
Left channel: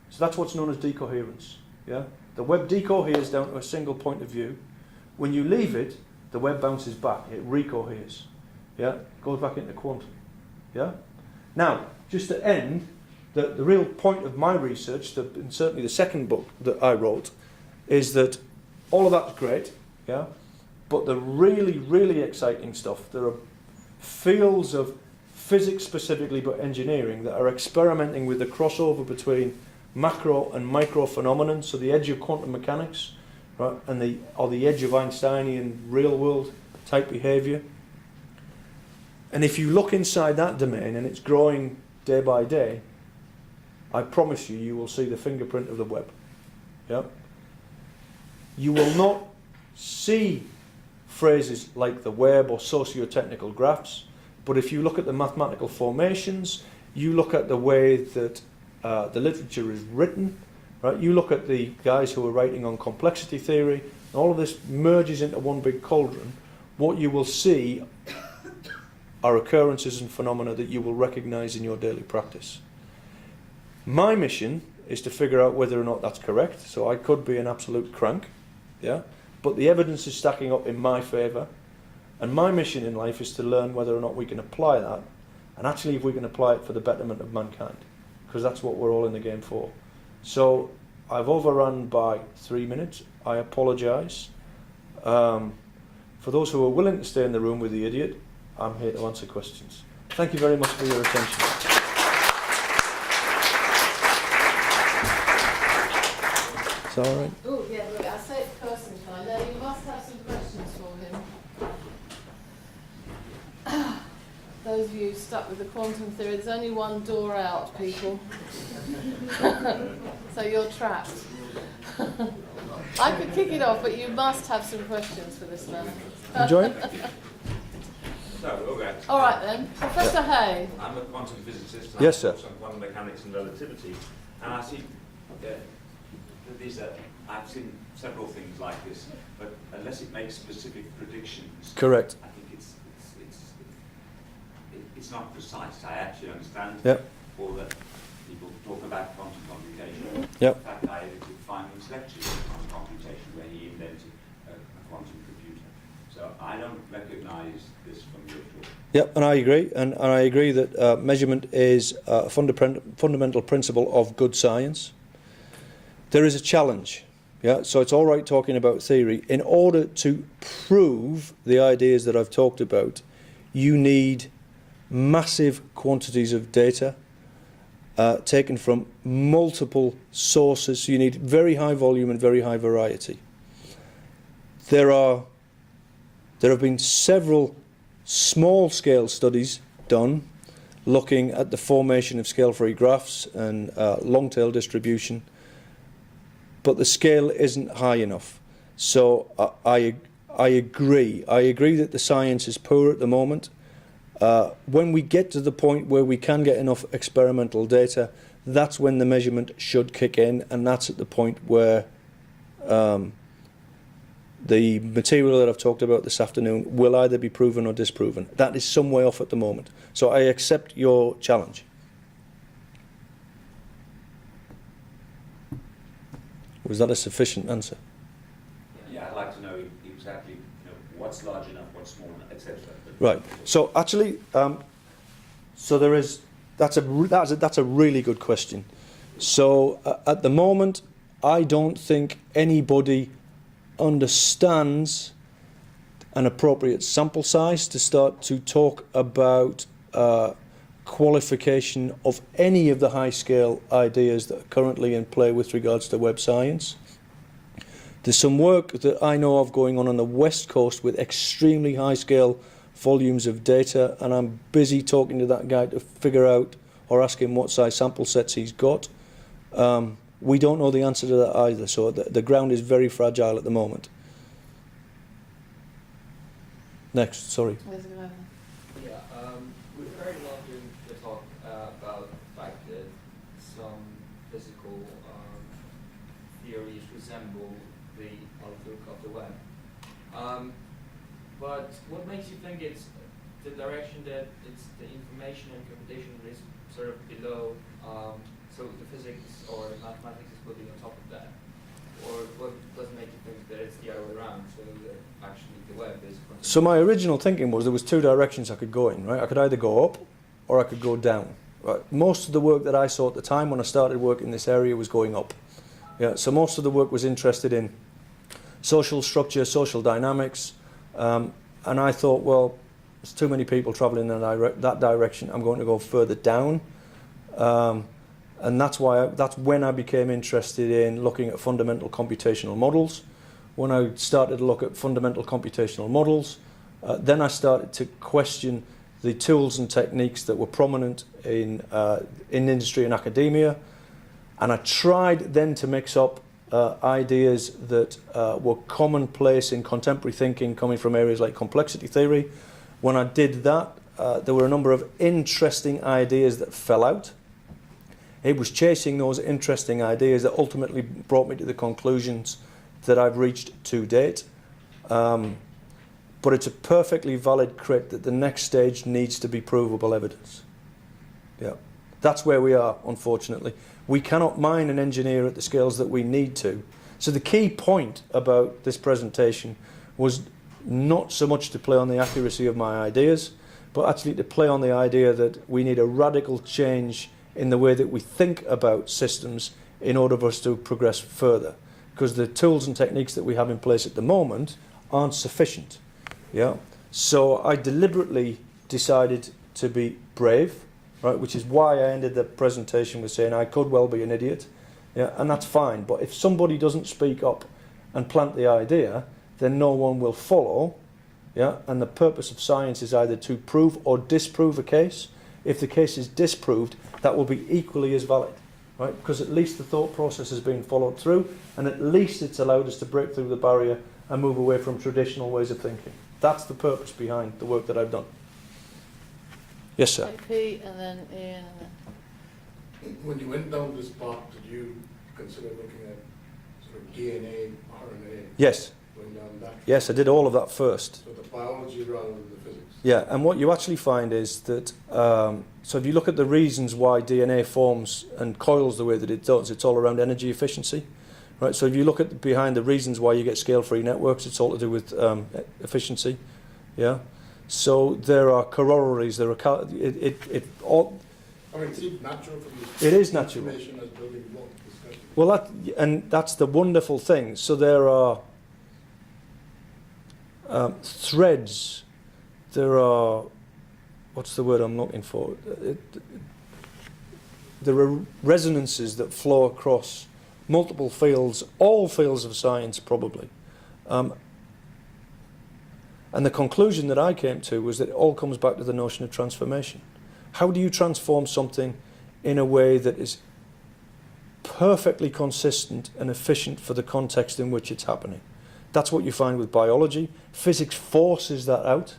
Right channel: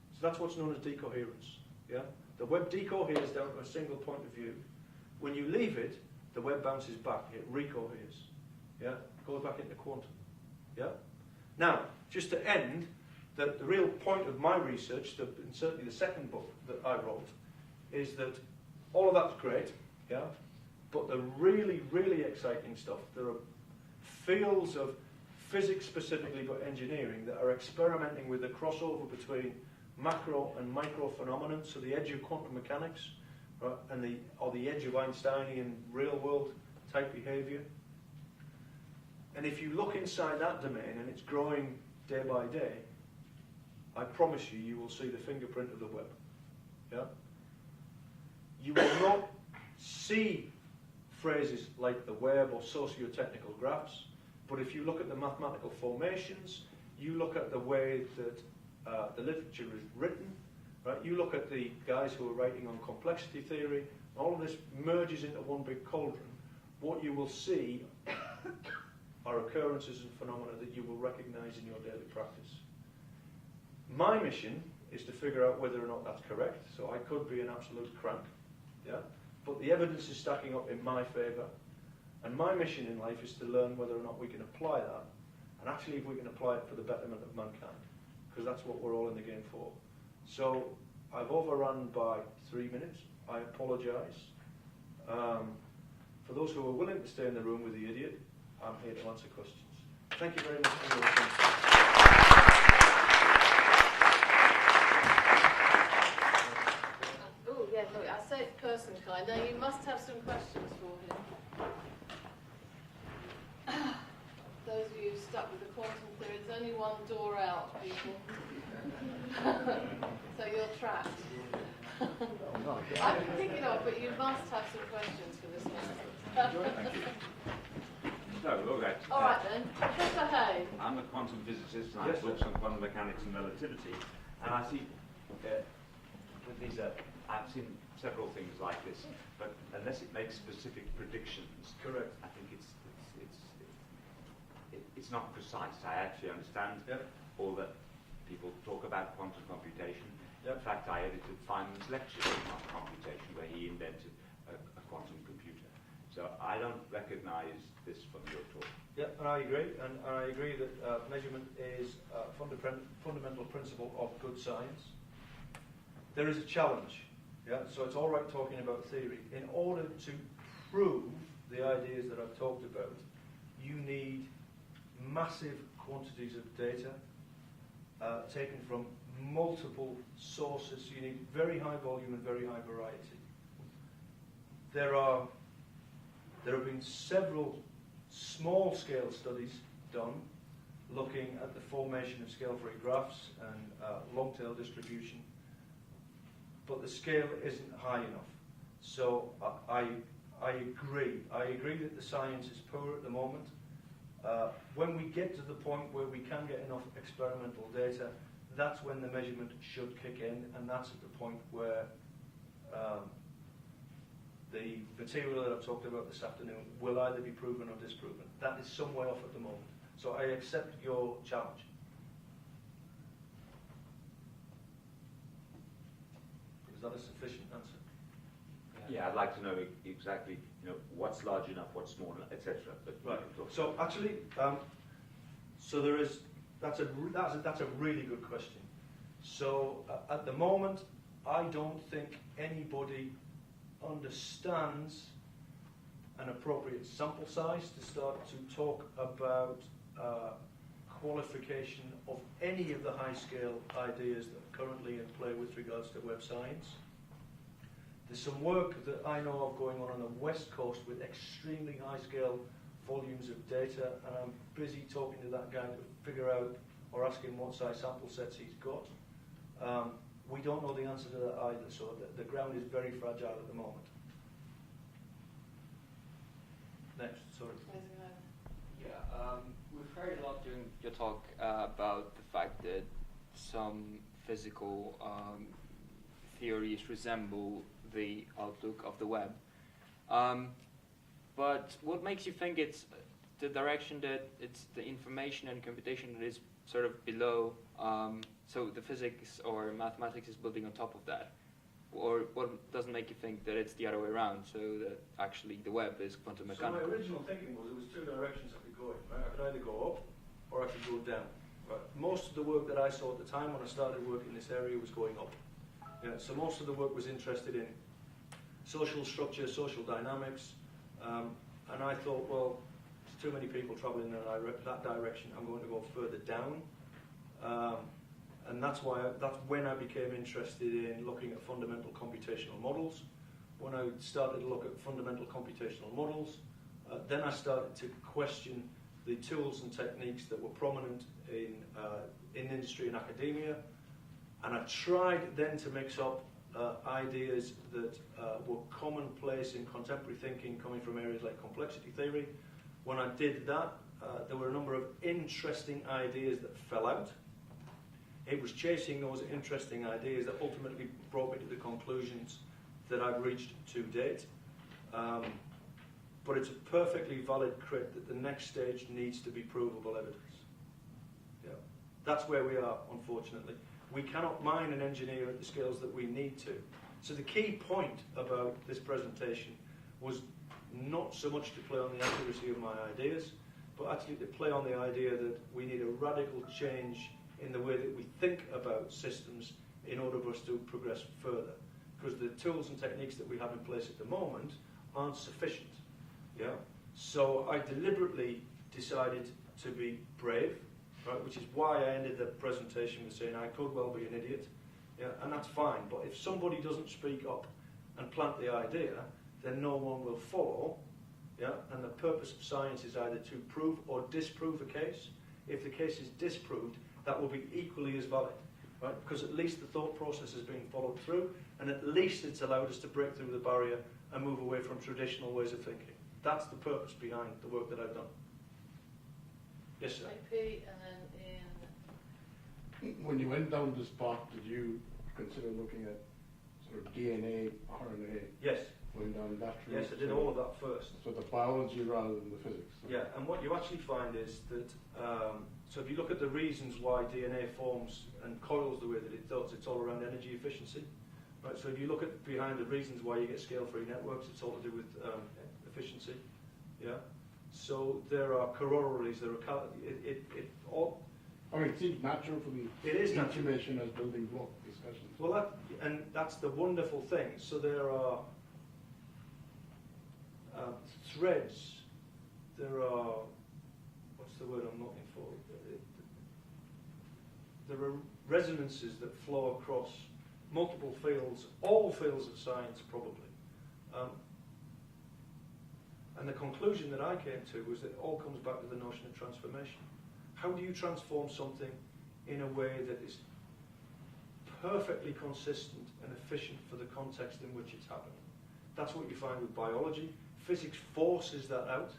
so that's what's known as decoherence. Yeah? The web decoheres down to a single point of view. When you leave it, the web bounces back, it recoheres. Yeah? It goes back into quantum. Yeah? Now, just to end, the real point of my research, and certainly the second book that I wrote, is that all of that's great, yeah, but the really, really exciting stuff, there are fields of physics specifically, but engineering, that are experimenting with the crossover between macro and micro phenomenon, so the edge of quantum mechanics, right, and the edge of Einsteinian real world type behavior. And if you look inside that domain and it's growing day by day, I promise you, you will see the fingerprint of the web. Yeah? You will not see phrases like the web or socio-technical graphs, but if you look at the mathematical formations, you look at the way that the literature is written, right? You look at the guys who are writing on complexity theory, and all of this merges into one big cauldron. What you will see are occurrences and phenomena that you will recognize in your daily practice. My mission is to figure out whether or not that's correct. So I could be an absolute crank, yeah, but the evidence is stacking up in my favor, and my mission in life is to learn whether or not we can apply that, and actually if we can apply it for the betterment of mankind, because that's what we're all in the game for. So I've overrun by 3 minutes. I apologize. For those who are willing to stay in the room with the idiot, I'm here to answer questions. Thank you very much for your attention. Is that all right? Oh, yeah, look, I say it person kind. Now, you must have some questions for him. Those of you stuck with the quantum theory, there's only one door out, people. So you're trapped. I could kick it off, but you must have some questions for this man. Enjoy it? All right then, Professor Hay. I'm a quantum physicist. Yes, sir. I focus on quantum mechanics and relativity, and I see that I've seen several things like this, but unless it makes specific predictions, Correct. I think it's not precise. I actually understand Yep. all that people talk about quantum computation. Yep. In fact, I edited Feynman's lectures on quantum computation, where he invented a quantum computer. So I don't recognise this from your talk. Yep, and I agree. And I agree that measurement is a fundamental principle of good science. There is a challenge. Yeah, so it's all right talking about theory. In order to prove the ideas that I've talked about, you need massive quantities of data taken from multiple sources. So you need very high volume and very high variety. There have been several small-scale studies done looking at the formation of scale-free graphs and long-tail distribution, but the scale isn't high enough. So I agree. I agree that the science is poor at the moment. When we get to the point where we can get enough experimental data, that's when the measurement should kick in, and that's at the point where the material that I've talked about this afternoon will either be proven or disproven. That is some way off at the moment. So I accept your challenge. Was that a sufficient answer? Yeah, I'd like to know exactly what's large enough, what's small enough, etc. Right. So actually, so there is. That's a really good question. So at the moment, I don't think anybody understands an appropriate sample size to start to talk about qualification of any of the high-scale ideas that are currently in play with regards to web science. There's some work that I know of going on the West Coast with extremely high-scale volumes of data, and I'm busy talking to that guy to figure out or ask him what size sample sets he's got. We don't know the answer to that either, so the ground is very fragile at the moment. Next, sorry. Yeah, we're very often to talk about the fact that some physical theories resemble the outlook of the web. But what makes you think it's the direction that it's the information and computation that is sort of below, so the physics or mathematics is building on top of that? Or what doesn't make you think that it's the other way around, so that actually the web is fundamental? So my original thinking was there was two directions I could go in, right? I could either go up or I could go down. Right? Most of the work that I saw at the time when I started working in this area was going up. Yeah, so most of the work was interested in social structure, social dynamics, and I thought, well, there's too many people traveling in that direction. I'm going to go further down. And that's when I became interested in looking at fundamental computational models. When I started to look at fundamental computational models, then I started to question the tools and techniques that were prominent in industry and academia, and I tried then to mix up ideas that were commonplace in contemporary thinking coming from areas like complexity theory. When I did that, there were a number of interesting ideas that fell out. It was chasing those interesting ideas that ultimately brought me to the conclusions that I've reached to date. But it's a perfectly valid crit that the next stage needs to be provable evidence. Yeah, that's where we are, unfortunately. We cannot mine and engineer at the scales that we need to. So the key point about this presentation was not so much to play on the accuracy of my ideas, but actually to play on the idea that we need a radical change in the way that we think about systems in order for us to progress further. Because the tools and techniques that we have in place at the moment aren't sufficient. Yeah. So I deliberately decided to be brave, right, which is why I ended the presentation with saying I could well be an idiot. Yeah, and that's fine. But if somebody doesn't speak up and plant the idea, then no one will follow. Yeah, and the purpose of science is either to prove or disprove a case. If the case is disproved, that will be equally as valid, right? Because at least the thought process has been followed through, and at least it's allowed us to break through the barrier and move away from traditional ways of thinking. That's the purpose behind the work that I've done. Yes, sir. AP and then Ian. And When you went down this path, did you consider looking at sort of DNA, RNA? Yes. Going down that? Yes, I did all of that first. So the biology rather than the physics? Yeah, and what you actually find is that, so if you look at the reasons why DNA forms and coils the way that it does, it's all around energy efficiency. Right, so if you look at behind the reasons why you get scale-free networks, it's all to do with efficiency. Yeah. So there are corollaries. There are it all. I mean, it seems natural from the It is natural. information as building block discussion. Well, that's the wonderful thing. So there are threads. There are, what's the word I'm looking for? There are resonances that flow across multiple fields, all fields of science probably. And the conclusion that I came to was that it all comes back to the notion of transformation. How do you transform something in a way that is perfectly consistent and efficient for the context in which it's happening? That's what you find with biology. Physics forces that out.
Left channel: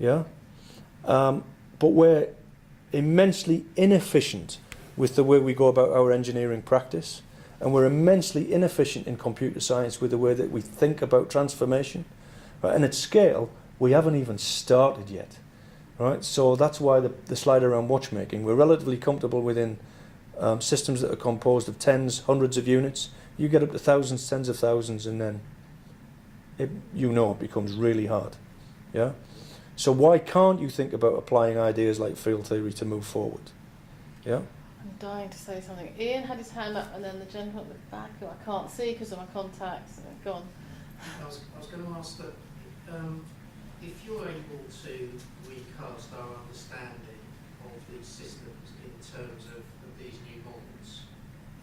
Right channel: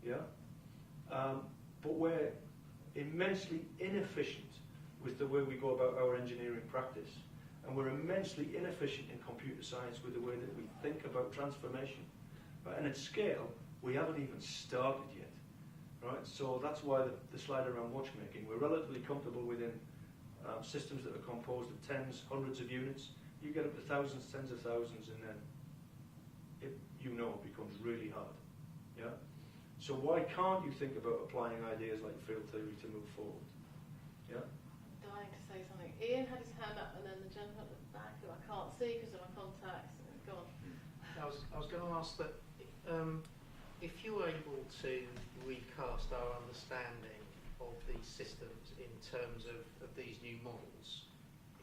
Yeah, but we're immensely inefficient with the way we go about our engineering practice, and we're immensely inefficient in computer science with the way that we think about transformation. Right? And at scale, we haven't even started yet. Right? So that's why the slide around watchmaking. We're relatively comfortable within systems that are composed of tens, hundreds of units. You get up to thousands, tens of thousands, and then it becomes really hard. Yeah. So why can't you think about applying ideas like field theory to move forward? Yeah? I'm dying to say something. Ian had his hand up, and then the gentleman at the back, who I can't see because of my contacts. Go on. I was going to ask that if you're able to recast our understanding of these systems in terms of these new models,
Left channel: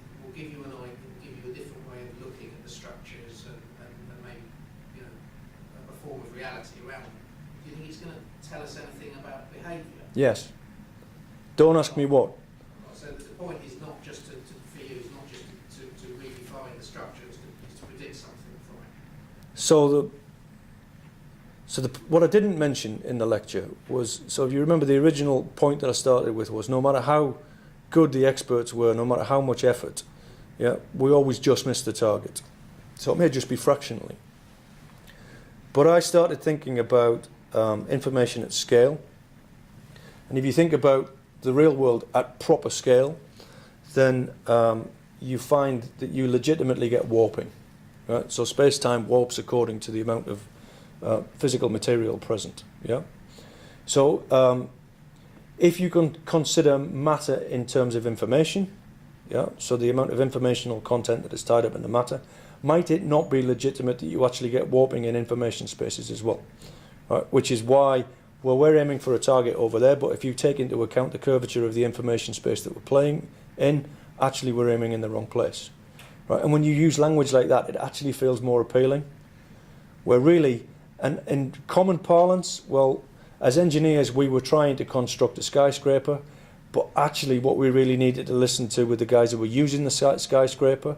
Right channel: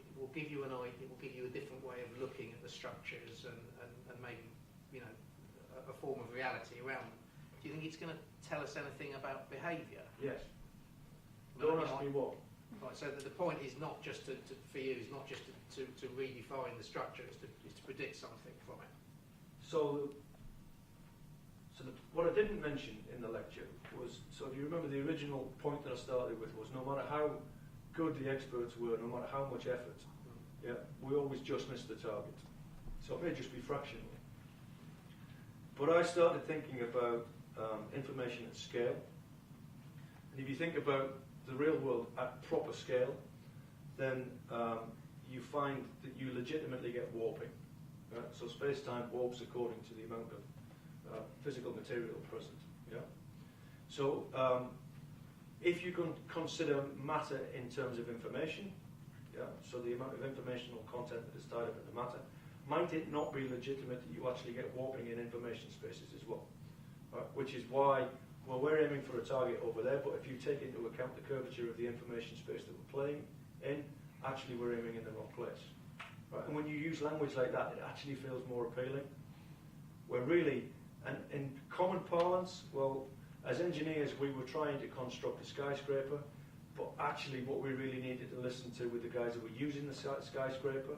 it will give you an idea, it will give you a different way of looking at the structures and maybe, you know, a form of reality around them. Do you think it's going to tell us anything about behaviour? Yes. Don't ask me what. Right, so the point is not just for you, is not just to redefine the structure, it's to predict something from it. So what I didn't mention in the lecture was, so if you remember the original point that I started with was no matter how good the experts were, no matter how much effort, yeah, we always just missed the target. So it may just be fractionally. But I started thinking about information at scale. And if you think about the real world at proper scale, then you find that you legitimately get warping. Right? So space-time warps according to the amount of physical material present. Yeah. So if you can consider matter in terms of information, yeah, so the amount of informational content that is tied up in the matter, might it not be legitimate that you actually get warping in information spaces as well? Right? Which is why, well, we're aiming for a target over there, but if you take into account the curvature of the information space that we're playing in, actually we're aiming in the wrong place. Right? And when you use language like that, it actually feels more appealing. We're really, and in common parlance, well, as engineers, we were trying to construct a skyscraper, but actually what we really needed to listen to were the guys that were using the skyscraper,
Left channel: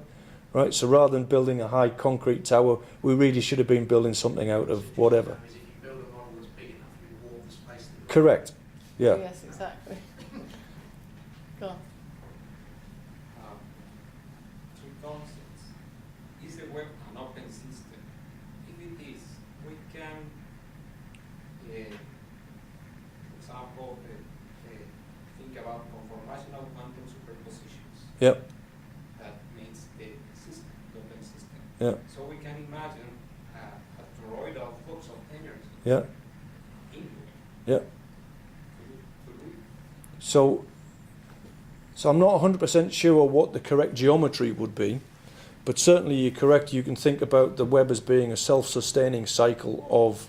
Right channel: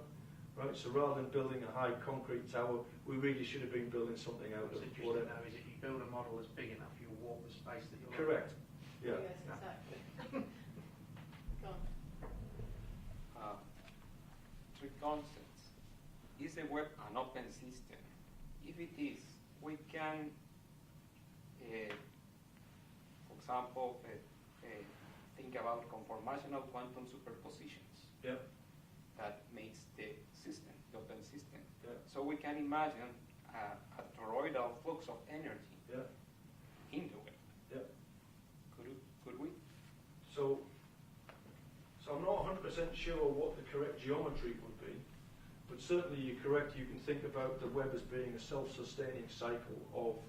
right? So rather than building a high concrete tower, we really should have been building something out of whatever. Is if you build a model that's big enough, you warp the space that you're Correct. Yeah. Yes, exactly. Go on. Three concepts. Is the web an open system? If it is, we can, for example, think about conformational quantum superpositions. Yep. That means the system, the open system. Yeah. So we can imagine a toroidal flux of energy Yeah. into it. Yeah. Could we? So I'm not 100% sure what the correct geometry would be, but certainly you're correct. You can think about the web as being a self-sustaining cycle of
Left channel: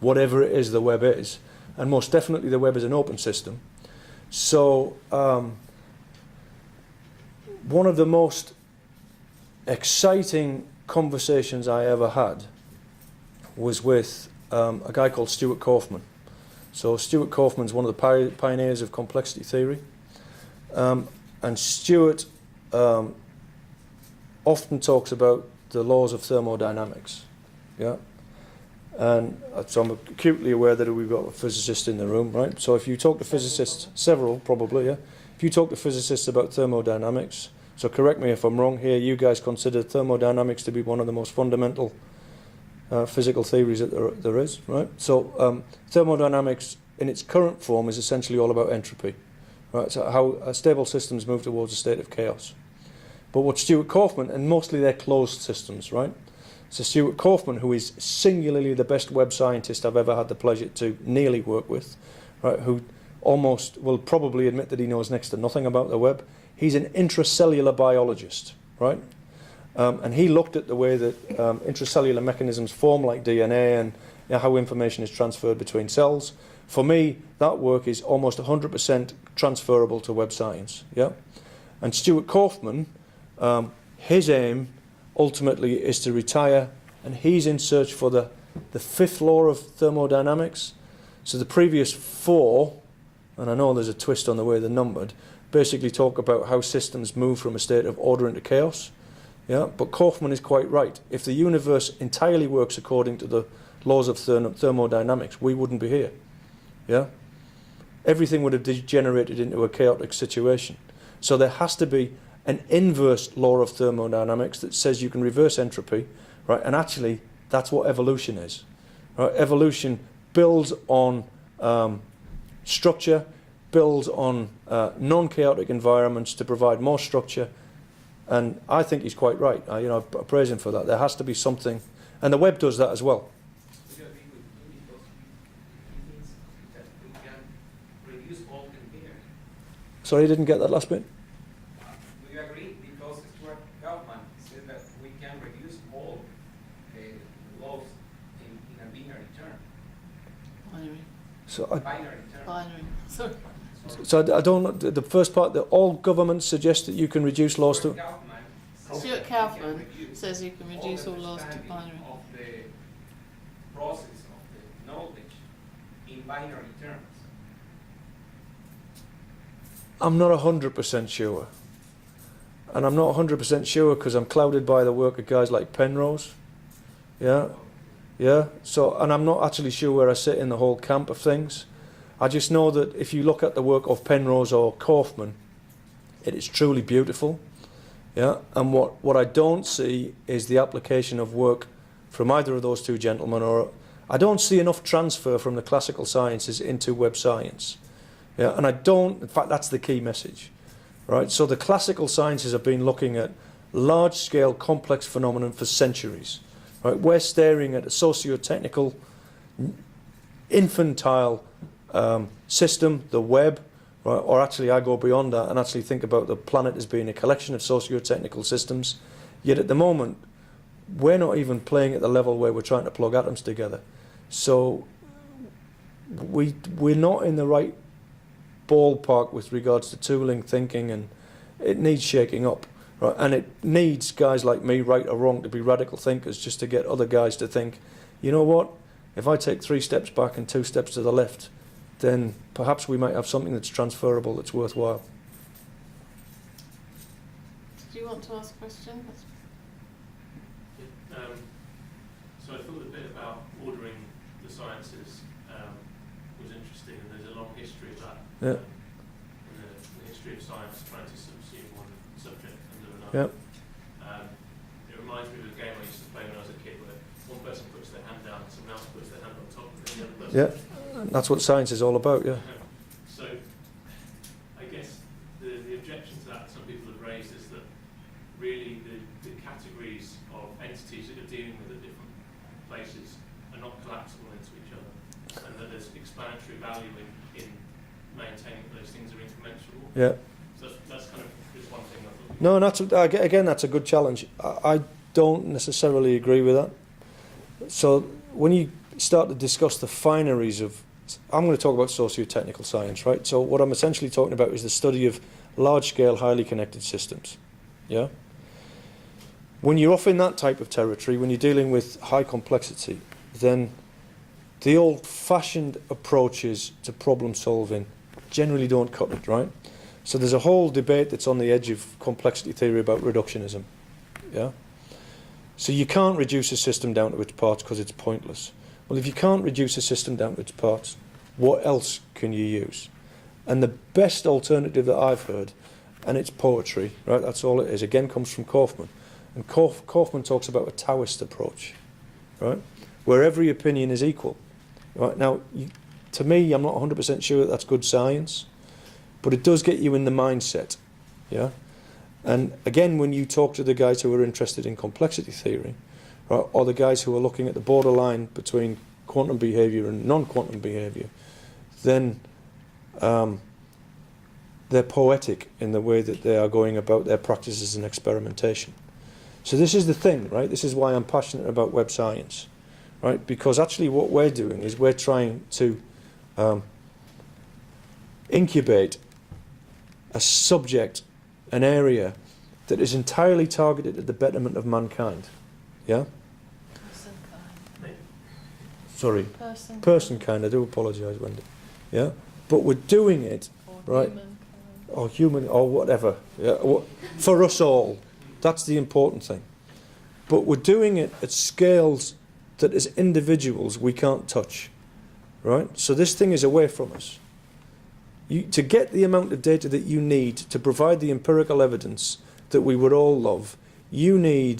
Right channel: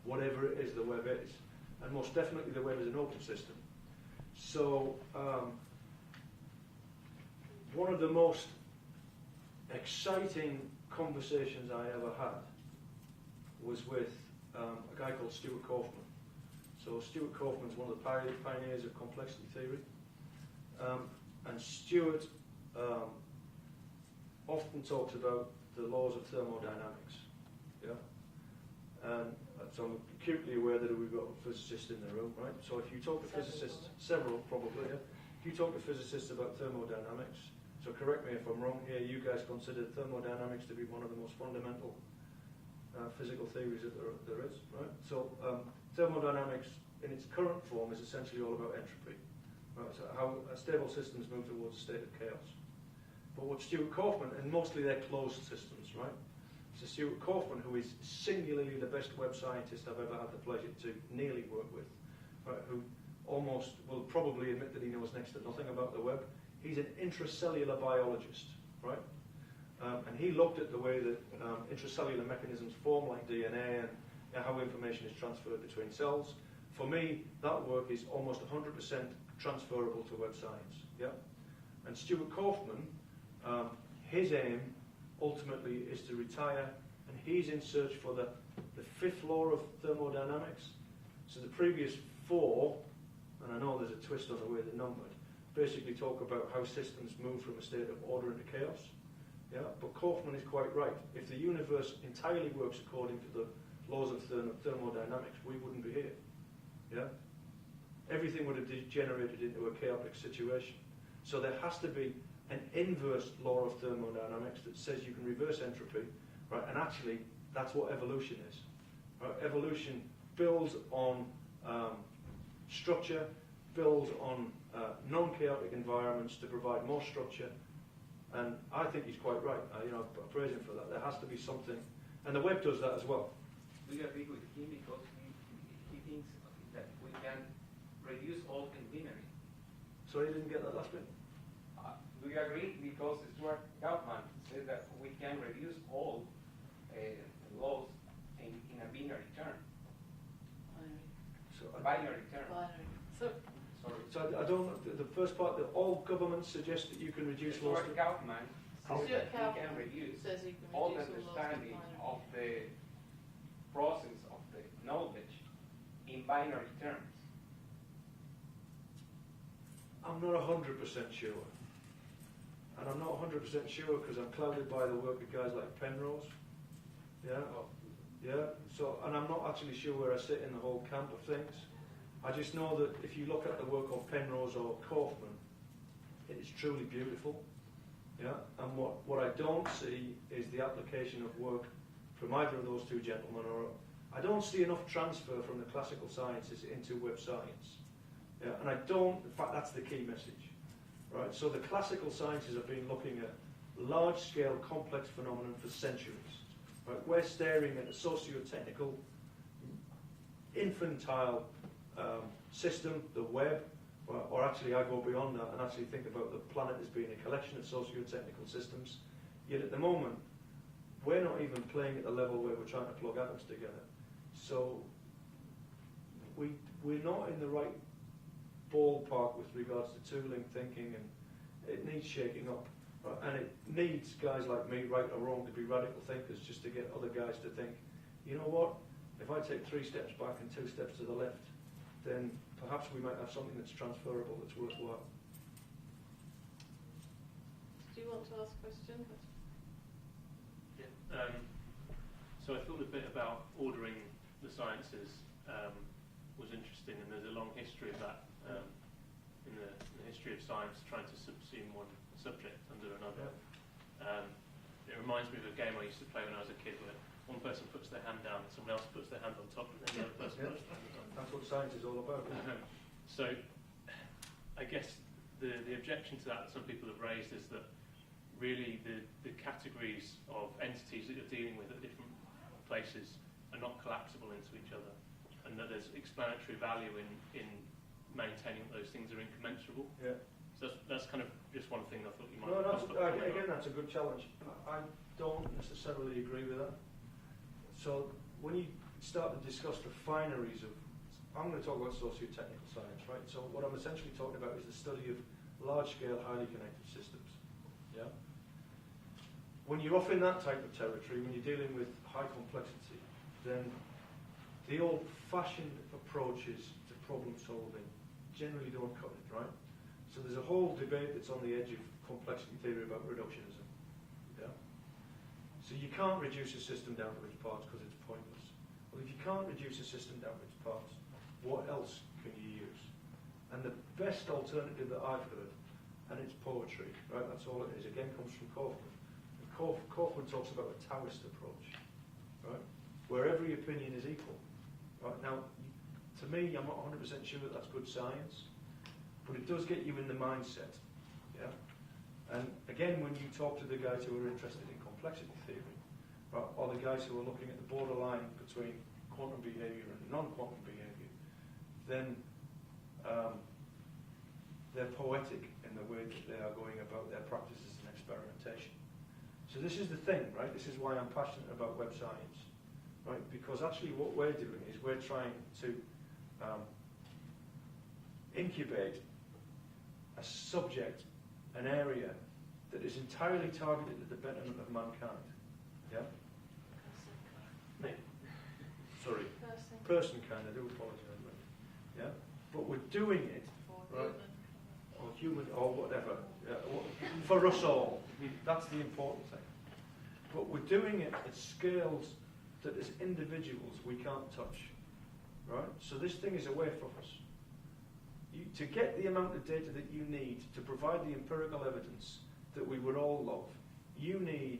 whatever it is the web is, and most definitely the web is an open system. So one of the most exciting conversations I ever had was with a guy called Stuart Kaufman. So Stuart Kaufman's one of the pioneers of complexity theory. And Stuart often talks about the laws of thermodynamics. Yeah. And so I'm acutely aware that we've got a physicist in the room, right? So if you talk to physicists, several probably, yeah. If you talk to physicists about thermodynamics, so correct me if I'm wrong here, you guys consider thermodynamics to be one of the most fundamental physical theories that there is, right? So thermodynamics in its current form is essentially all about entropy, right? So how stable systems move towards a state of chaos. But what Stuart Kaufman, and mostly they're closed systems, right? So Stuart Kaufman, who is singularly the best web scientist I've ever had the pleasure to nearly work with, right? Who almost will probably admit that he knows next to nothing about the web. He's an intracellular biologist, right? And he looked at the way that intracellular mechanisms form like DNA and how information is transferred between cells. For me, that work is almost 100% transferable to web science. Yeah, and Stuart Kaufman, his aim ultimately is to retire, and he's in search for the fifth law of thermodynamics. So the previous four, and I know there's a twist on the way they're numbered, basically talk about how systems move from a state of order into chaos. Yeah, but Kaufman is quite right. If the universe entirely works according to the laws of thermodynamics, we wouldn't be here. Yeah, everything would have degenerated into a chaotic situation. So there has to be an inverse law of thermodynamics that says you can reverse entropy, right? And actually, that's what evolution is. Right? Evolution builds on structure, builds on non-chaotic environments to provide more structure. And I think he's quite right. I praise him for that. There has to be something, and the web does that as well. We agree with him because he thinks that we can reduce all and binary. Sorry, I didn't get that last bit. We agree because Stuart Kaufman says that we can reduce all laws in a binary term. Binary. So Binary term. Binary. Sorry. I don't. The first part that all governments suggest that you can reduce laws to. Stuart Kaufman says you can reduce all laws to binary. Of the process of the knowledge in binary terms. I'm not 100% sure, and I'm not 100% sure because I'm clouded by the work of guys like Penrose. Yeah, yeah. So, and I'm not actually sure where I sit in the whole camp of things. I just know that if you look at the work of Penrose or Kaufman, it is truly beautiful. Yeah, and what I don't see is the application of work from either of those two gentlemen, or I don't see enough transfer from the classical sciences into web science. Yeah, and I don't, in fact, that's the key message, right? So the classical sciences have been looking at large-scale complex phenomenon for centuries, right? We're staring at a socio-technical, infantile system, the web, right? Or actually I go beyond that and actually think about the planet as being a collection of socio-technical systems. Yet at the moment, we're not even playing at the level where we're trying to plug atoms together. So we're not in the right ballpark with regards to tooling, thinking, and it needs shaking up. Right? And it needs guys like me, right or wrong, to be radical thinkers just to get other guys to think, you know what, If I take 3 steps back and 2 steps to the left, then perhaps we might have something that's transferable, that's worthwhile. Do you want to ask a question? So I thought a bit about ordering the sciences was interesting, and there's a long history of that. Yeah. In the history of science, trying to subsume one subject under Yeah. another. It reminds me of a game I used to play when I was a kid, where one person puts their hand down, someone else puts their hand on top, and then the other person. Yeah. That's what science is all about. Yeah. So, I guess the objection to that some people have raised is that really the categories of entities that you're dealing with at different places are not collapsible into each other, and that there's explanatory value in maintaining that those things are incommensurable. Yeah. So that's kind of just one thing I thought. No, and again, that's a good challenge. I don't necessarily agree with that. So when you start to discuss the fineries of, I'm going to talk about socio-technical science, right? So what I'm essentially talking about is the study of large-scale, highly connected systems. Yeah. When you're off in that type of territory, when you're dealing with high complexity, then the old-fashioned approaches to problem solving generally don't cut it, right? So there's a whole debate that's on the edge of complexity theory about reductionism. Yeah. So you can't reduce a system down to its parts because it's pointless. Well, if you can't reduce a system down to its parts, what else can you use? And the best alternative that I've heard, and it's poetry, right? That's all it is. Again, comes from Kaufman. And Kaufman talks about a Taoist approach, right? Where every opinion is equal. Right? Now, to me, I'm not 100% sure that that's good science, but it does get you in the mindset, yeah? And again, when you talk to the guys who are interested in complexity theory, right, or the guys who are looking at the borderline between quantum behavior and non-quantum behavior, then they're poetic in the way that they are going about their practices and experimentation. So this is the thing, right? This is why I'm passionate about web science, right? Because actually what we're doing is we're trying to incubate a subject, an area that is entirely targeted at the betterment of mankind. Yeah? Sorry. Person kind, I do apologise, Wendy. Yeah? But we're doing it, right? Or human, or whatever. Yeah? For us all. That's the important thing. But we're doing it at scales that as individuals we can't touch. Right? So this thing is away from us. To get the amount of data that you need to provide the empirical evidence that we would all love, you're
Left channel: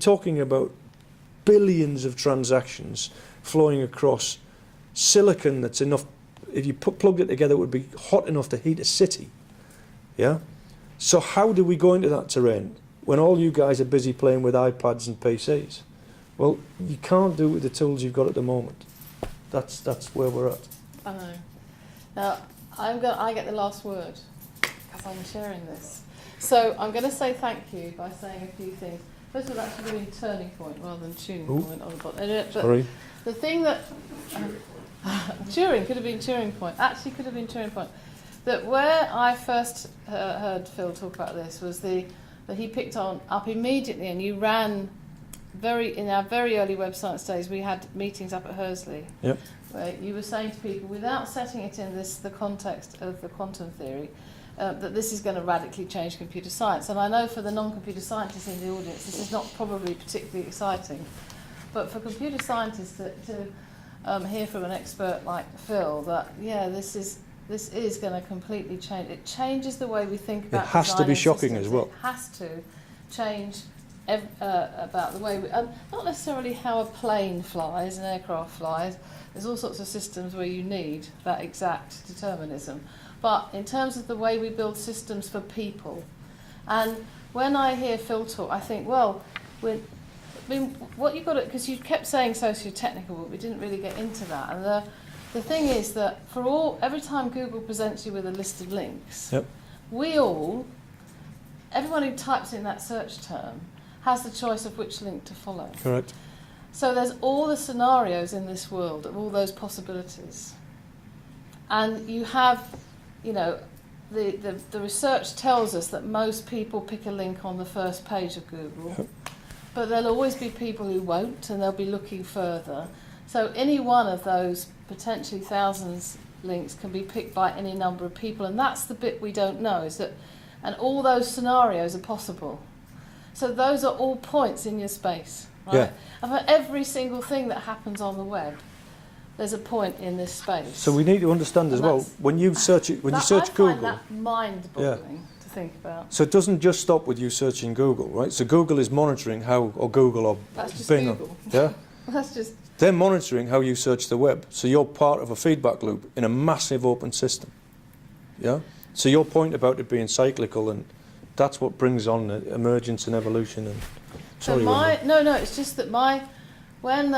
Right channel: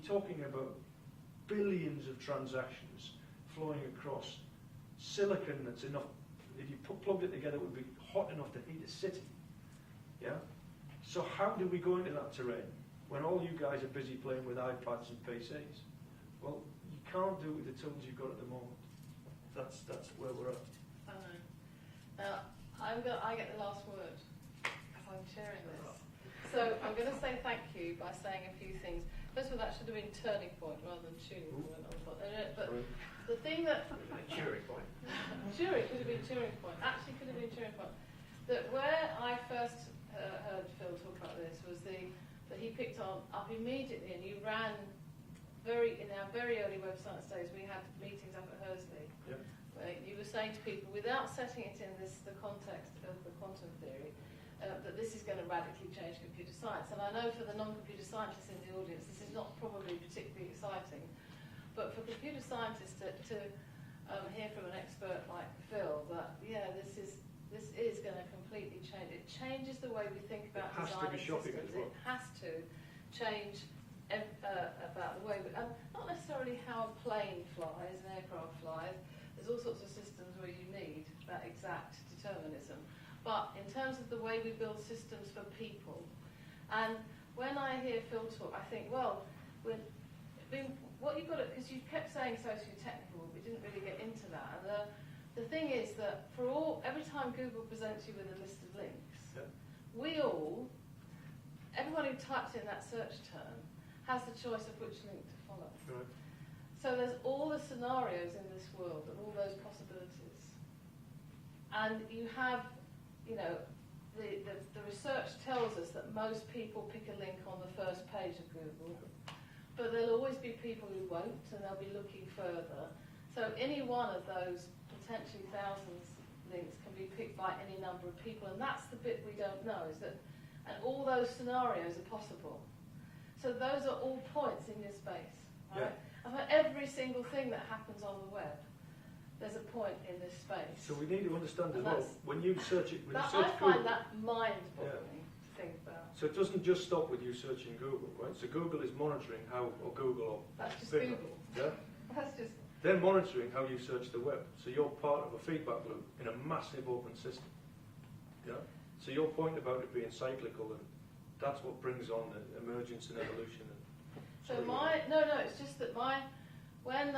talking about billions of transactions flowing across silicon that's enough, if you plugged it together, it would be hot enough to heat a city. Yeah? So how do we go into that terrain when all you guys are busy playing with iPads and PCs? Well, you can't do it with the tools you've got at the moment. That's where we're at. I know. Now, I get the last word because I'm sharing this. So I'm going to say thank you by saying a few things. First of all, actually doing turning point rather than tuning point on the bottom. Sorry. The thing that Turing could have been Turing point. Actually, could have been Turing point. That where I first heard Phil talk about this was that he picked up immediately, and you ran in our very early web science days. We had meetings up at Hursley. Yep. Where you were saying to people, without setting it in the context of the quantum theory, that this is going to radically change computer science. And I know for the non-computer scientists in the audience, this is not probably particularly exciting. But for computer scientists to hear from an expert like Phil that, yeah, this is going to completely change. It changes the way we think about it has to be shocking systems. as well. It has to change about the way we... not necessarily how a plane flies, an aircraft flies. There's all sorts of systems where you need that exact determinism. But in terms of the way we build systems for people, and when I hear Phil talk, I think, well, what you've got to... Because you kept saying socio-technical, but we didn't really get into that. And the thing is that every time Google presents you with a list of links, yep. Everyone who types in that search term has the choice of which link to follow. Correct. So there's all the scenarios in this world of all those possibilities. And you have, the research tells us that most people pick a link on the first page of Google, but there'll always be people who won't, and they'll be looking further. So any one of those potentially thousands links can be picked by any number of people, and that's the bit we don't know, is that, and all those scenarios are possible. So those are all points in your space, right? Yeah. And for every single thing that happens on the web, there's a point in this space. So we need to understand as And well, that's- when you search it, when you search I Google, find that mind-boggling to think about. so it doesn't just stop with you searching Google, right? So Google is monitoring how, or Google or That's just Bing, Google. yeah? That's just, They're monitoring how you search the web. So you're part of a feedback loop in a massive open system. Yeah? So your point about it being cyclical, and that's what brings on the emergence and evolution. And so no, it's just that when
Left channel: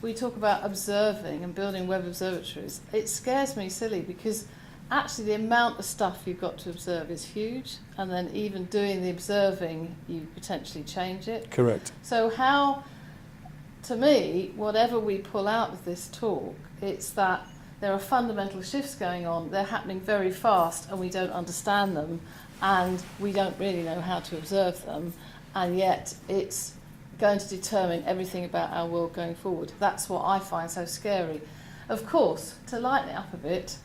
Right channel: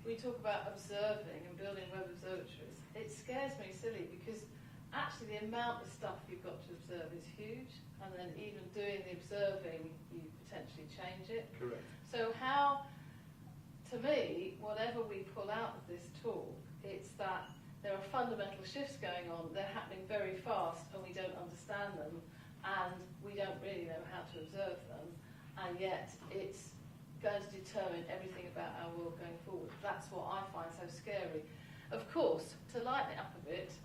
we talk about observing and building web observatories, it scares me silly, because actually the amount of stuff you've got to observe is huge, and then even doing the observing, you potentially change it. Correct. So how, to me, whatever we pull out of this talk, it's that there are fundamental shifts going on, they're happening very fast, and we don't understand them, and we don't really know how to observe them, and yet it's going to determine everything about our world going forward. That's what I find so scary. Of course, to lighten it up a bit,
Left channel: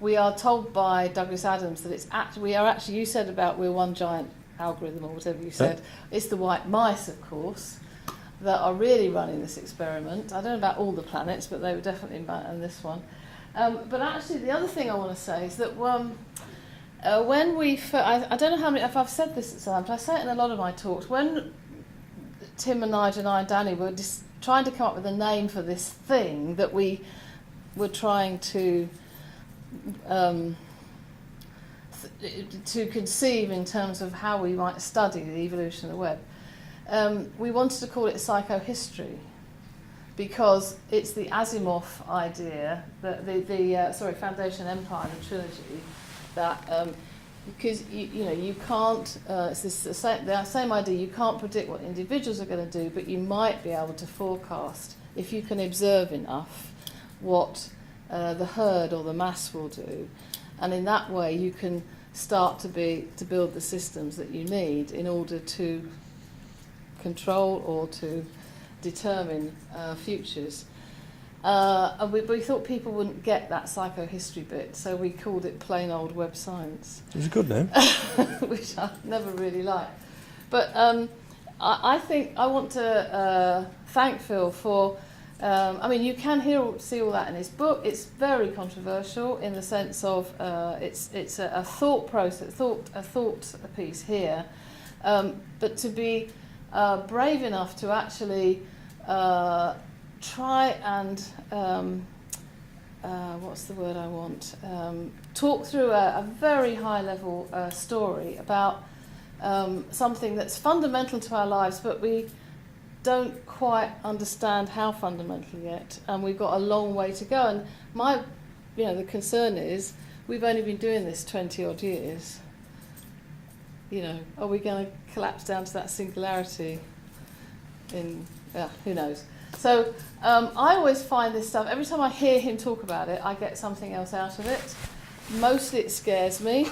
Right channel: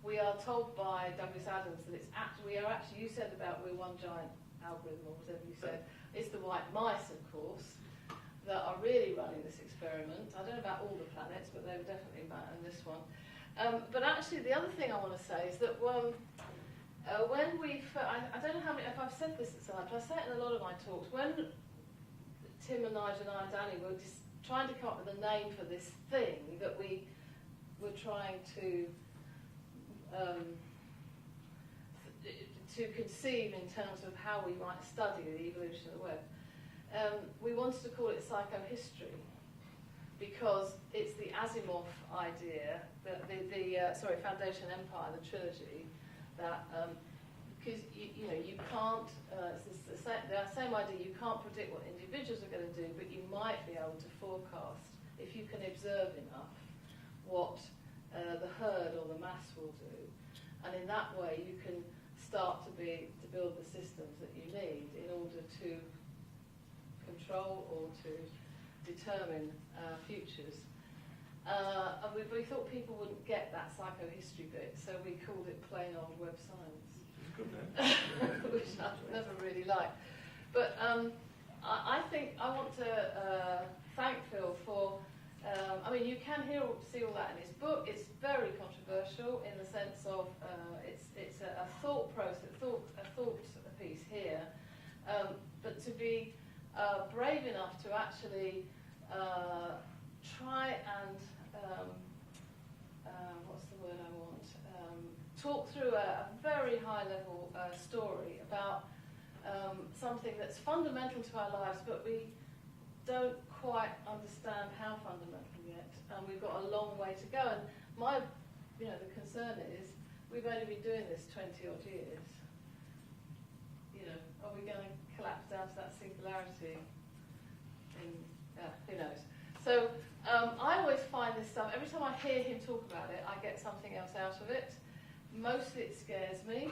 we are told by Douglas Adams that we are actually, you said about we're one giant algorithm, or whatever you said, it's the white mice, of course, that are really running this experiment. I don't know about all the planets, but they were definitely in this one. But actually, the other thing I want to say is that when I don't know how many, if I've said this at times, I say it in a lot of my talks, when Tim and Nigel and I and Danny were just trying to come up with a name for this thing that we were trying to conceive in terms of how we might study the evolution of the web. We wanted to call it psychohistory, because it's the Asimov idea, the Foundation Empire, the trilogy, that because you can't, it's the same idea, you can't predict what individuals are going to do, but you might be able to forecast, if you can observe enough, what the herd or the mass will do, and in that way you can start to build the systems that you need in order to control or to determine futures. And we thought people wouldn't get that psychohistory bit, so we called it plain old web science. It was a good name. Which I never really liked. But I think I want to thank Phil for, you can see all that in his book. It's very controversial in the sense of it's a thought process, a thought piece here. But to be brave enough to actually try and what's the word I want? Talk through a very high level story about something that's fundamental to our lives, but we don't quite understand how fundamental yet, and we've got a long way to go. And the concern is we've only been doing this 20 odd years. Are we going to collapse down to that singularity who knows? So I always find this stuff, every time I hear him talk about it, I get something else out of it. Mostly it scares me,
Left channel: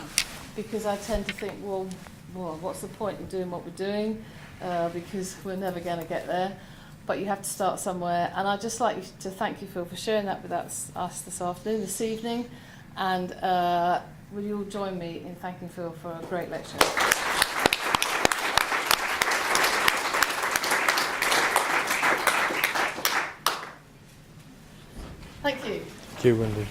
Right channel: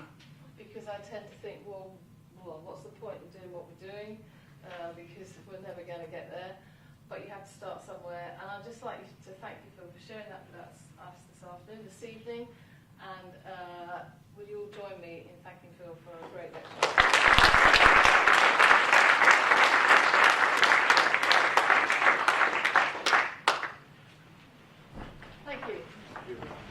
because I tend to think, well, what's the point in doing what we're doing? Because we're never going to get there. But you have to start somewhere. And I'd just like to thank you, Phil, for sharing that with us this evening. And will you all join me in thanking Phil for a great lecture? Thank you. Thank you, Wendy.